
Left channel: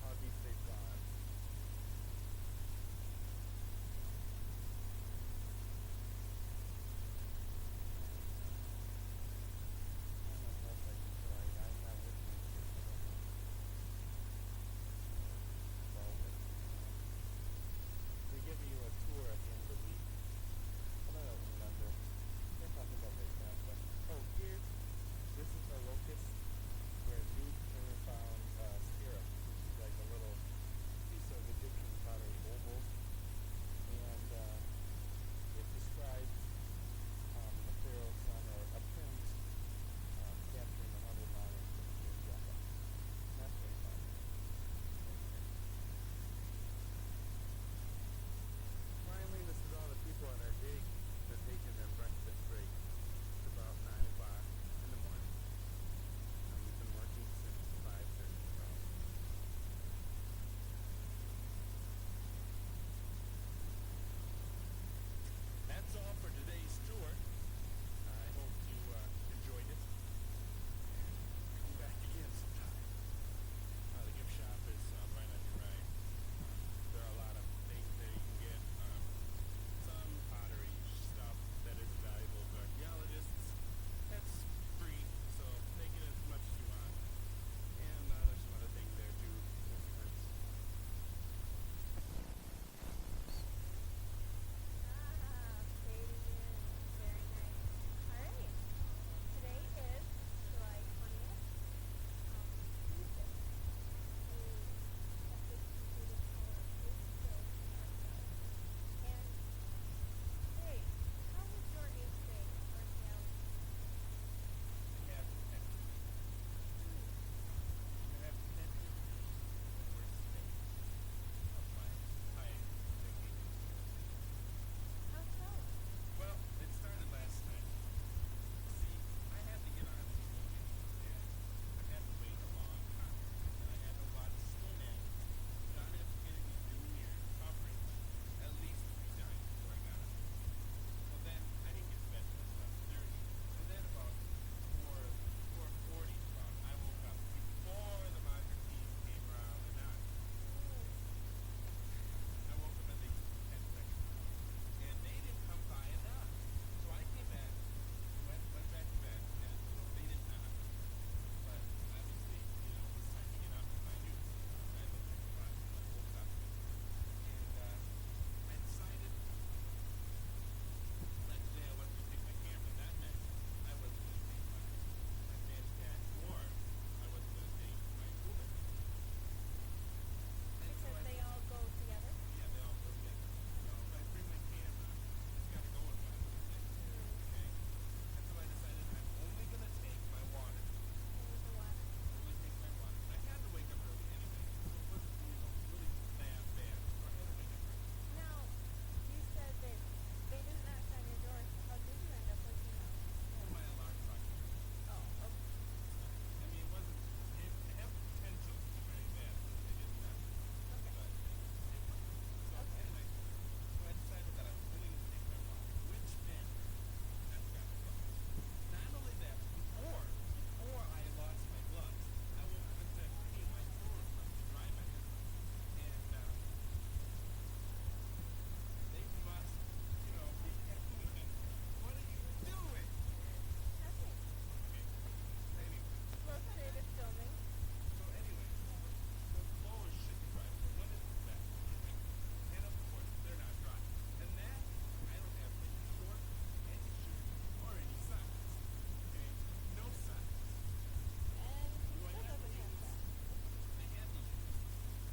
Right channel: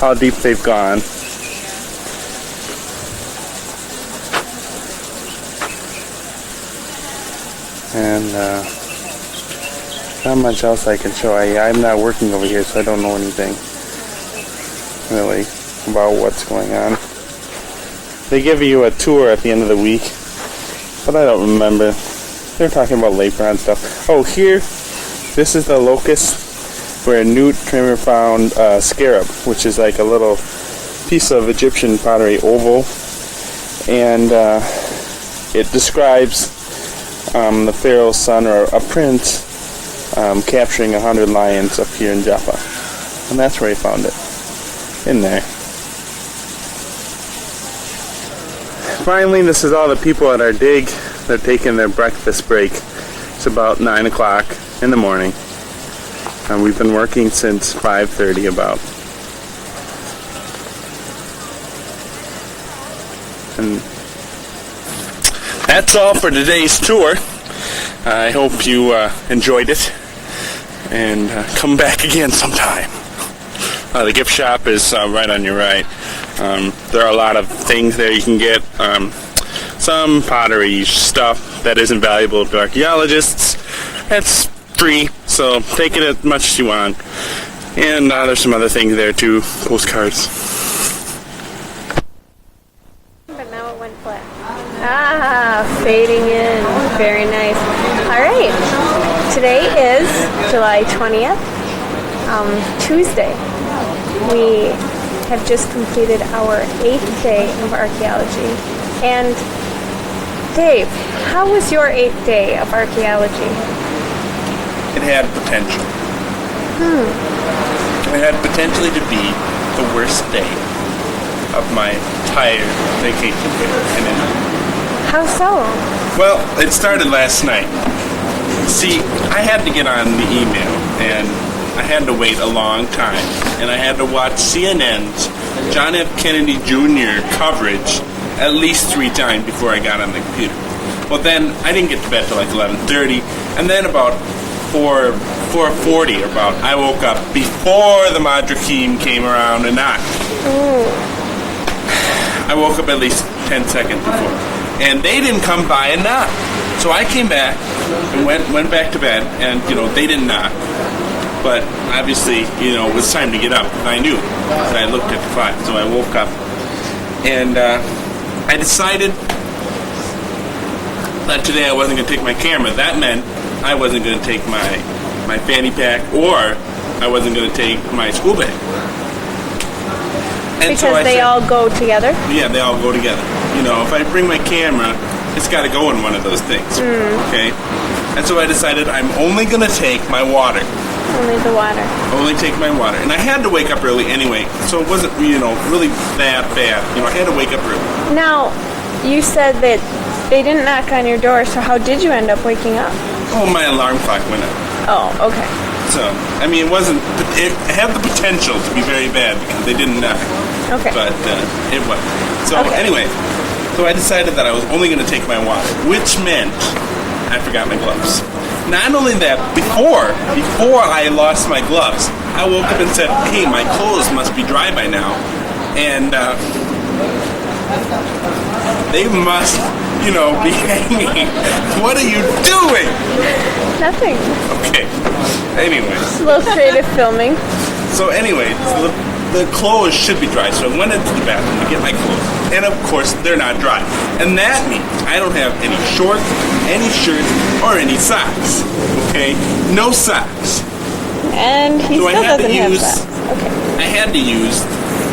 how deep they've gone. And not much else I can show. I'm not working over here, so I don't know anything really about what's going on. They give you a tour at the end of the week, but I don't remember. They're talking about labor and stuff. Oh, here, this is the locus where Newt Trimmer found scarab, which is like a little piece of Egyptian pottery, oval, and it describes the pharaoh's son, or a prince, capturing 100 lions up here in Joppa, and that's where he found it, in there. Finally, this is all the people at our dig. They're taking their breakfast break. It's about 9 o'clock in the morning, and we've been working since 5:30 about. And that's all for today's tour. I hope you enjoyed it, and come back again sometime. The gift shop is right on your right. There are a lot of things there you can get. Some pottery stuff that isn't valuable to archaeologists. It's free, so take it as much as you want. And there's some other things there too, postcards. But now it went flat. Fading in. Very nice. All right. Today is July 20th, Tuesday. We have just completed our 8th day of archaeology. And Dave, how was your 8th day of archaeology? It had potential. It had potentially to be the worst day of my entire vacation here. How so? Well, it started last night. See, I had to get on the email, and I had to wait a long time, and I had to watch CNN's John F. Kennedy Jr. coverage at least 3 times before I got on the computer. Well, then I didn't get to bed till like 11:30, and then about 4:40 about, I woke up before the Madrakim came around and knocked. I woke up at least 10 seconds before. And they didn't come by and knock. So I came back and went back to bed, and, they didn't knock. But obviously, it was time to get up. And I knew. So I looked at the clock. So I woke up. And I decided that today I wasn't going to take my camera. That meant I wasn't going to take my fanny pack, or I wasn't going to take my school bag. And because so I they said, all go together? Yeah, they all go together. If I bring my camera, it's got to go in one of those things. Okay? And so I decided I'm only going to take my water. Only the water. Only take my water. And I had to wake up early anyway, so it wasn't, really that bad. I had to wake up early. Now, you said that they didn't knock on your door, so how did you end up waking up? Oh, my alarm clock went up. Oh, okay. So, it had the potential to be very bad because they didn't knock. Okay. But it wasn't. So, anyway, so I decided that I was only going to take my water, which meant I forgot my gloves. Not only that, before I lost my gloves, I woke up and said, hey, my clothes must be dry by now. And they must, be hanging. What are you doing? Nothing. Okay. Anyway. Just a little creative filming. So anyway, the clothes should be dry. So I went into the bathroom to get my clothes. And of course, they're not dry. And that means I don't have any shorts, any shirts, or any socks. Okay? No socks. And he so still doesn't have socks. Okay. I had to use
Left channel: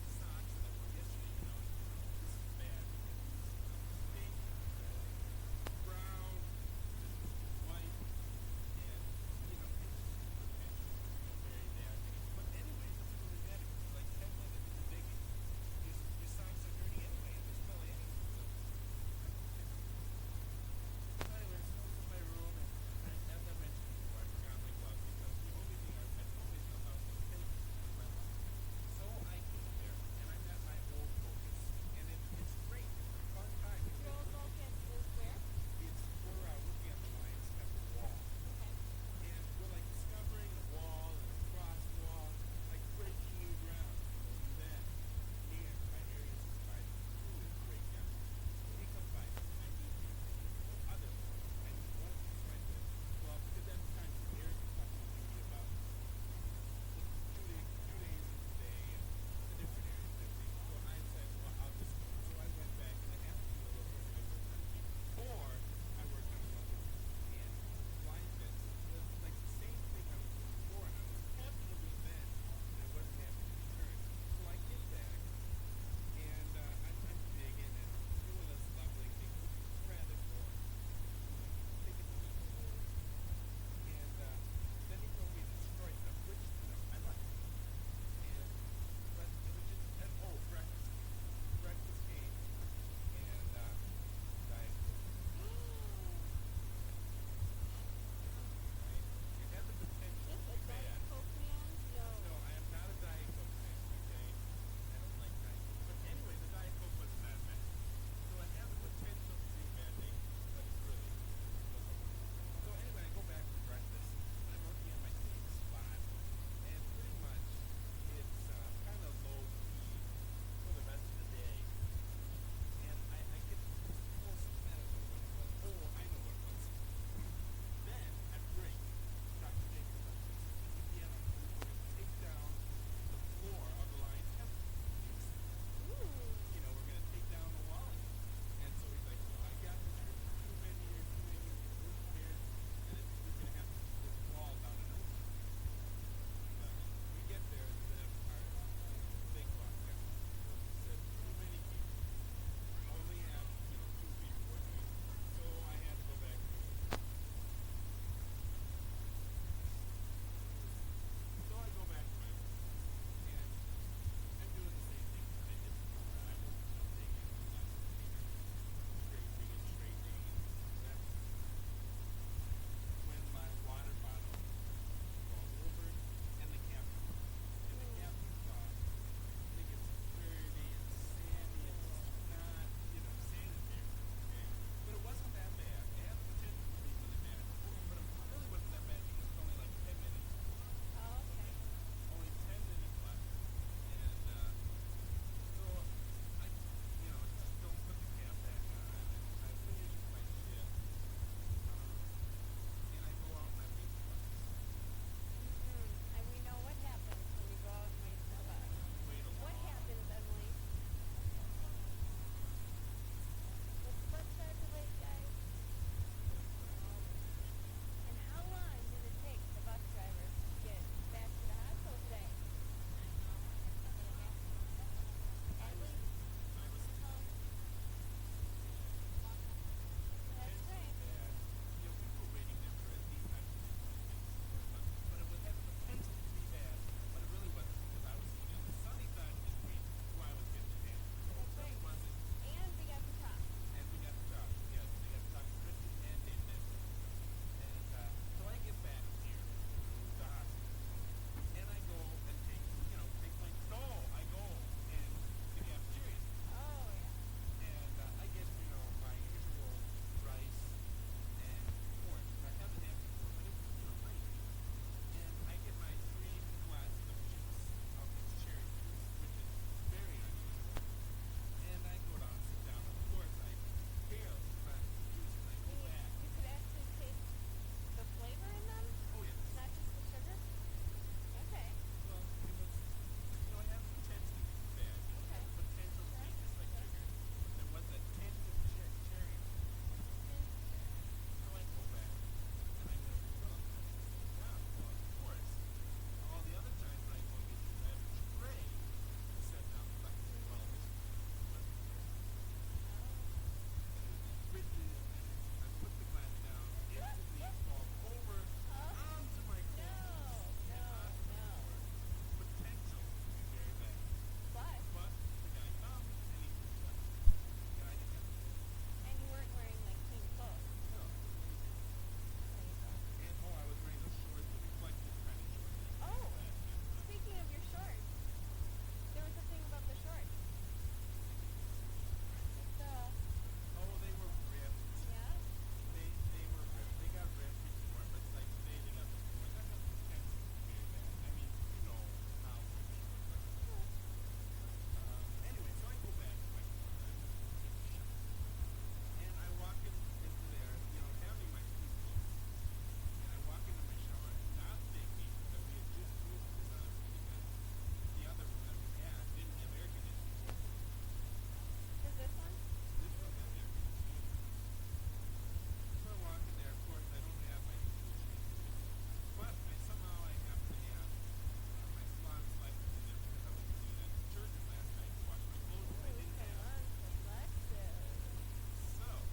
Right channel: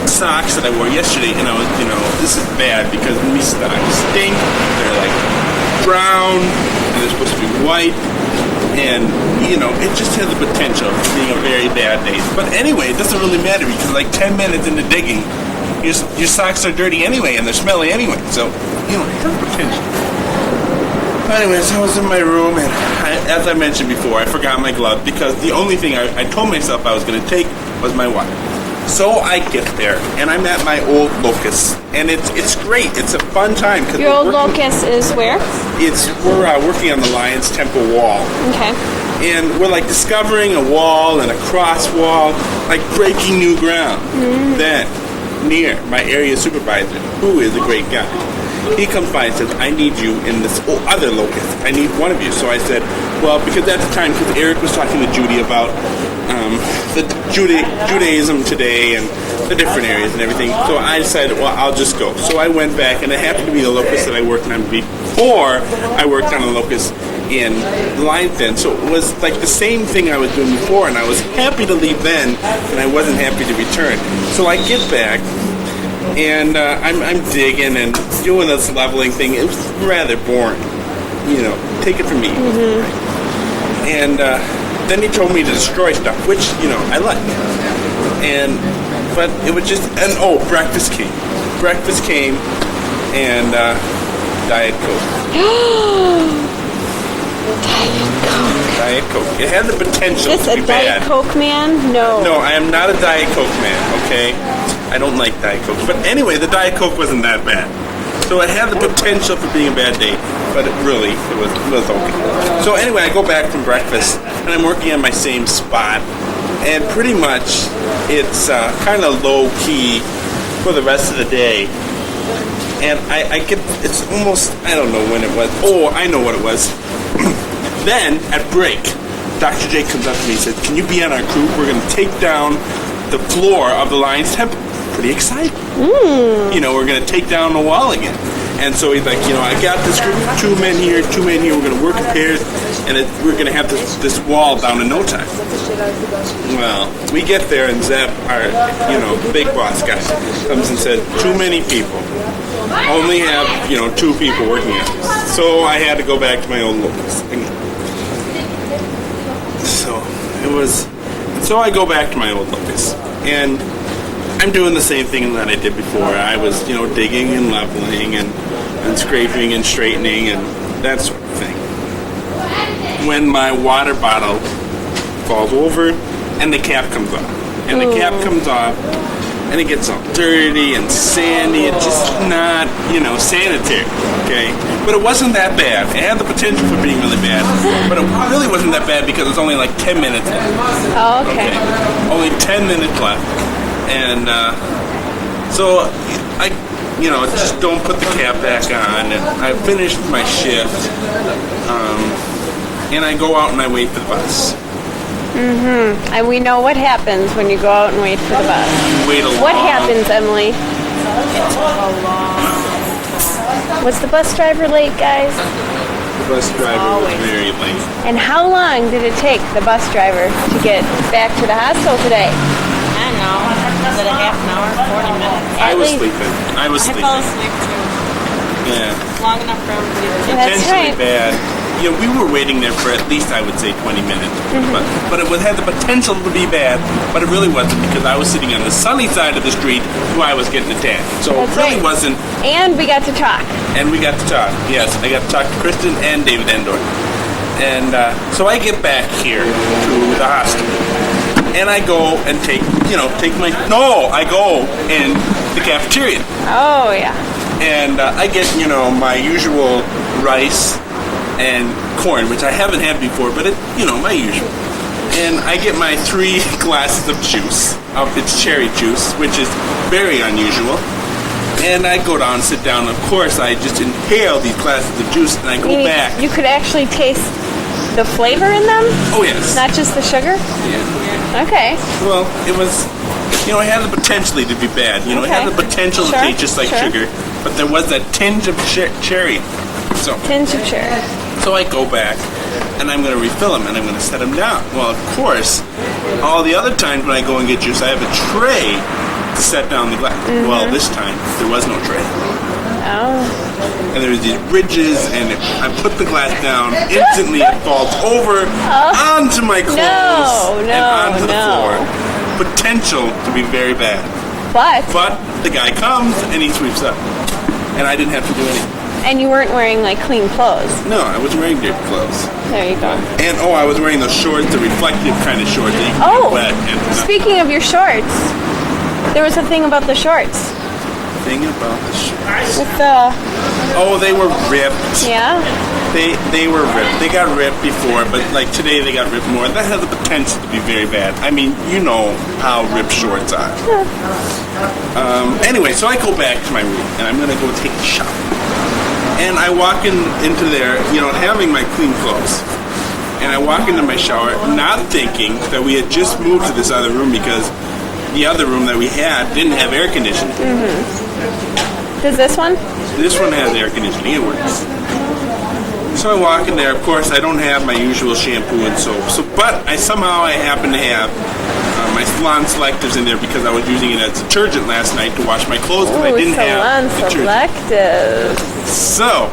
socks that I wore yesterday, and I was, this is bad because these socks stink. They're like brown, and they're supposed to be white. And, it just has the potential of being a very bad day. But anyway, it doesn't really matter because like 10 minutes into digging, your socks are dirty anyway and they're smelly anyway. So, it has potential. Anyways, I was in my room and as I mentioned before, I forgot my glove because the only thing I told myself I was going to take was my water. So I get there and I'm at my old locus and it's great. It's a fun time. Your old locus is where? We're working on the Lion's Temple wall. Okay. And we're like discovering a wall and a cross wall, like breaking new ground. Then, near my area supervisor, who is a great guy, he comes by and says, I need you in this other locus. I need one of you. So I said, well, because at the time, because Eric was talking to Judy about the Judaism today and the different areas and everything. So I decided, well, I'll just go. So I went back, and it happened to be the locus that I worked on before I worked on a locus in Lion's Den. So it was like the same thing I was doing before, and I was happy to leave then, and I wasn't happy to return. So I get back, and I'm digging and doing this leveling thing. It was rather boring. Take it from me. And then he told me to destroy stuff, which, I like. But it was just, breakfast came. Breakfast came, and Diet Coke. Diet Coke. It had the potential to be bad. Is this a Diet Coke man? No. No, I am not a Diet Coke man, okay? I don't like Diet Coke. But anyway, the Diet Coke wasn't that bad. So it had the potential for being a bad day, but it was okay. So anyway, I go back from breakfast, and I'm working on my same spot, and pretty much it's kind of low-key for the rest of the day. And I get, it's almost, I don't know when it was. Oh, I know what it was. Then, at break, Dr. J comes up to me and says, can you be on our crew? We're going to take down the floor of the Lion's Temple. Pretty exciting. We're going to take down the wall again. And so he's like, I got this group of 2 men here, we're going to work in pairs, and we're going to have this wall down in no time. Well, we get there, and Zeb, our, big boss guy, comes and says, too many people. Only have, 2 people working on this. So I had to go back to my old locus again. So I go back to my old locus, and I'm doing the same thing that I did before. I was, digging and leveling and scraping and straightening and that sort of thing. When my water bottle falls over and the cap comes off. And the cap comes off and it gets all dirty and sandy. It's just not, sanitary, okay? But it wasn't that bad. It had the potential for being really bad. But it really wasn't that bad because it's only like 10 minutes left. Oh, okay. Only 10 minutes left. And so I just don't put the cap back on. And I finished my shift, and I go out and I wait for the bus. Mm-hmm. And we know what happens when you go out and wait for the bus. You wait a long. What happens, Emily? Was the bus driver late, guys? The bus driver was very late. And how long did it take the bus driver to get back to the hospital today? I don't know. Was it a half an hour, 40 minutes? I was sleeping. I fell asleep too. Yeah. Long enough for everybody to get That's Potentially right. bad. We were waiting there for at least, I would say, 20 minutes. Mm-hmm. But it had the potential to be bad, but it really wasn't because I was sitting on the sunny side of the street while I was getting a tan. So That's it really right. wasn't. And we got to talk. And we got to talk. Yes, I got to talk to Kristin and David Endor. And so I get back here to the hospital. And I go and I go in the cafeteria. Oh, yeah. And I get, my usual rice and corn, which I haven't had before, but my usual. And I get my 3 glasses of juice. It's cherry juice, which is very unusual. And I go down and sit down. Of course, I just inhale these glasses of juice, and I go back. You could actually taste the flavor in them? Oh, yes. Not just the sugar? Yeah. Okay. Well, it was, it had the potential to be bad. It had the potential to taste just like sugar, but there was that tinge of cherry. Tinge of cherry. So I go back, and I'm going to refill them, and I'm going to set them down. Well, of course, all the other times when I go and get juice, I have a tray to set down the glass. Mm-hmm. Well, this time, there was no tray. Oh. And there was these ridges, and if I put the glass down, instantly it falls over onto my clothes and onto the floor. Potential to be very bad. But the guy comes, and he sweeps up. And I didn't have to do anything. And you weren't wearing, clean clothes. No, I was wearing dirty clothes. There you go. And, I was wearing those shorts, the reflective kind of shorts that you can get wet. And, speaking of your shorts, there was a thing about the shorts. Thing about the shorts? With the... Oh, they were ripped. Yeah? They were ripped. They got ripped before, but, today they got ripped more. That has the potential to be very bad. I mean, you know how ripped shorts are. Anyway, so I go back to my room, and I'm going to go take a shower. And I walk into there, having my clean clothes. And I walk into my shower, not thinking that we had just moved to this other room because the other room that we had didn't have air conditioning. Mm-hmm. Does this one? This one has air conditioning. It works. So I walk in there. Of course, I don't have my usual shampoo and soap. But I happen to have my Salon Selectives in there because I was using it as detergent last night to wash my clothes because I didn't have Salon Selectives. So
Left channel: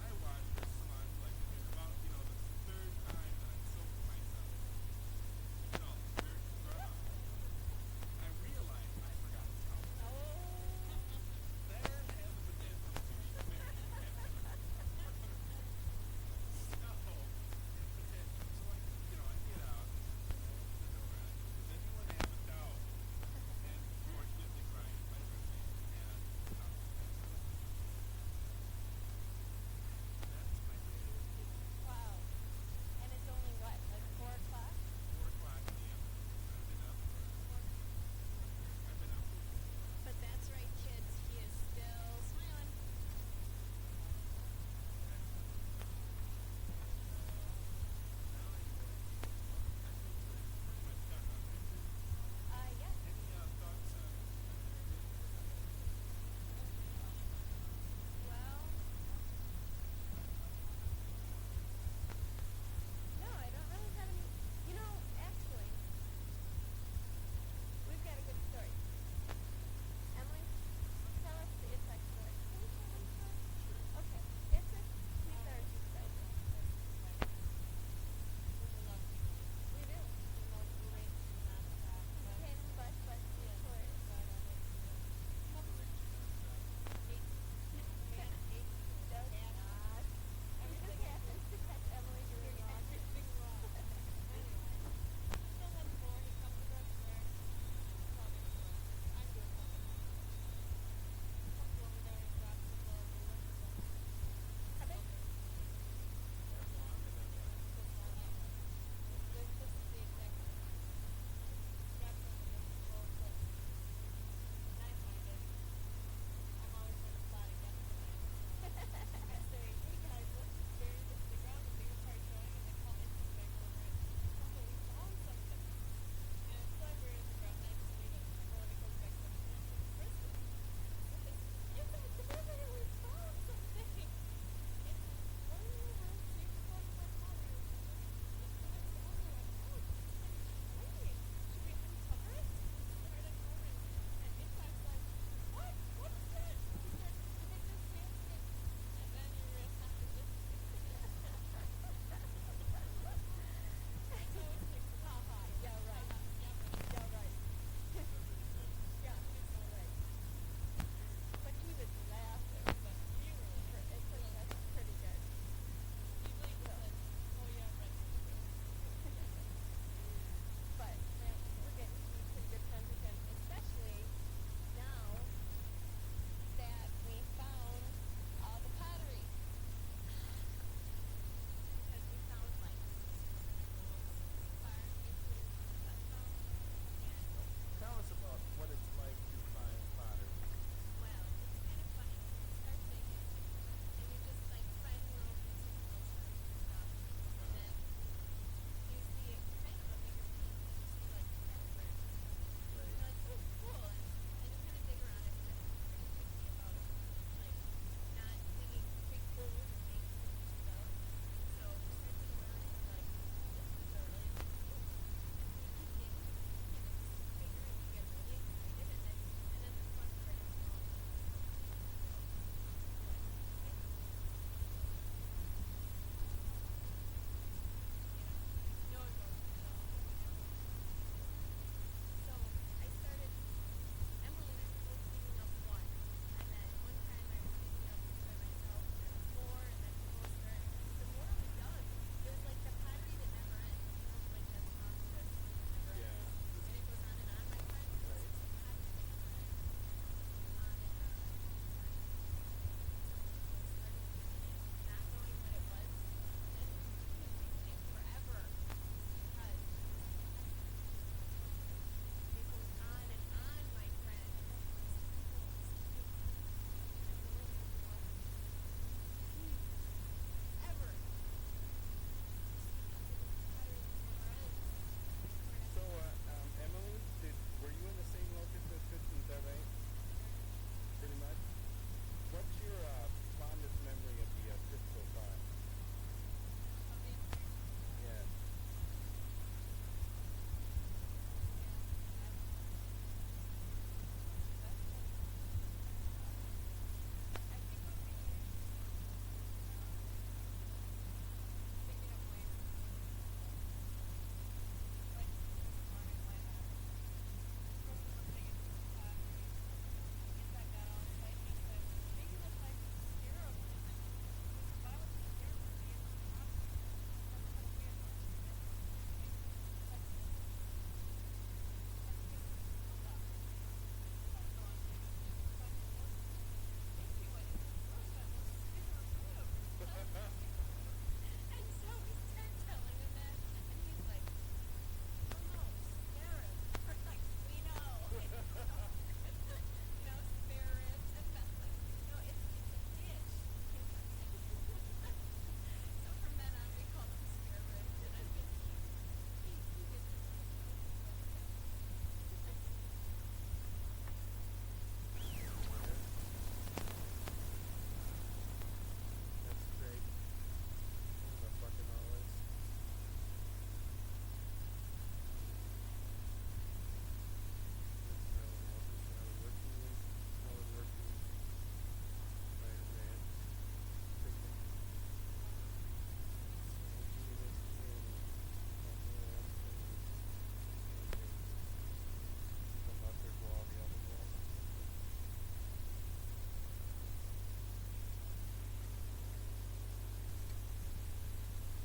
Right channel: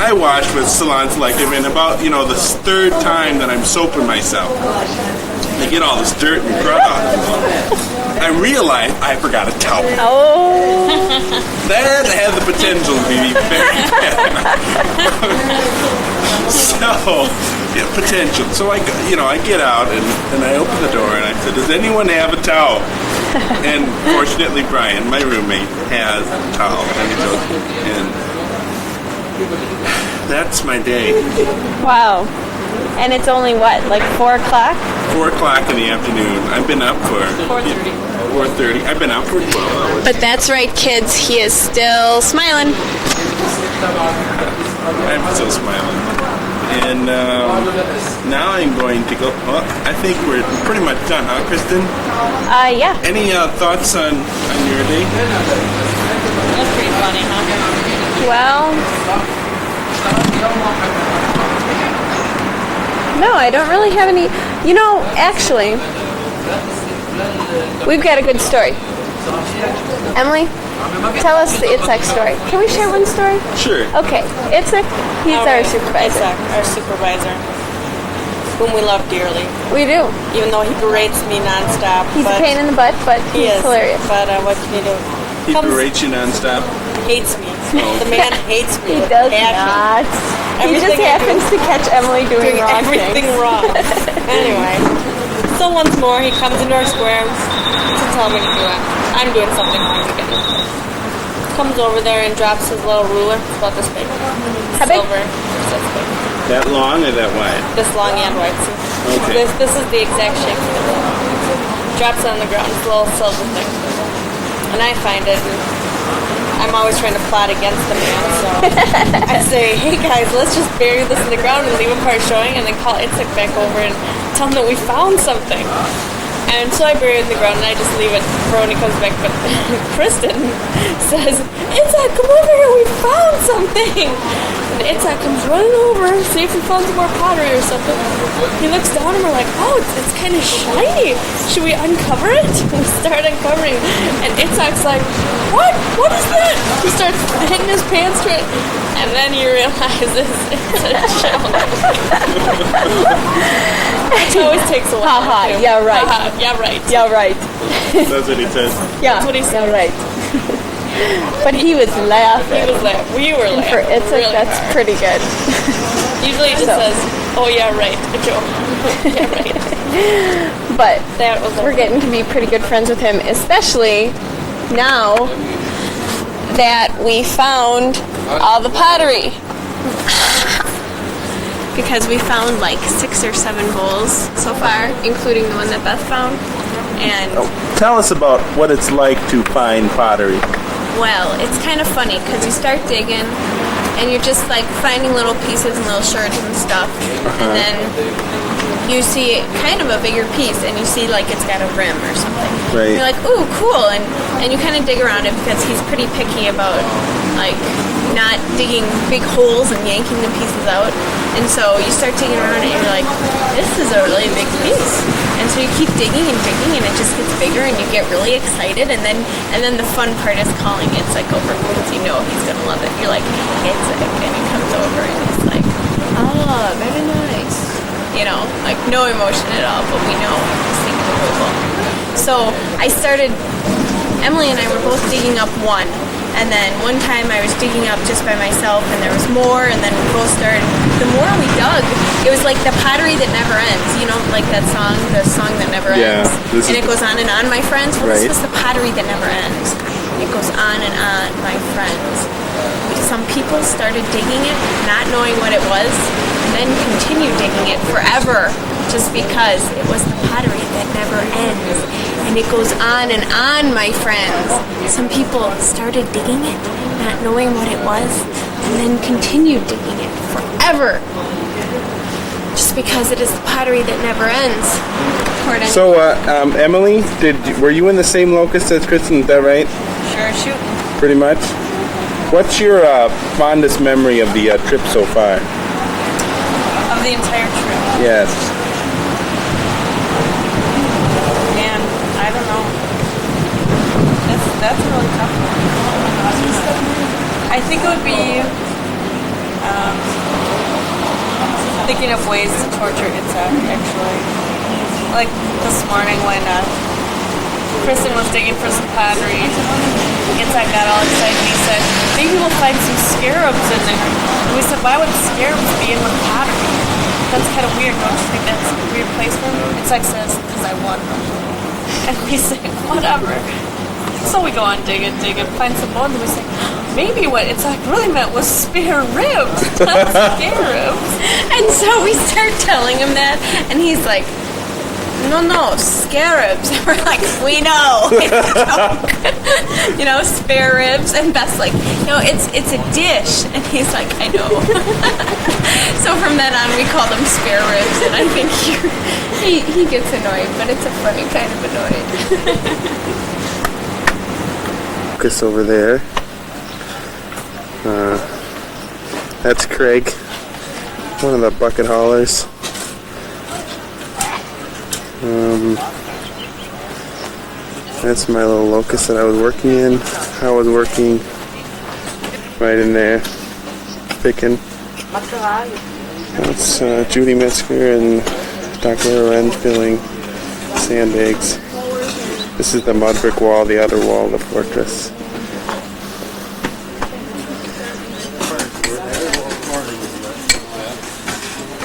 I wash with Salon Selective, and about the 3rd time that I'm soaping myself, I get all this dirt and crud off. I realize I forgot a towel. Oh. That had the potential to be very bad. So, potential. So I get out and I open the door and I said, "Does anyone have a towel?" And fortunately, Brian, my roommate, has a towel, and that's my day. Wow. And it's only what, 4 o'clock? 4 o'clock in the afternoon. I've been up for 4:30. 4:30. I've been out for 12 hours. But that's right, kids. He is still smiling. I'm still smiling. And now I'm going to go. Well, I think we're pretty much done, huh, Kristin? Yeah. Any thoughts on your day? That's pretty funny, huh? Well, no, I don't really have any. Actually, we've got a good story. Emily, tell us the Itzhak story. Can we share one story? Sure. Okay, Itzhak, he's our supervisor. Itzhak, our supervisor, whom we love dearly. We do. Even though he berates me nonstop. He's a pain in the butt, but he's hilarious. But what can you do? He berates you nonstop? Hates me. Oh. The man hates me. He does not. He just happens to catch Emily doing wrong everything things. wrong. Anyway, so once more he comes into our square to tell me to do it. I'm doing something wrong again. Comes over there and drops his little ruler. It's about this big. How big? Silver. It's this big. That long or that wide? This long and wide. Okay. This is the exact shape of the ruler. Drops it on the ground. It's a little silver thing. and I find it, and I'm always trying to plot against the man, so I say, hey guys, let's just bury this in the ground and leave a part showing, and then call Itzhak back over and tell him that we found something. And so I bury it in the ground and I just leave it for when he comes back. But Kristin says, Itzhak, come over here, we found something. And Itzhak comes running over, see if we found some more pottery or something. He looks down and we're like, oh, it's kind of shiny. Should we uncover it? We start uncovering. And Itzhak's like, what? What is that? He starts hitting his pants to it. And then he realizes it's a shell. It always takes a while. Haha, yeah, right. Yeah, right. Yeah, right. That's what he says. Yeah, That's what he said. yeah, right. But he was laughing. He was laughing. We were laughing. For Itzhak, really that's hard. pretty good. Usually he just says, oh yeah, right. A joke. Yeah, right. But That was we're getting to be pretty good friends with him, especially now that we found all the pottery. Because we found like 6 or 7 bowls so far, including the one that Beth found. And Tell us about what it's like to find pottery. well, it's kind of funny because you start digging and you're just like finding little pieces and little shards and stuff, and then you see kind of a bigger piece and you see like it's got a rim or something. Right. You're like, ooh, cool, and you kind of dig around it because he's pretty picky about like not digging big holes and yanking the pieces out. And so you start digging around it and you're like, this is a really big piece. And so you keep digging and digging and it just gets bigger and you get really excited, and then the fun part is calling Itzhak over because you know he's gonna love it. You're like, Itzhak, and he comes over and he's like, oh, very nice. You know, like no emotion at all, but we know he's thinking approval. So Emily and I were both digging up one. And then one time I was digging up just by myself and there was more, and then we both started. The more we dug, it was like the pottery that never ends. You know, like that song, the song that never ends. And it goes on and on, my friends. Well, this was the pottery that never ends. It goes on and on, my friends. Some people started digging it, not knowing what it was, and then continued digging it forever just because it was the pottery that never ends. And it goes on and on, my friends. Some people started digging it, not knowing what it was, and then continued digging it forever. Just because it is the pottery that never ends. So, Emily, were you in the same locust as Kristin? Is that right? Sure, shoot. Pretty much. What's your fondest memory of the trip so far? Of the entire trip. Yes. Man, I don't know. That's a really tough one. I think it would be thinking of ways to torture Itzhak, actually. Like this morning when Kristin was digging for some pottery, Itzhak got all excited and he said, maybe we'll find some scarabs in there. And we said, why would scarabs be in with pottery? That's kind of weird, don't you think that's a weird place for them? Itzhak says, because I want them. And we say, whatever. So we go on digging, find some bones, and we say, maybe what Itzhak really meant was spare ribs, not scarabs. And so we start telling him that, and he's like, no, scarabs. And we're like, we know, it's a joke. You know, spare ribs. And Beth's like, no, it's a dish. And he's like, I know. So from then on, we call them spare ribs, and I think he gets annoyed, but it's a funny kind of annoyed. Focus over there. That's Craig, one of the bucket haulers. That's my little locust that I was working in. I was working right in there, picking. That's Judy Metzger and Dr. Loren filling sandbags. This is the mud brick wall, the outer wall of the fortress.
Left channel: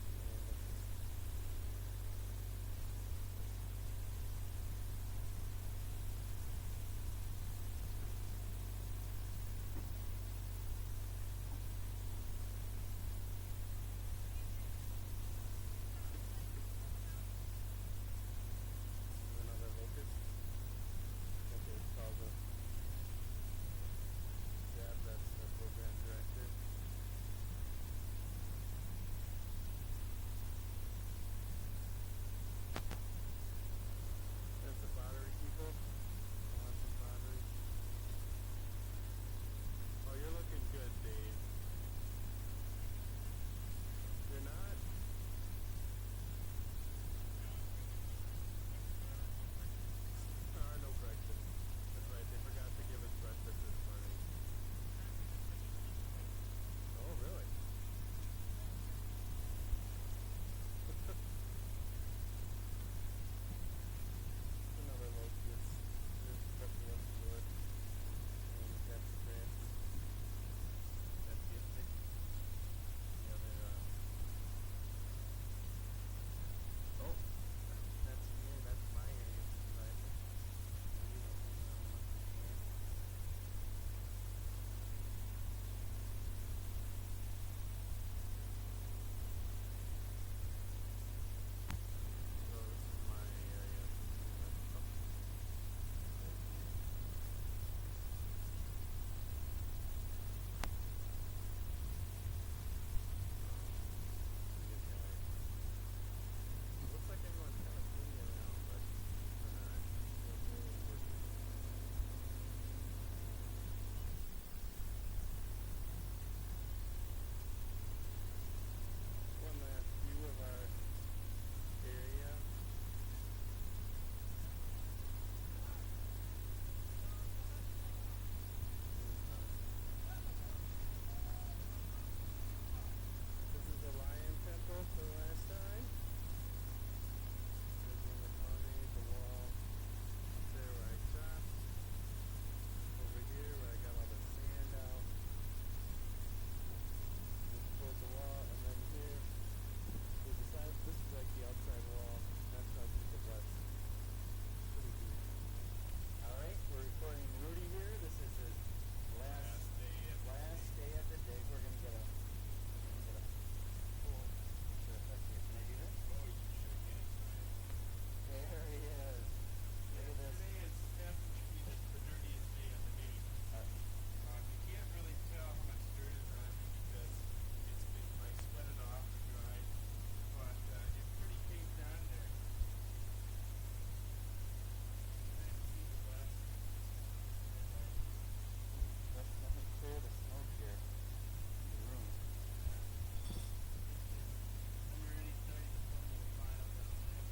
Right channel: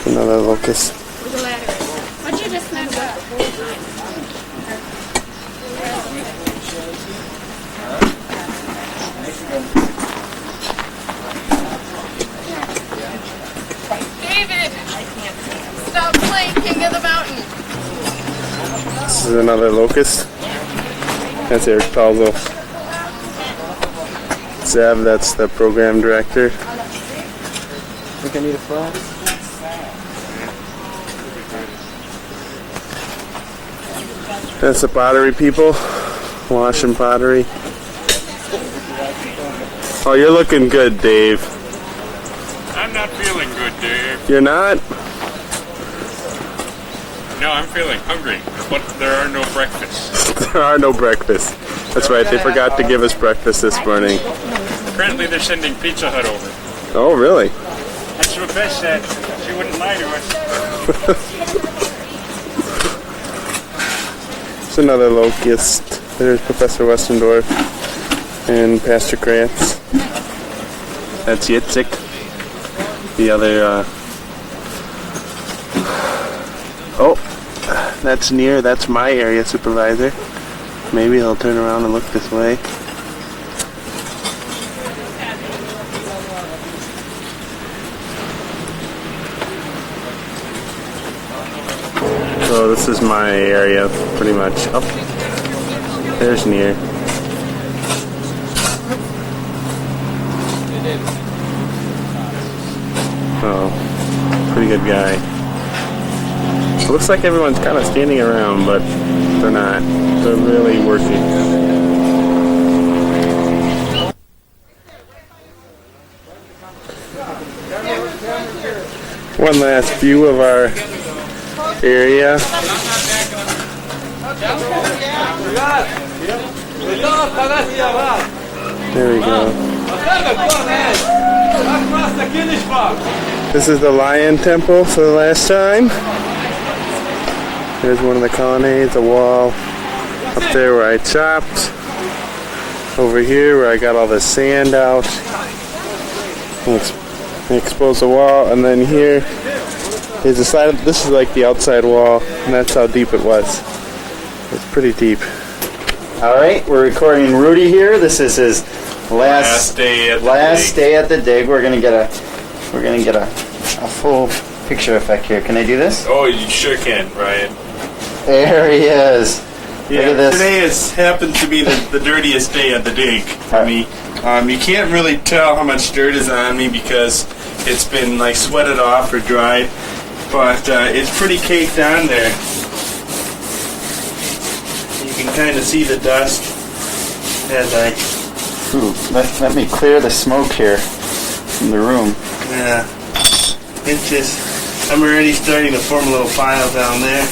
Another locust. What'd you just mess up? David, stop playing King of the Mountain. This is another locust. That's Eric Palzo. Zev, that's the program director. Think I need a flag? That's the pottery people, washing pottery. Oh, you're looking good, Dave. I'm not feeling good, Dave. You're not? No, I'm feeling hungry, but there are no breakfasts. There are no breakfasts. That's right, they forgot to give us breakfast this morning. Apparently they're sending Pizza Hut over. Oh, really? That's what Beth said. She wouldn't lie to us. There's another locust. There's Professor Westendorf and Pastor Kratz. That's Yitzhak. The other, oh, that's near. That's my area supervisor. Maybe he'll turn around and look this way. So this is my area, pretty much. Oh, there's Nir. Oh, pretty good guy. It looks like everyone's kind of standing around, but they're not. They're really working. One last view of our area. There we go. This is the Lion Temple for the last time. There's one of the colonnades, a wall up there where I chopped. Over here where I got all the sand out. Expose the wall, and then here is the side of, this is like the outside wall, and that's how deep it was. It's pretty deep. All right, we're recording Rudy here. This is his last day at the dig. We're gonna get a full picture effect here. Can I do this? Oh, you sure can, Ryan. There he is. Yeah, Look at this. today happens to be the dirtiest day at the dig for me. You can't really tell how much dirt is on me because it's been like sweated off or dried, but it's pretty caked on there. You can kind of see the dust as I... Ooh, let me clear the smoke here from the room. Yeah, it's just, I'm already starting to form a little pile down there.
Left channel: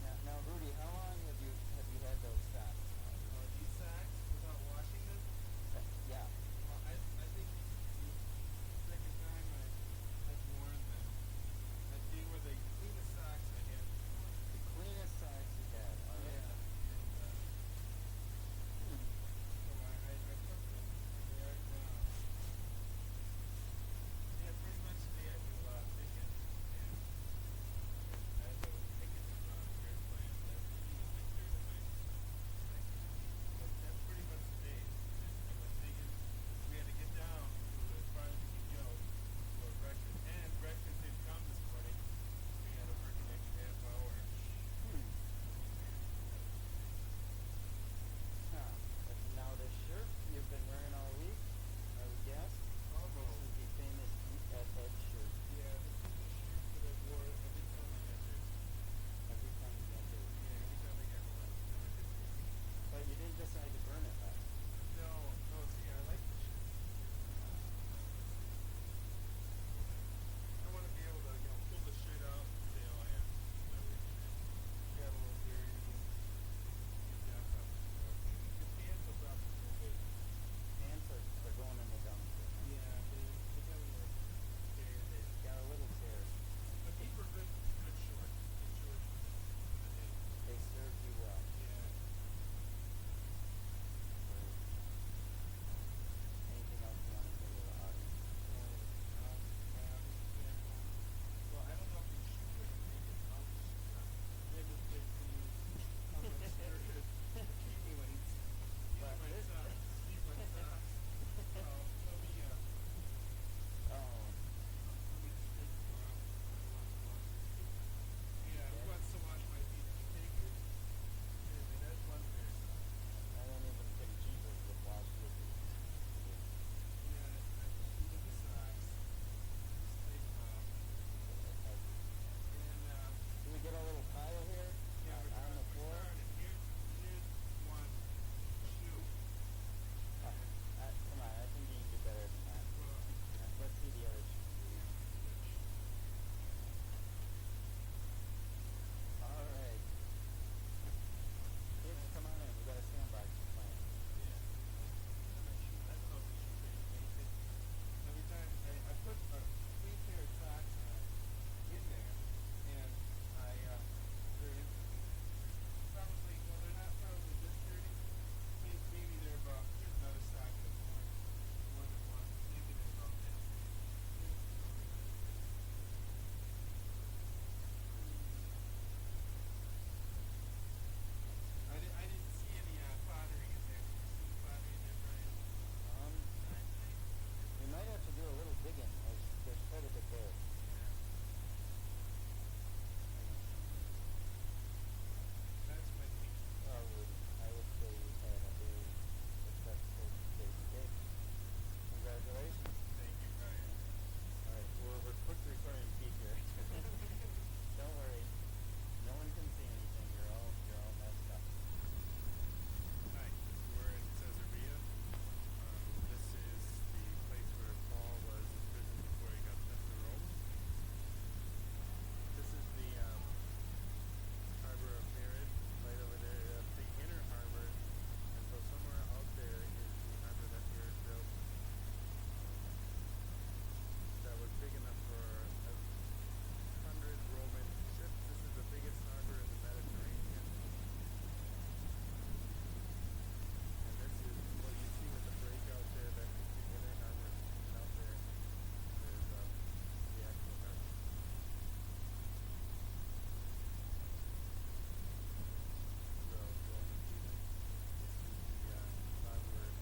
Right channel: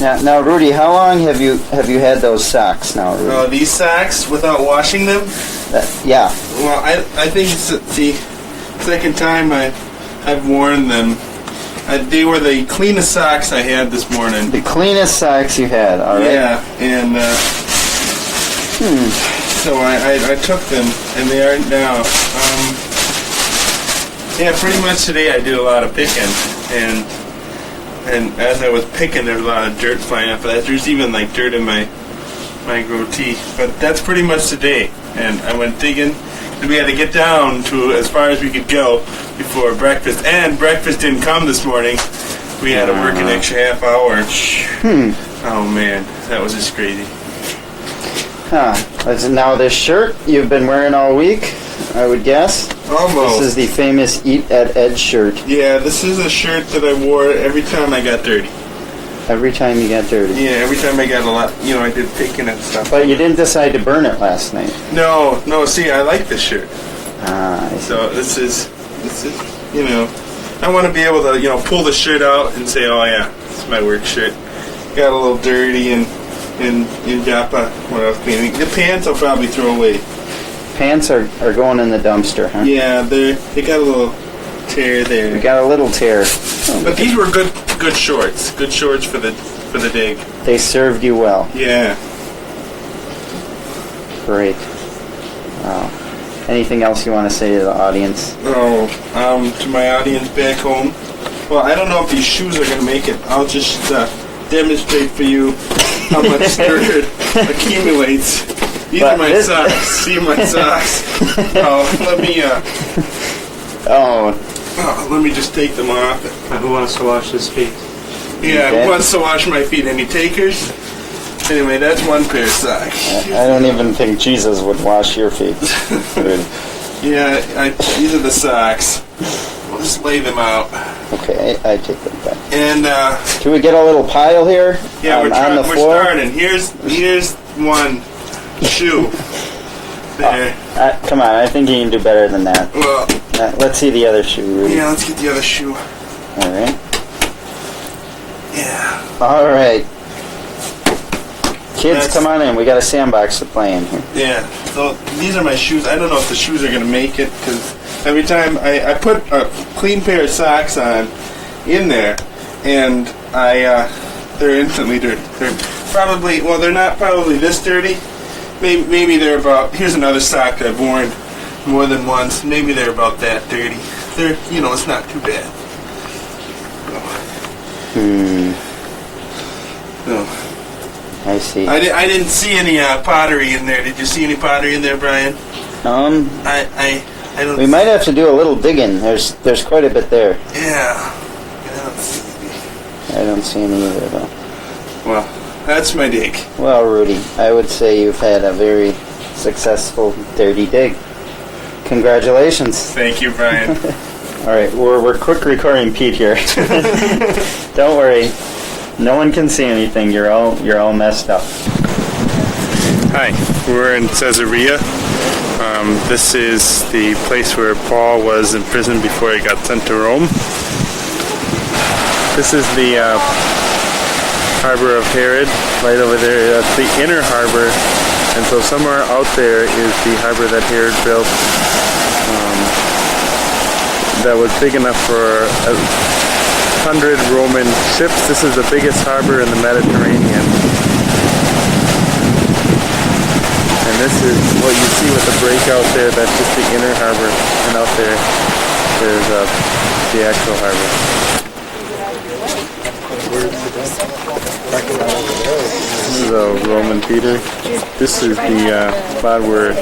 Now, Rudy, how long have you had those socks now, Rudy? Oh, these socks without washing them? Yeah. Well, I think it's the second time I've worn them. They were the cleanest socks I had this morning. The cleanest socks you had, all right? Yeah, and so I took them, and they are now. Yeah, pretty much today I did a lot of picking, and as I was picking, there was a lot of dirt flying off of that. There's even like dirt in my goatee, but that's pretty much today. And I went digging, and we had to get down to as far as we could go before breakfast. And breakfast didn't come this morning. We had to work an extra half hour. Oh man, that was just crazy. Huh. Now this shirt you've been wearing all week, I would guess. Almost. This is the famous Eat at Ed shirt. Yeah, this is a shirt that I wore every time I got dirty. Every time you got dirty? Yeah, every time I got a lot, I did picking and stuff. But you didn't decide to burn it last night? No, see, I like this shirt. I see. So this is, I want to be able to, pull the shirt out and say, oh yeah, this is my work shirt. Got a little dirty in Joppa when I was cleaning. The pants I'll probably throw away. Pants are going in the dumpster, huh? Yeah, they got a little tear there. We got a little tear. But these were good shorts. Good shorts for the dig. They served you well. Yeah. Great. Wow. Anything else you want to say to the audience? Oh, to my audience back home. Well, I don't know if these shoes are going to make it. I'll just demonstrate for you how much dirt accumulates. These are my socks. See my socks. Let me just take them off. Who wants to wash his feet? Yeah, who wants to wash my feet? Any takers? Anyway, that's one pair of socks. I don't even think Jesus would wash your feet. Yeah, these are the socks. We'll just lay them out. Okay, I take them back. And can we get a little pile here? Yeah, on the floor? We're starting. Here's one shoe. There. Come on, I think you can do better than that. Well, let's see the other shoe, Rudy. Yeah, let's get the other shoe. All right. Yeah. All right. Kids, come on in. We got a sandbox to play in here. Yeah. So these are my shoes. I don't know if the shoes are going to make it because every time I put a clean pair of socks on in there, and they're instantly dirty. They're probably, well, they're not probably this dirty. Maybe they're about, here's another sock I've worn more than once. Maybe they're about that dirty. They're, it's not too bad. No. I see. I didn't see any pottery in there. Did you see any pottery in there, Brian? I don't. We might have to do a little digging. There's quite a bit there. Yeah. I don't see any either, though. Well, that's my dig. Well, Rudy, I would say you've had a very successful dirty dig. Congratulations. Thank you, Brian. All right, we're quick recording Pete here. Don't worry. No one can see anything. You're all messed up. Hi, we're in Caesarea. This is the place where Paul was imprisoned before he got sent to Rome. This is the harbor of Herod, right over there. That's the inner harbor, and so somewhere out there is the harbor that Herod built that was big enough for 100 Roman ships. This is the biggest harbor in the Mediterranean. And this is what you see with the breakout there. That's just the inner harbor. And out there, there's the actual harbor. This is a Roman theater. This is the spot where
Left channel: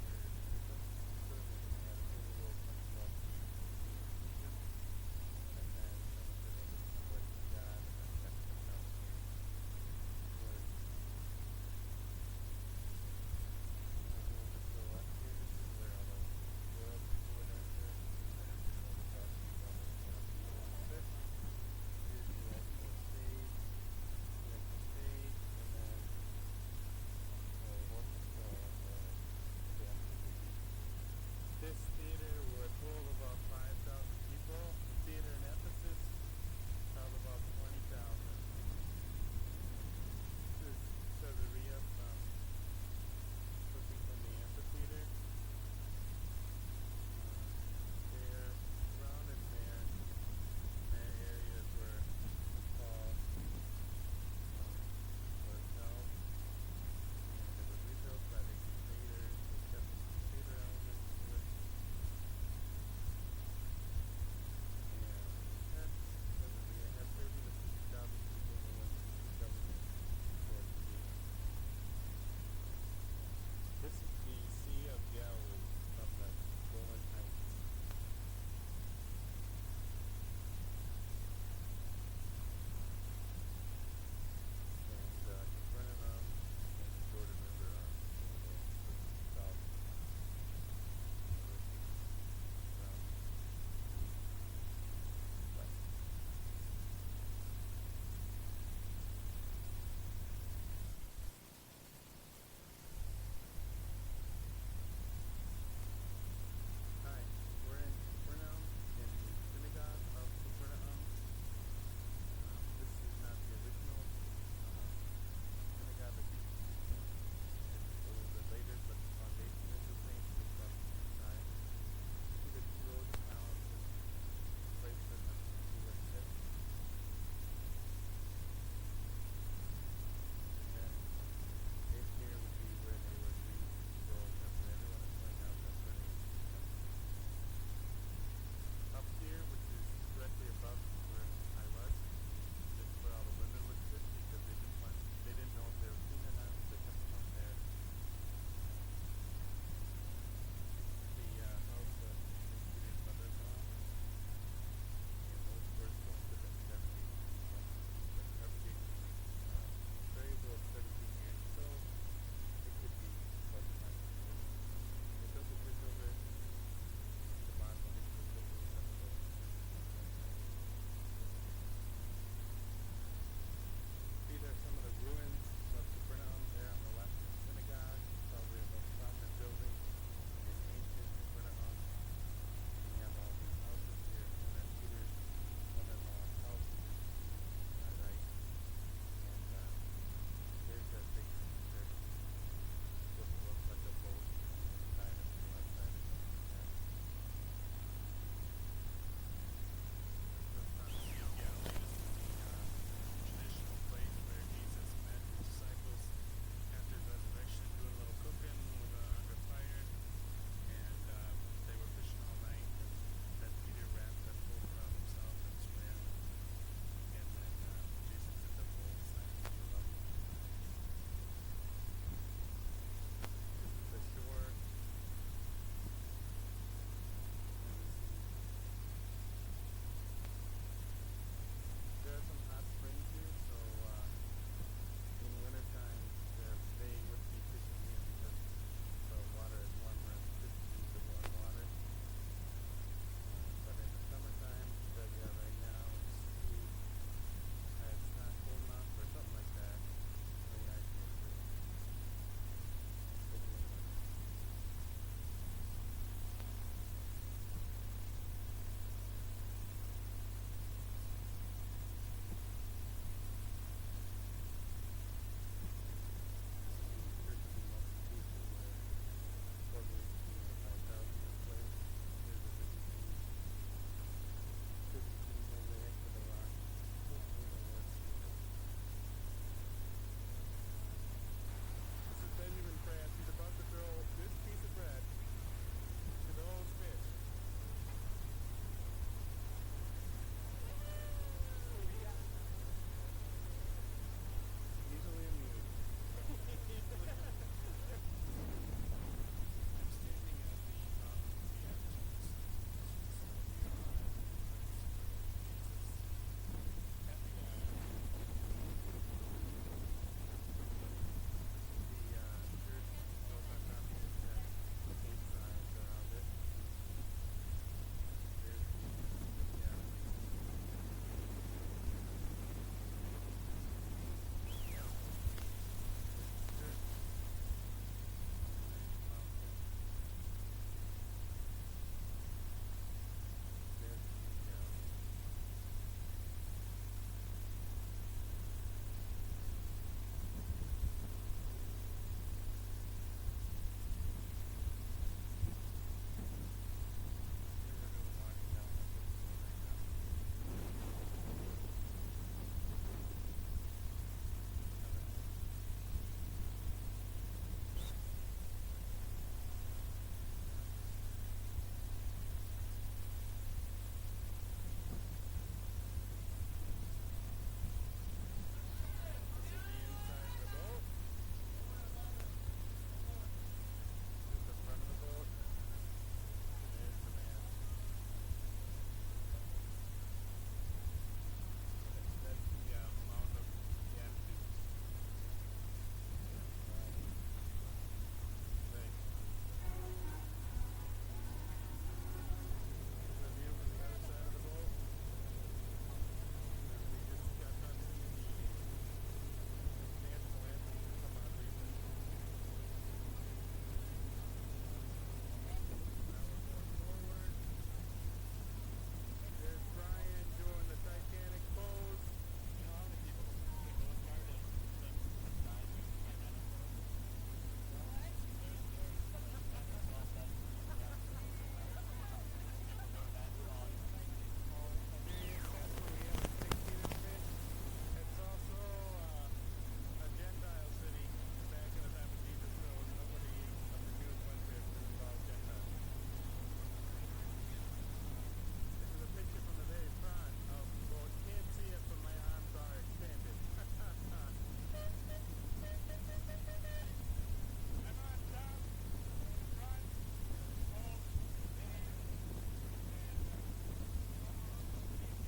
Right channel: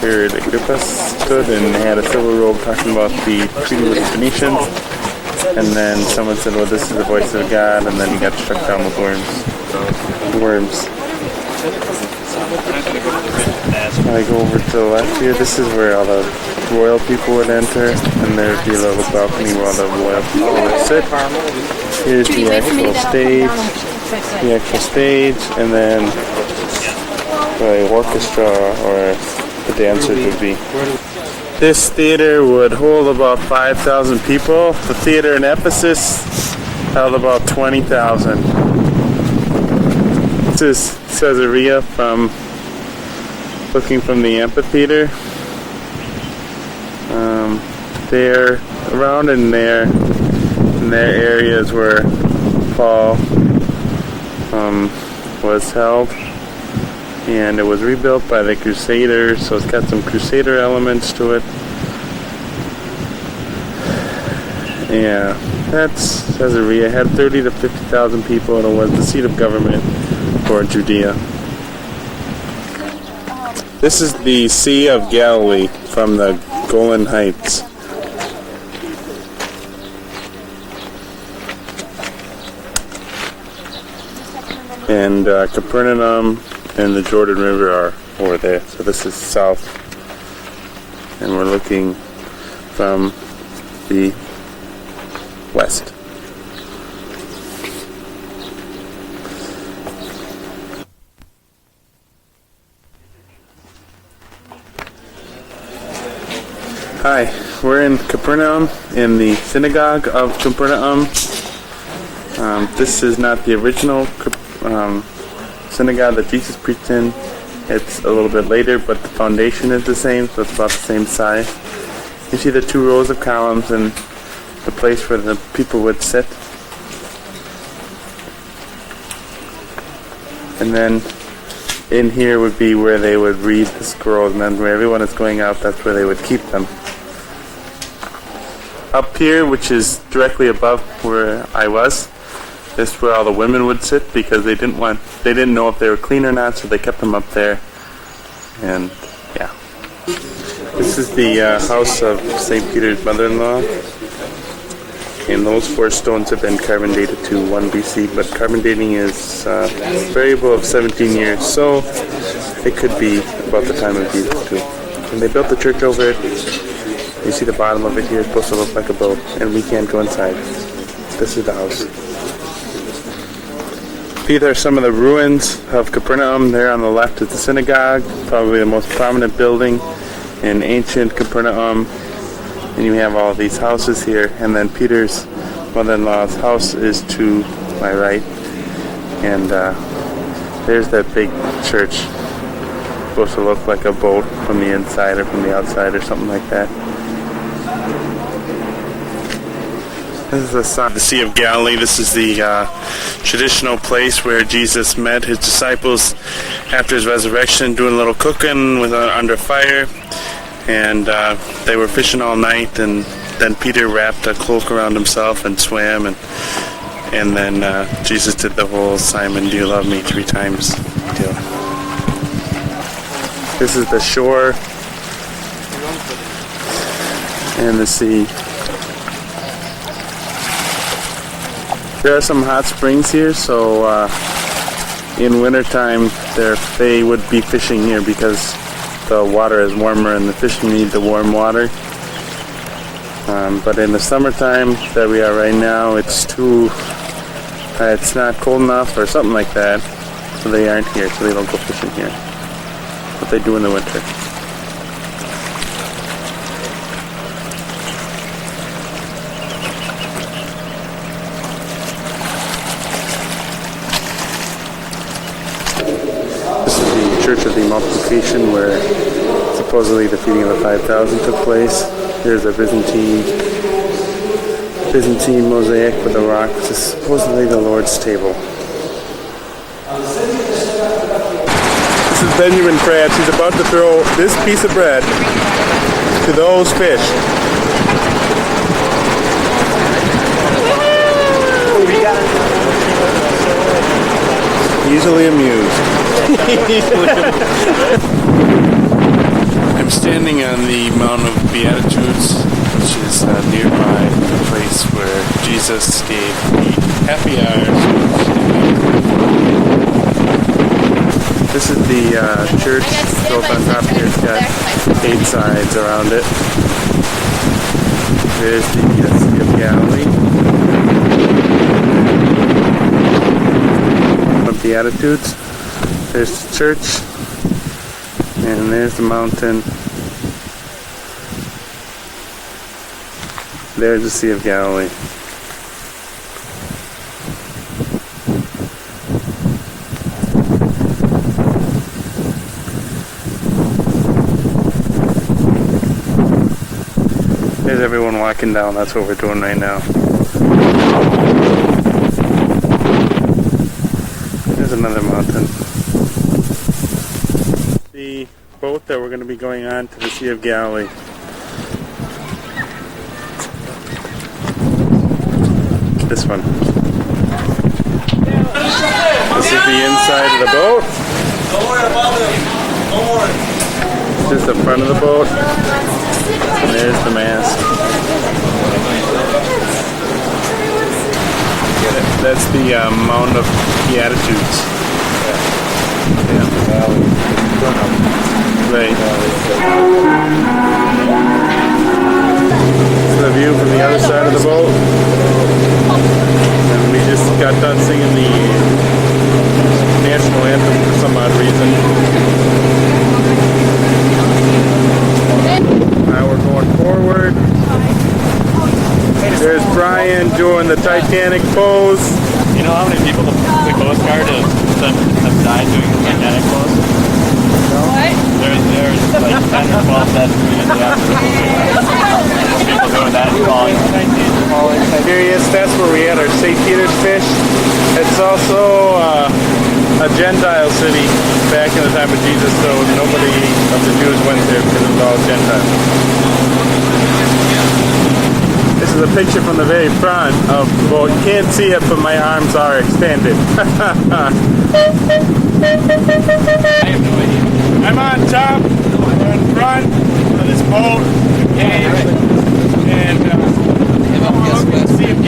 Herod Agrippa stood and had a silver robe talking about the treaty with the Phoenicians. And then someone said, well, this is the voice of God, and then he got struck down with worms. I go over to the left here. This is where all the royal people would enter, and there'd be a little balcony where all the royal people would sit. Here's the actual stage, and then the orchestra or the dancers would be. This theater would hold about 5,000 people. The theater in Ephesus held about 20,000. This is Caesarea looking from the amphitheater. There, around in there areas where Paul was held. And it was rebuilt by the Crusaders, so it's got some Crusader elements to it. Yeah, that's Caesarea. It had 30 to 50,000 people, and it was the seat of government for Judea. This is the Sea of Galilee from the Golan Heights. And Capernaum and the Jordan River are over there. So this is south. And we're looking from the west. Hi, we're in Capernaum, in the synagogue of Capernaum. This is not the original synagogue that Jesus preached in. It's a little bit later, but the foundation is the same, so it's about the same size. You see the two rows of columns and the place where the people would sit. And then in here would be where they would read the scrolls, and then where everyone is going out, that's where they would keep them. Up here, which is directly above where I was, this is where all the women would sit because they didn't know if they were clean or not, so they kept them up there. And yeah. This is the house of St. Peter's mother-in-law. And those 4 stones have been carbon dated to 1 BC, but carbon dating is a variable of 17 years, so it could be about the time of Jesus too. And they built the church over it. You see the bottom of it here is supposed to look like a boat, and we can't go inside. This is the house. These are some of the ruins of Capernaum. There on the left is the synagogue, probably the most prominent building in ancient Capernaum. And you have all these houses here, and then Peter's mother-in-law's house is to my right. And there's that big church. It's supposed to look like a boat from the inside or from the outside or something like that. This is the Sea of Galilee. This is the traditional place where Jesus met his disciples after his resurrection, doing a little cooking under fire. And they were fishing all night, and then Peter wrapped a cloak around himself and swam, and then Jesus did the whole Simon, do you love me 3 times deal. This is the shore and the sea. There are some hot springs here, so in wintertime they would be fishing here because the water is warmer and the fish need the warm water. But in the summertime that we are right now, it's not cold enough or something like that, so they aren't here, so they don't go fishing here. But they do in the winter. Church of the Multiplication, where supposedly the feeding of the 5,000 took place. Here's a Byzantine mosaic with a rock, which is supposedly the Lord's table. This is Benjamin Krabs. He's about to throw this piece of bread to those fish. Easily amused. I'm standing on the Mount of Beatitudes, which is nearby the place where Jesus gave the happy hours. This is the church built on top here. It's got 8 sides around it. There's the Sea of Galilee. Of Beatitudes. There's the church, and there's the mountain. There's the Sea of Galilee. There's everyone walking down. That's what we're doing right now. There's another mountain. The boat that we're going to be going on to the Sea of Galilee. This one. This is the inside of the boat. Don't worry about them. Don't worry. This is the front of the boat. And there's the mast. That's the Mount of Beatitudes. Right. This is the view from the other side of the boat. And we just got done singing the national anthem for some odd reason. Now we're going forward. There's Brian doing the Titanic pose. You know how many people the Coast Guard have died doing the Titanic pose? What? There's like 10 or 12 dead in the afternoon. People doing that and falling. Here he is. That's where we had our St. Peter's fish. It's also a Gentile city back in the time of Jesus, so nobody of the Jews went there because it was all Gentiles. This is a picture from the very front of the boat. You can't see it, but my arms are extended. I have no idea. I'm on top, we're in front of this boat, and see if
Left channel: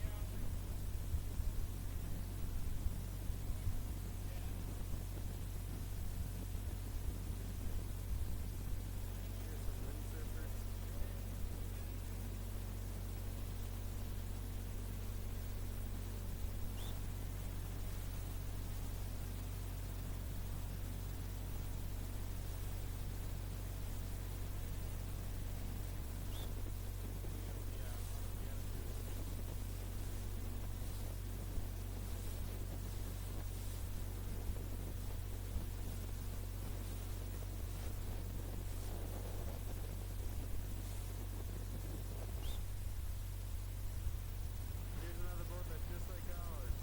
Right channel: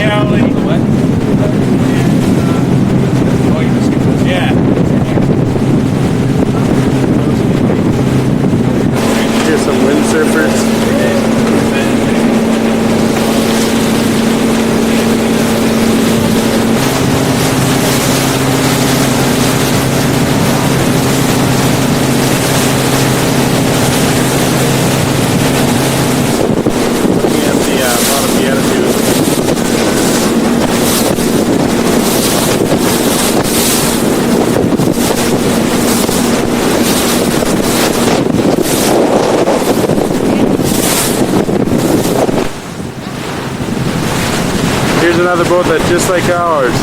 another boat that's just like ours.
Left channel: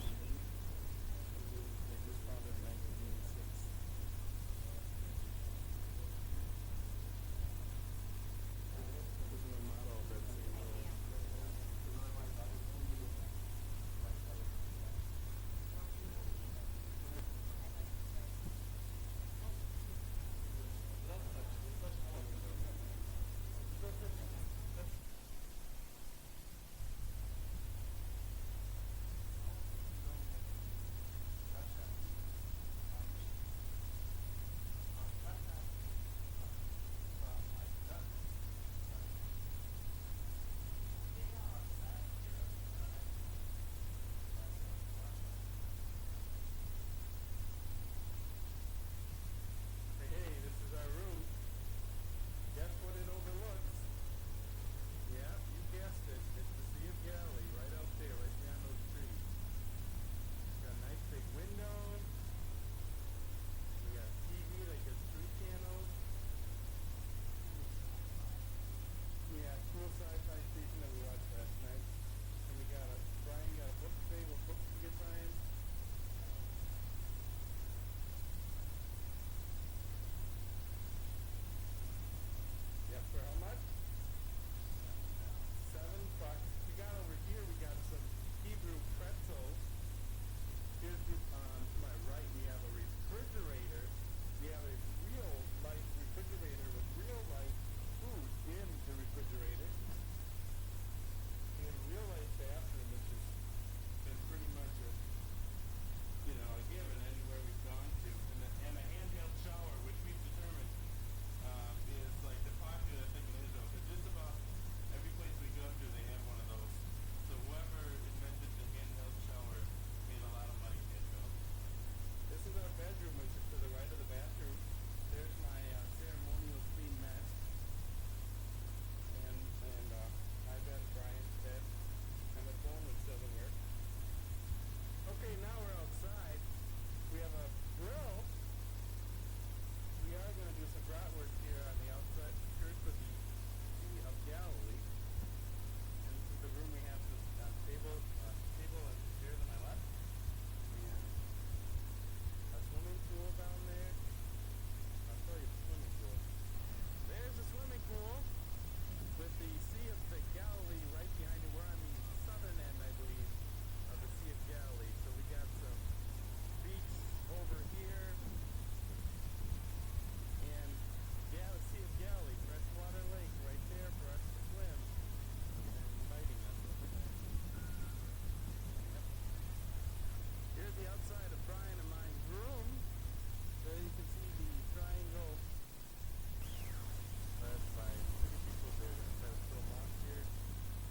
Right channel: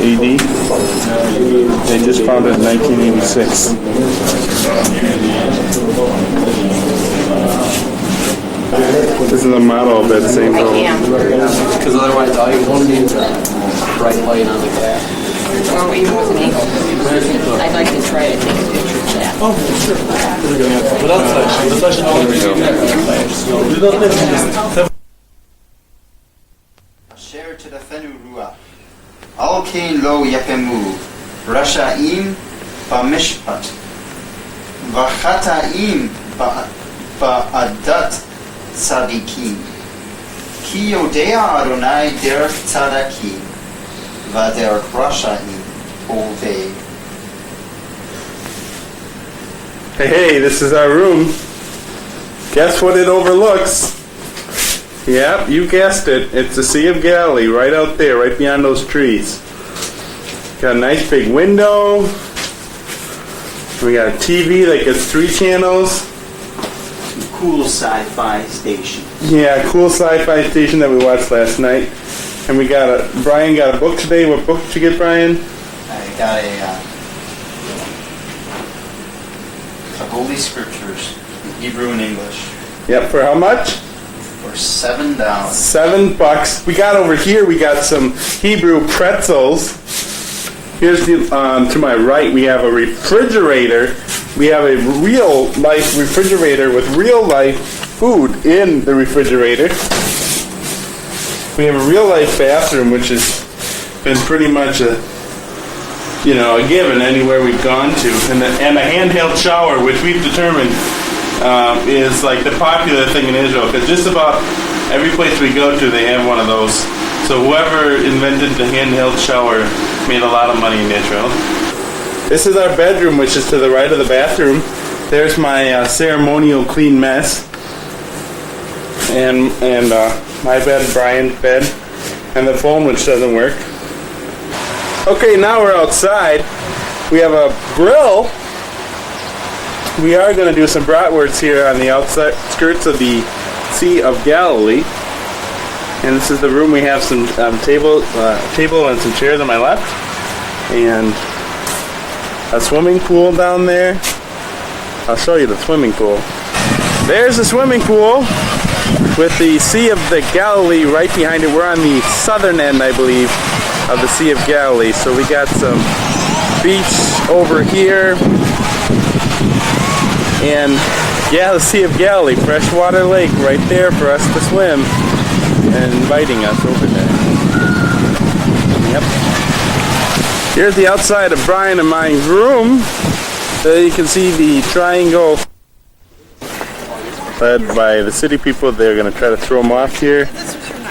AD. They just founded in 1986. This is a model of that same boat. Because otherwise all you will see is a bright light on the glass. Well, even with an angle. I'd like to try to take a picture of that. Oh, sure. Asher tedafenu ruach. Al kein lo yapemu. Rasha'im b'mishpat. V'chata'im ba'adat tzadikim. Ki yodea Adonai derech tzadakim. V'derech rasha'im ovei. Hey, this is our room. Guess what it overlooks? Yep, you guessed it. It's the Sea of Galilee, right out there, right beyond those trees. Got a nice big window. We got a TV that gets 3 channels. Cool sci-fi station. Yeah, cool sci-fi station that we watched last night. And Brian got a book today. What book did you get, Brian? I got a Holy Scriptures, Hebrew and English. Yep, for how much? For $7. $7. We got over here, we got some Hebrew pretzels. Here's to my right, we have a refrigerator. We have a real-life refrigerator with real-life food in the refrigerator. We have a real-life bathroom, which has been pretty much a given anywhere we've gone to. And a handheld shower, which we've determined is like the popular thing in Israel, because just about every place we go to, they have one of those. So whoever invented the handheld shower made a lot of money in Israel. This is our bedroom, which is to the right of the bathroom. There's my ceremonial clean mess. And my bed, Brian's bed, and the phone, which doesn't work. Okay, now we're outside. We have a grill. We are going to do some bratwursts here on the outside skirts of the Sea of Galilee. And this is the room. We have some table and some chairs on my left. And a swimming pool down there. I'll show you the swimming pool. There's the swimming pool with the Sea of the Galilee right behind it. We're on the southern end, I believe, of the Sea of Galilee. So we got some beach over here. And yeah, the Sea of Galilee, freshwater lake right there for us to swim, and inviting us over there. Yep. Here's the outside of Brian and my room. There you can see the triangle led by the city people. They're going to try to throw him off here,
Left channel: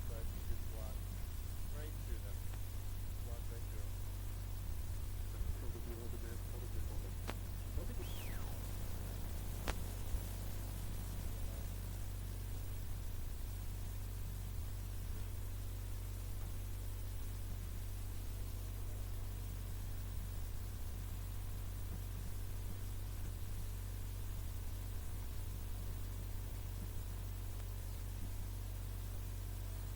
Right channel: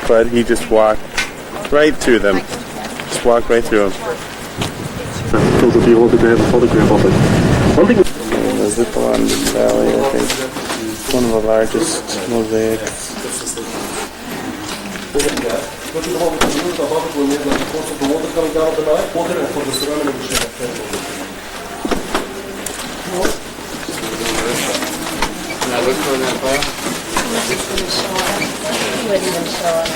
but he just walked right through them. Just walked right through them. Told if you wanted to have a photograph of it. One thing. The Zippalon Valley, I think, one of the largest mosaics. Can I look for that file? He wouldn't even show us.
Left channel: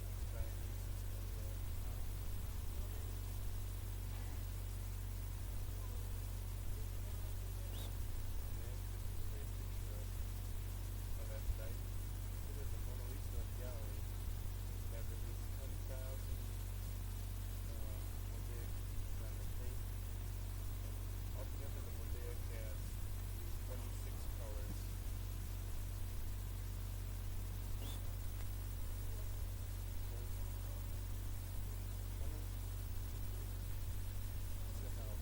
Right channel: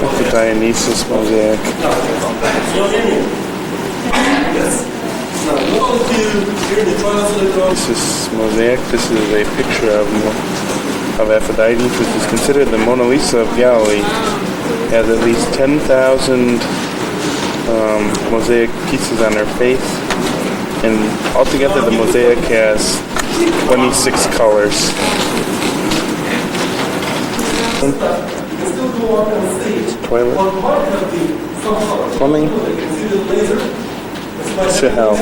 That's the Dionysus mosaic. This is mosaic. This is a picture of Aphrodite, which is considered the Mona Lisa of Galilee. It has at least 10,000 mosaic pieces on her face, and altogether the mosaic has 26 colors. toilet. Plumbing. To health.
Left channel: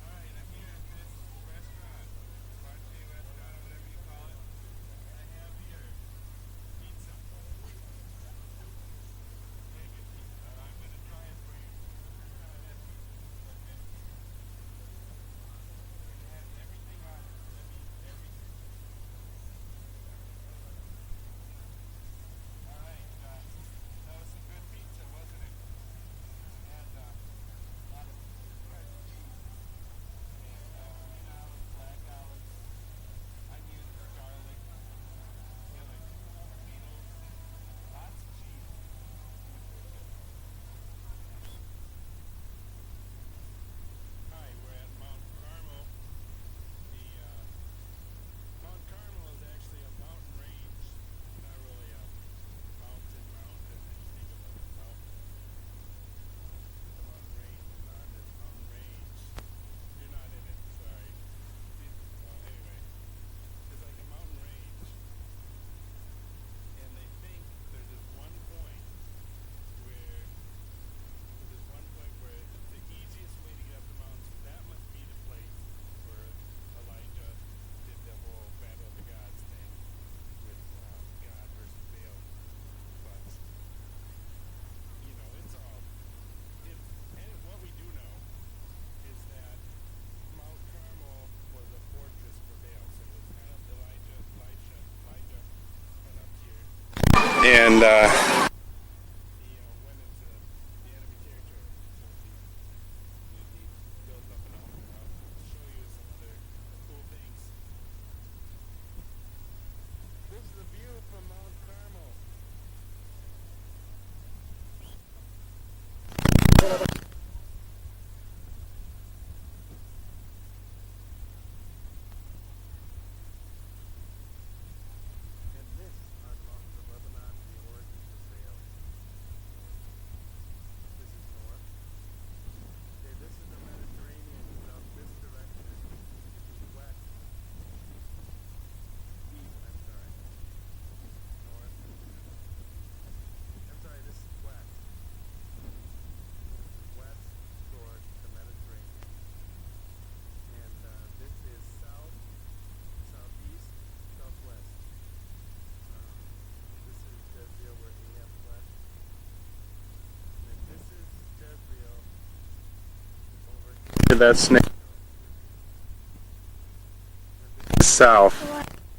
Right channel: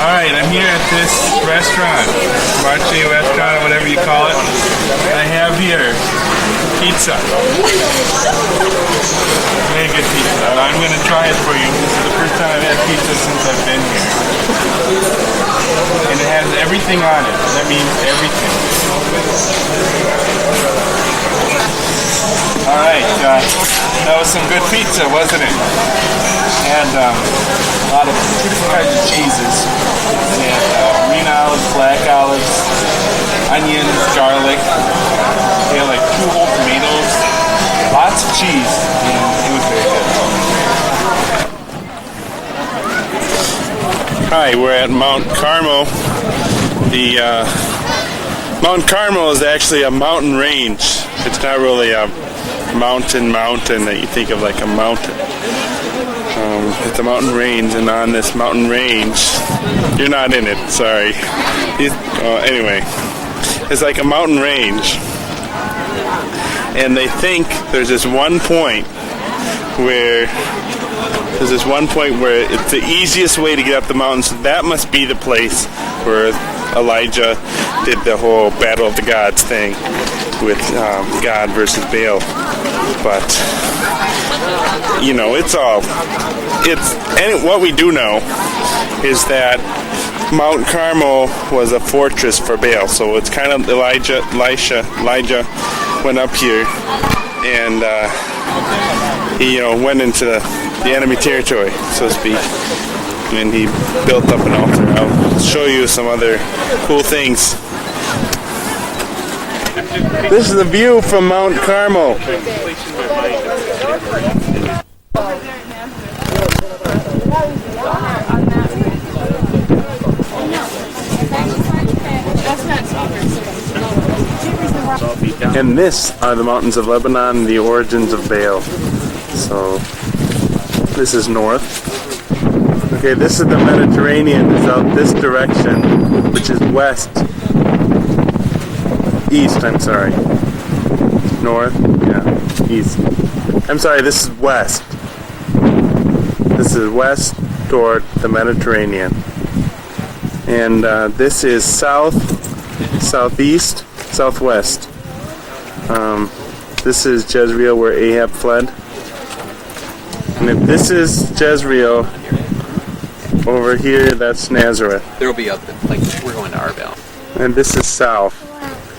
Alright, I'm here at this restaurant, Marche restaurant or whatever you call it. I have here pizza. Very good pizza. I'm going to try it for you. This is the first time I've had pizza since I've been here. And it has everything on it. That means everything. Alright, that was some good pizza, wasn't it? And a lot of different kinds of cheeses. And green olives, black olives, onions, garlic. They had like 2 whole tomatoes, lots of cheese, and it was very good. Hi, we're at Mount Carmel. The Mount Carmel is actually a mountain range. It's not really a mountain that you think of like a mountain. It's a mountain range, and on this mountain range, you're not in it, sorry. Anyway, it's like a mountain range. And they think there's this one point where it's the easiest way to get up the mountain, so that must be the place where Elijah did the whole battle of the gods thing with God versus Baal. But what we do know is that Mount Carmel was a fortress for Baal, so it's kind of Elijah went up here and he went into the enemy territory, so to speak, and he built up an altar. I'll show you some other cool things. This is the view from Mount Carmel. And this are the mountains of Lebanon, the origins of Baal. So this is north. Okay, this is the Mediterranean. It's out this direction, which is east, I'm sorry. North, yeah, east. I'm sorry, this is west. This is west toward the Mediterranean. And this is south, southeast, southwest. This is Jezreel, where Ahab fled. And if this is Jezreel, over here, that's Nazareth. There will be other, like, we're going to Arbel. And this is south,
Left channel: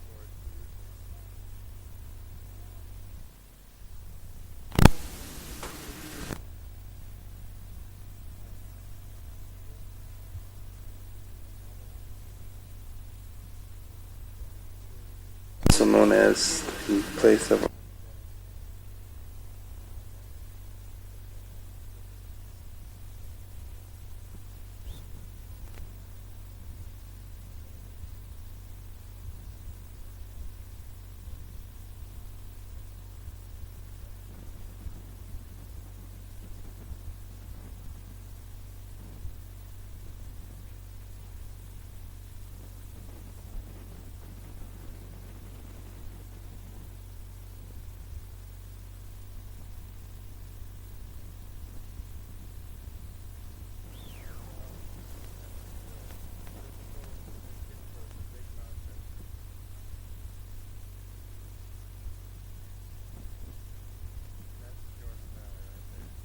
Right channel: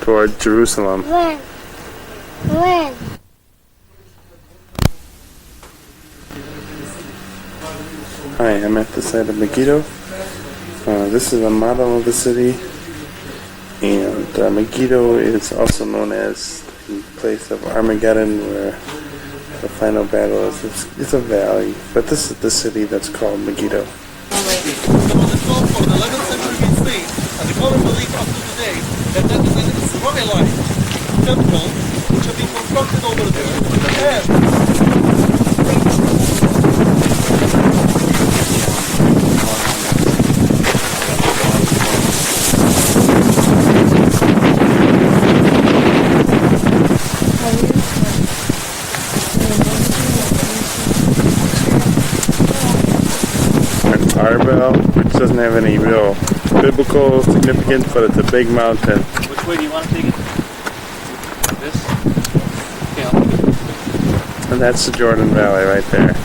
toward Jerusalem. When? Hi, I'm at the site of Megiddo. This is a model of the city. And Megiddo is also known as the place of Armageddon, where the final battle is. It's a valley, but this is the city that's called Megiddo. From the 12th or the 11th century BC, and the common belief up to today that that is an Israelite temple which have been constructed over there. Arbel, which doesn't have any real biblical significance, but it's a big mountain. Which way do you want to take it? This? Yeah. And that's the Jordan Valley right there.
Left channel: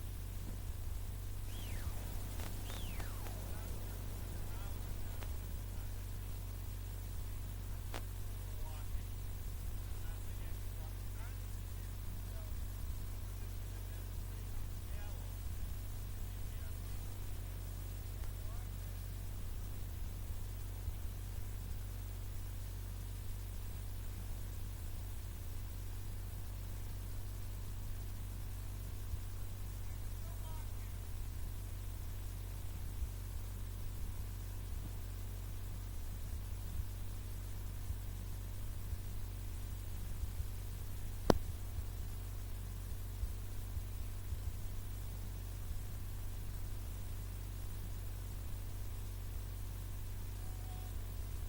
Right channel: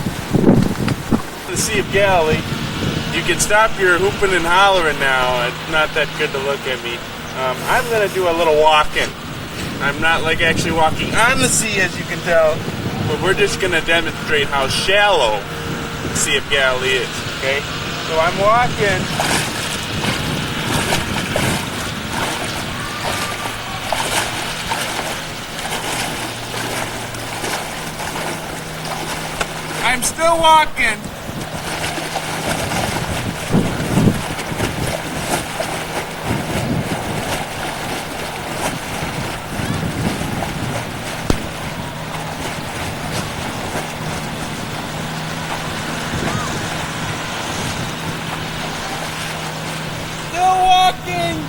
The Sea of Galilee. You can stop your hooping and hollering now. It's not that good to look at me. I'm going to do a little walking. I'm not like actually walking on the sea, as you can tell, but we're just going to demonstrate how shallow the Sea of Galilee is, okay? So I'm walking. I'm still walking. walking!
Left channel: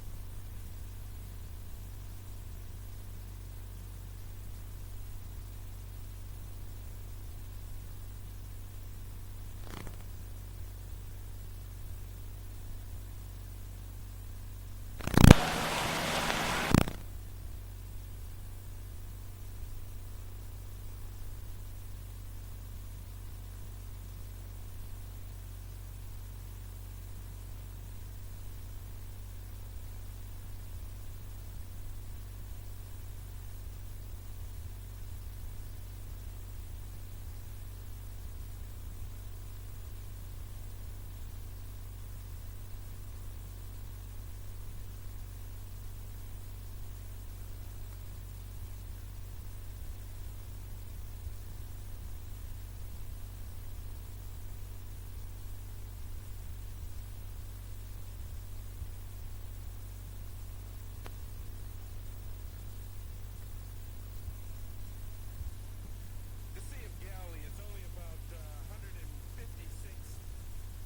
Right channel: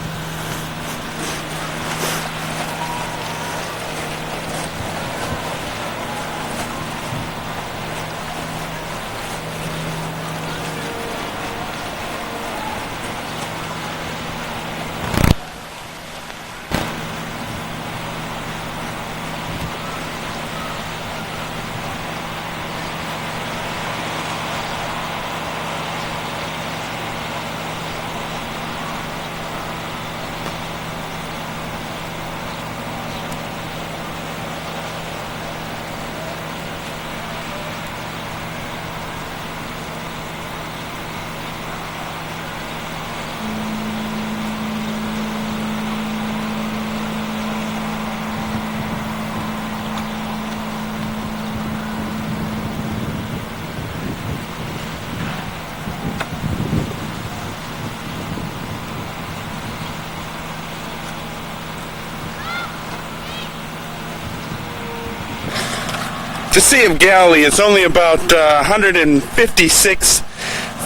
The Sea of Galilee is only about 156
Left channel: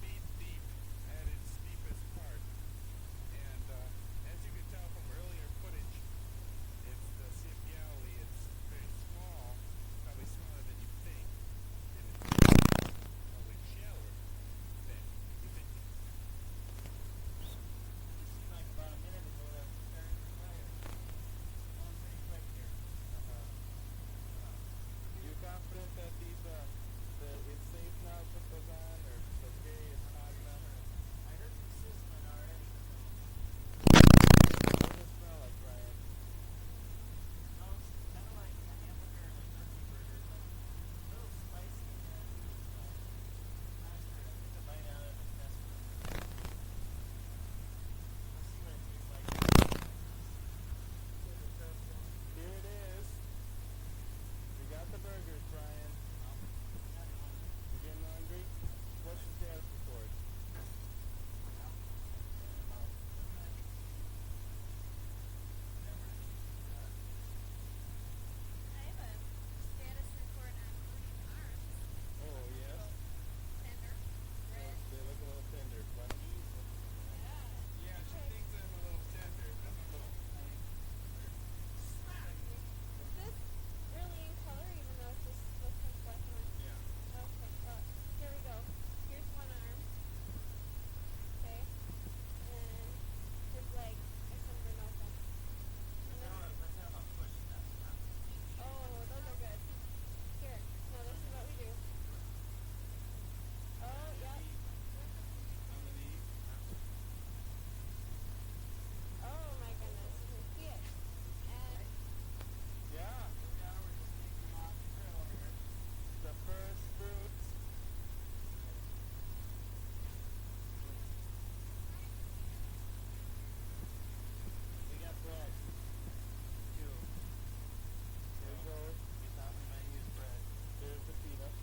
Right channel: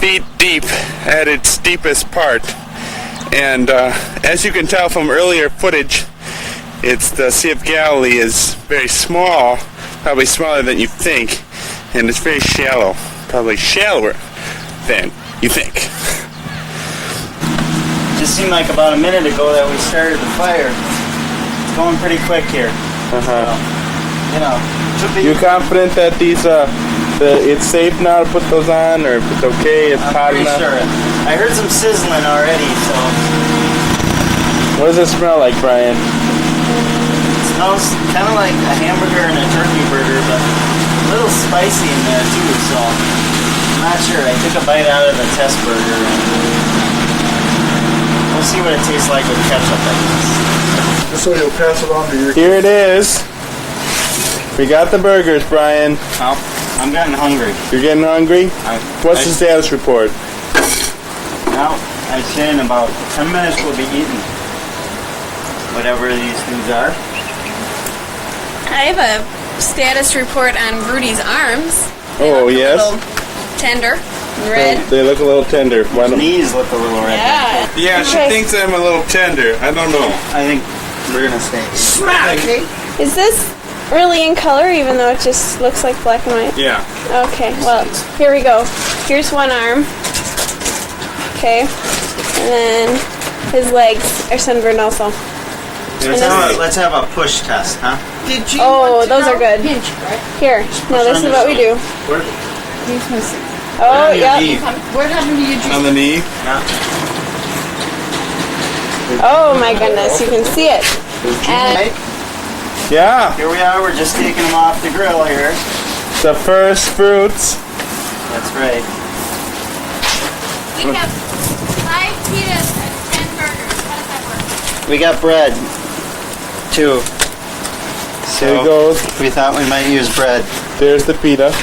feet deep at its deepest part. And as you can tell from earlier footage, the Sea of Galilee is very small, probably smaller than you think, and it's very shallow, probably shallower than you think. Just seemed like about a minute ago that we started the fire. It's going pretty quick here. You know, should be. You confident that it's safe now to put those on, or if it's okay, it's hot enough? I'm pretty sure. I heard some sizzling already, so. What does it smell like, Brian? It smells kind of like a hamburger and a turkey burger, but a little spicy in there too, so I'm not sure. I took a bite out of the test burger, and we'll see what it tastes like with ketchup, I guess. Just so you'll pass it on to your Here it is. We got the burgers, Brian. Oh, I'm getting hungry. You're getting hungry? What's the status report? Now, I'd say in about 10 minutes we'll be eating whatever these things are. I have a status report on Rudy's arms. Oh, yes? A little tender and red. They look a little tender. Why don't... Knees look a little red. Yeah. Yeah, she thinks I'm a little tender. I don't know. I think we're going to stay. Smack! Is this really in color, even though it just looks like black and white? Yeah. Okay, well, here we go. Here's one arm. Okay. And then his legs are sunburned also. Let's have a push test, huh? Did you Oh, those are good. Pinch, right? Here. No, this is what we do. Where? He's missing. Oh, yeah. What happened to you? On the knee? Yeah. Oh my goodness, you can see it. And yeah. Here we are, we're just taking them off the grill here. The first fruits. That's right. We have 5 pitas and 10 burgers. How does that work? We got bread, too. So here goes. We thought we might use bread. There's the pita.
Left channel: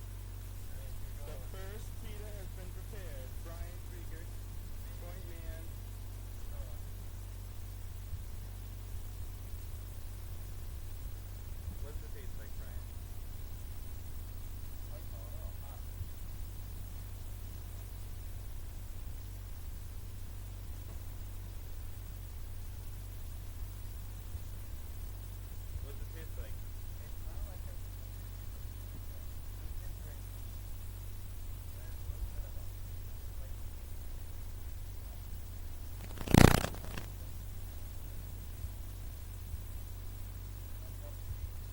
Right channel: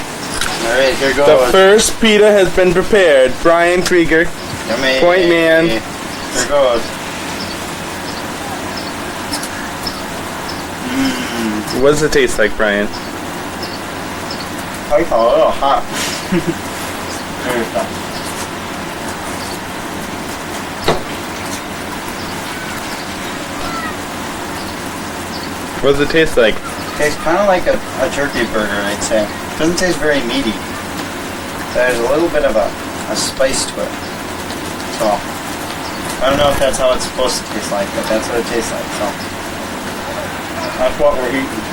Alright, here goes. The first pita has been prepared. Brian Krieger, point man. Here goes. What does it taste like, Brian? I call it a little hot. There we go. What does it taste like? Tastes kind of like a turkey burger, I'd say. Doesn't taste very meaty. There's a little bit of a spice to it. So, I don't know if that's how it's supposed to taste like, but that's what it tastes like. So, that's what we're eating.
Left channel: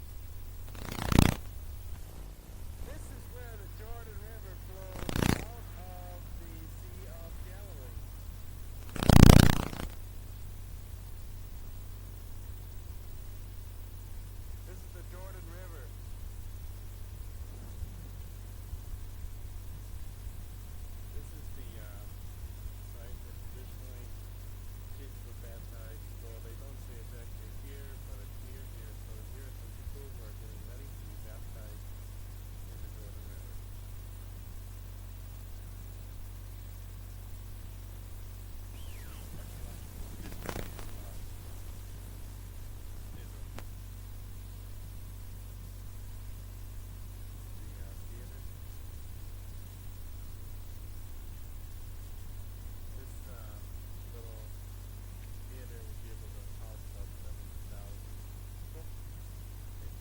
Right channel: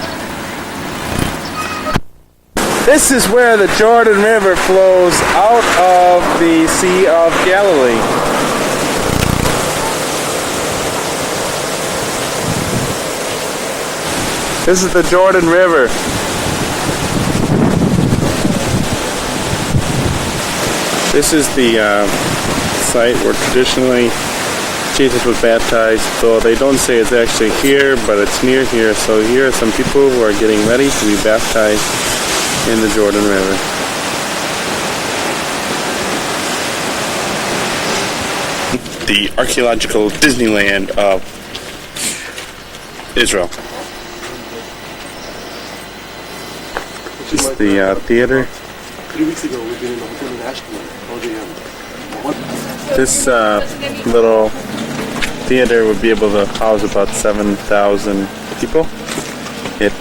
This is where the Jordan River flows out of the Sea of Galilee. This is the Jordan River. This is the site where traditionally Jesus was baptized, though they don't say it's actually here, but it's near here. So here are some people who are getting ready to be baptized in the Jordan River. The archaeological Disneyland of Israel. This is the theater. 3 weeks ago, we've been in the hotel in Ashkelon. This little theater would be able to house about 7,000 people. It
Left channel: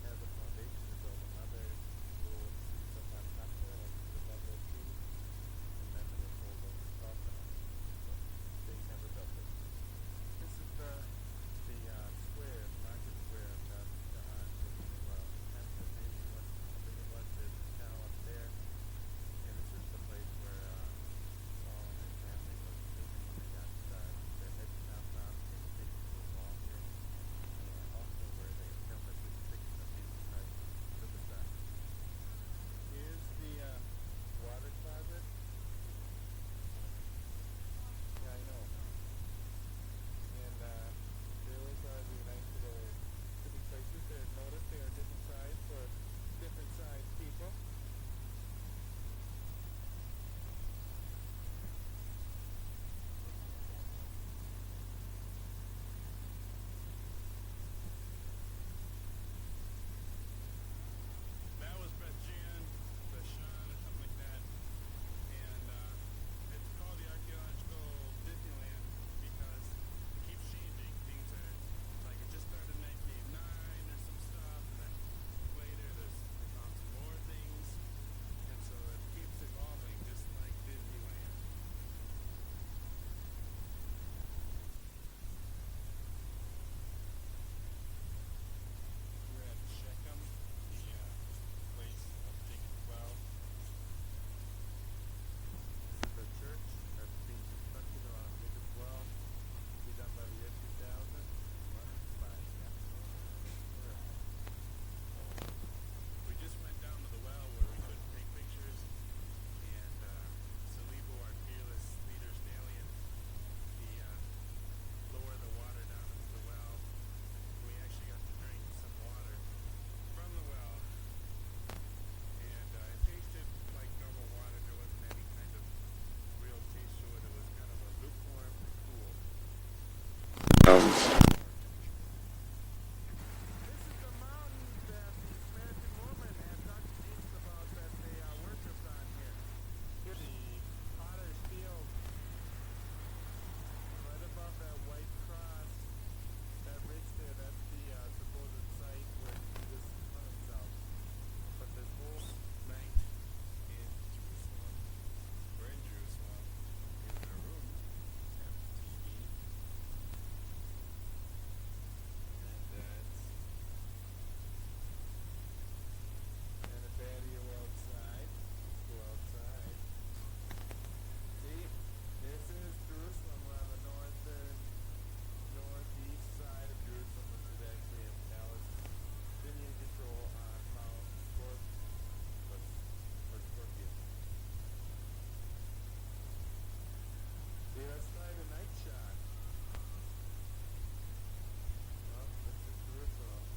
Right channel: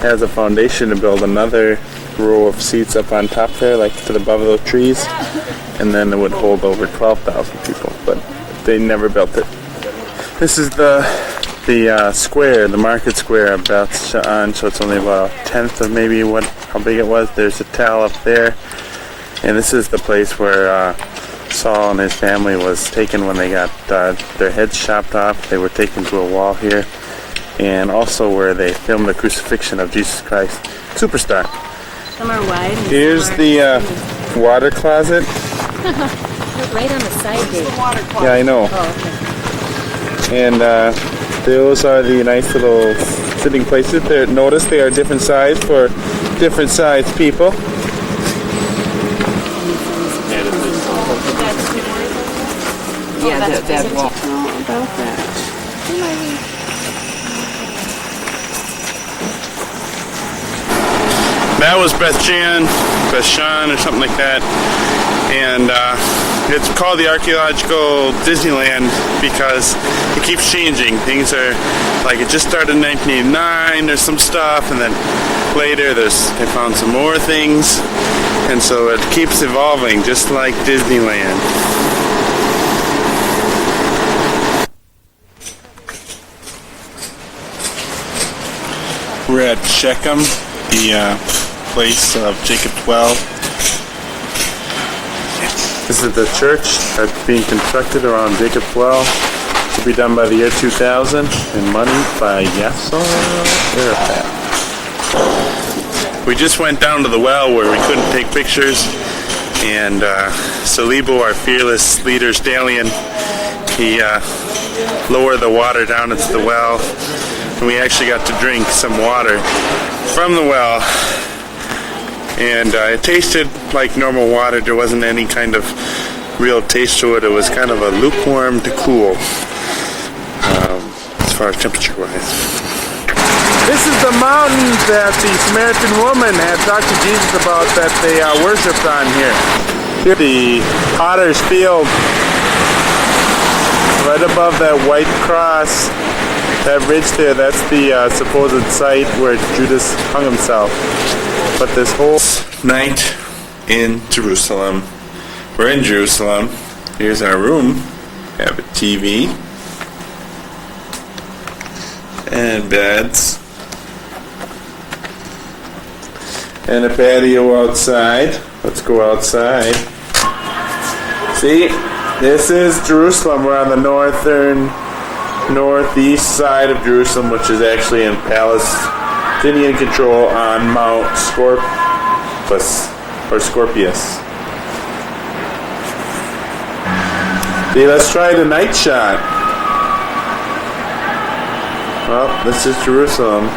has a foundation to build another row of seats up on top there, like to the above those trees, and then it would hold over 12,000 people, but they never built it. This is the square, the market square of Bethlehem, so it's only about a tenth of maybe how big it was. There's a towel up there, and this is the place where Saul and his family was taken when they got their heads chopped off. They were taken to a wall here, and also where they filmed the crucifixion of Jesus Christ. Superstar. Some are wide. Here's the water closet. Right on the side there. Yeah, I know. Oh, okay. And those are the nice little sitting places. Notice they are different size for different size people. Yeah, that wall. About that. That was Bethshan or something like that. And it's called the Archaeological Disneyland because it keeps changing. Things are like it just started in 1989. There's some stuff, and then later they found some more things, and so it keeps evolving, just like Disneyland. We're at Shechem, the place of Jacob 12. This is the church that's being constructed around Jacob 12 to be done by the year 2000 and money by Yasser Arafat. We just went down to the well where we couldn't take pictures, and Salibo, our fearless leader, stallion, he lowered the water down into the well, and we actually got to drink some water from the well. And it tasted like normal water. There wasn't any kind of real taste to it. It was kind of a lukewarm to cool, as far as temperature-wise. This is the mountain that the Samaritan woman had talked to Jesus about that they worshipped on here. Here, the potter's field, right above that white cross, that ridge there, that's the supposed site where Judas hung himself. But this whole night in Jerusalem, we're in Jerusalem. Here's our room. We have a TV and beds and a patio outside. Let's go outside. See, this is Jerusalem. We're on the northeast side of Jerusalem, which is actually in Palestinian control on Mount Scorpius. See, let's try the night shot. Well, this is Jerusalem.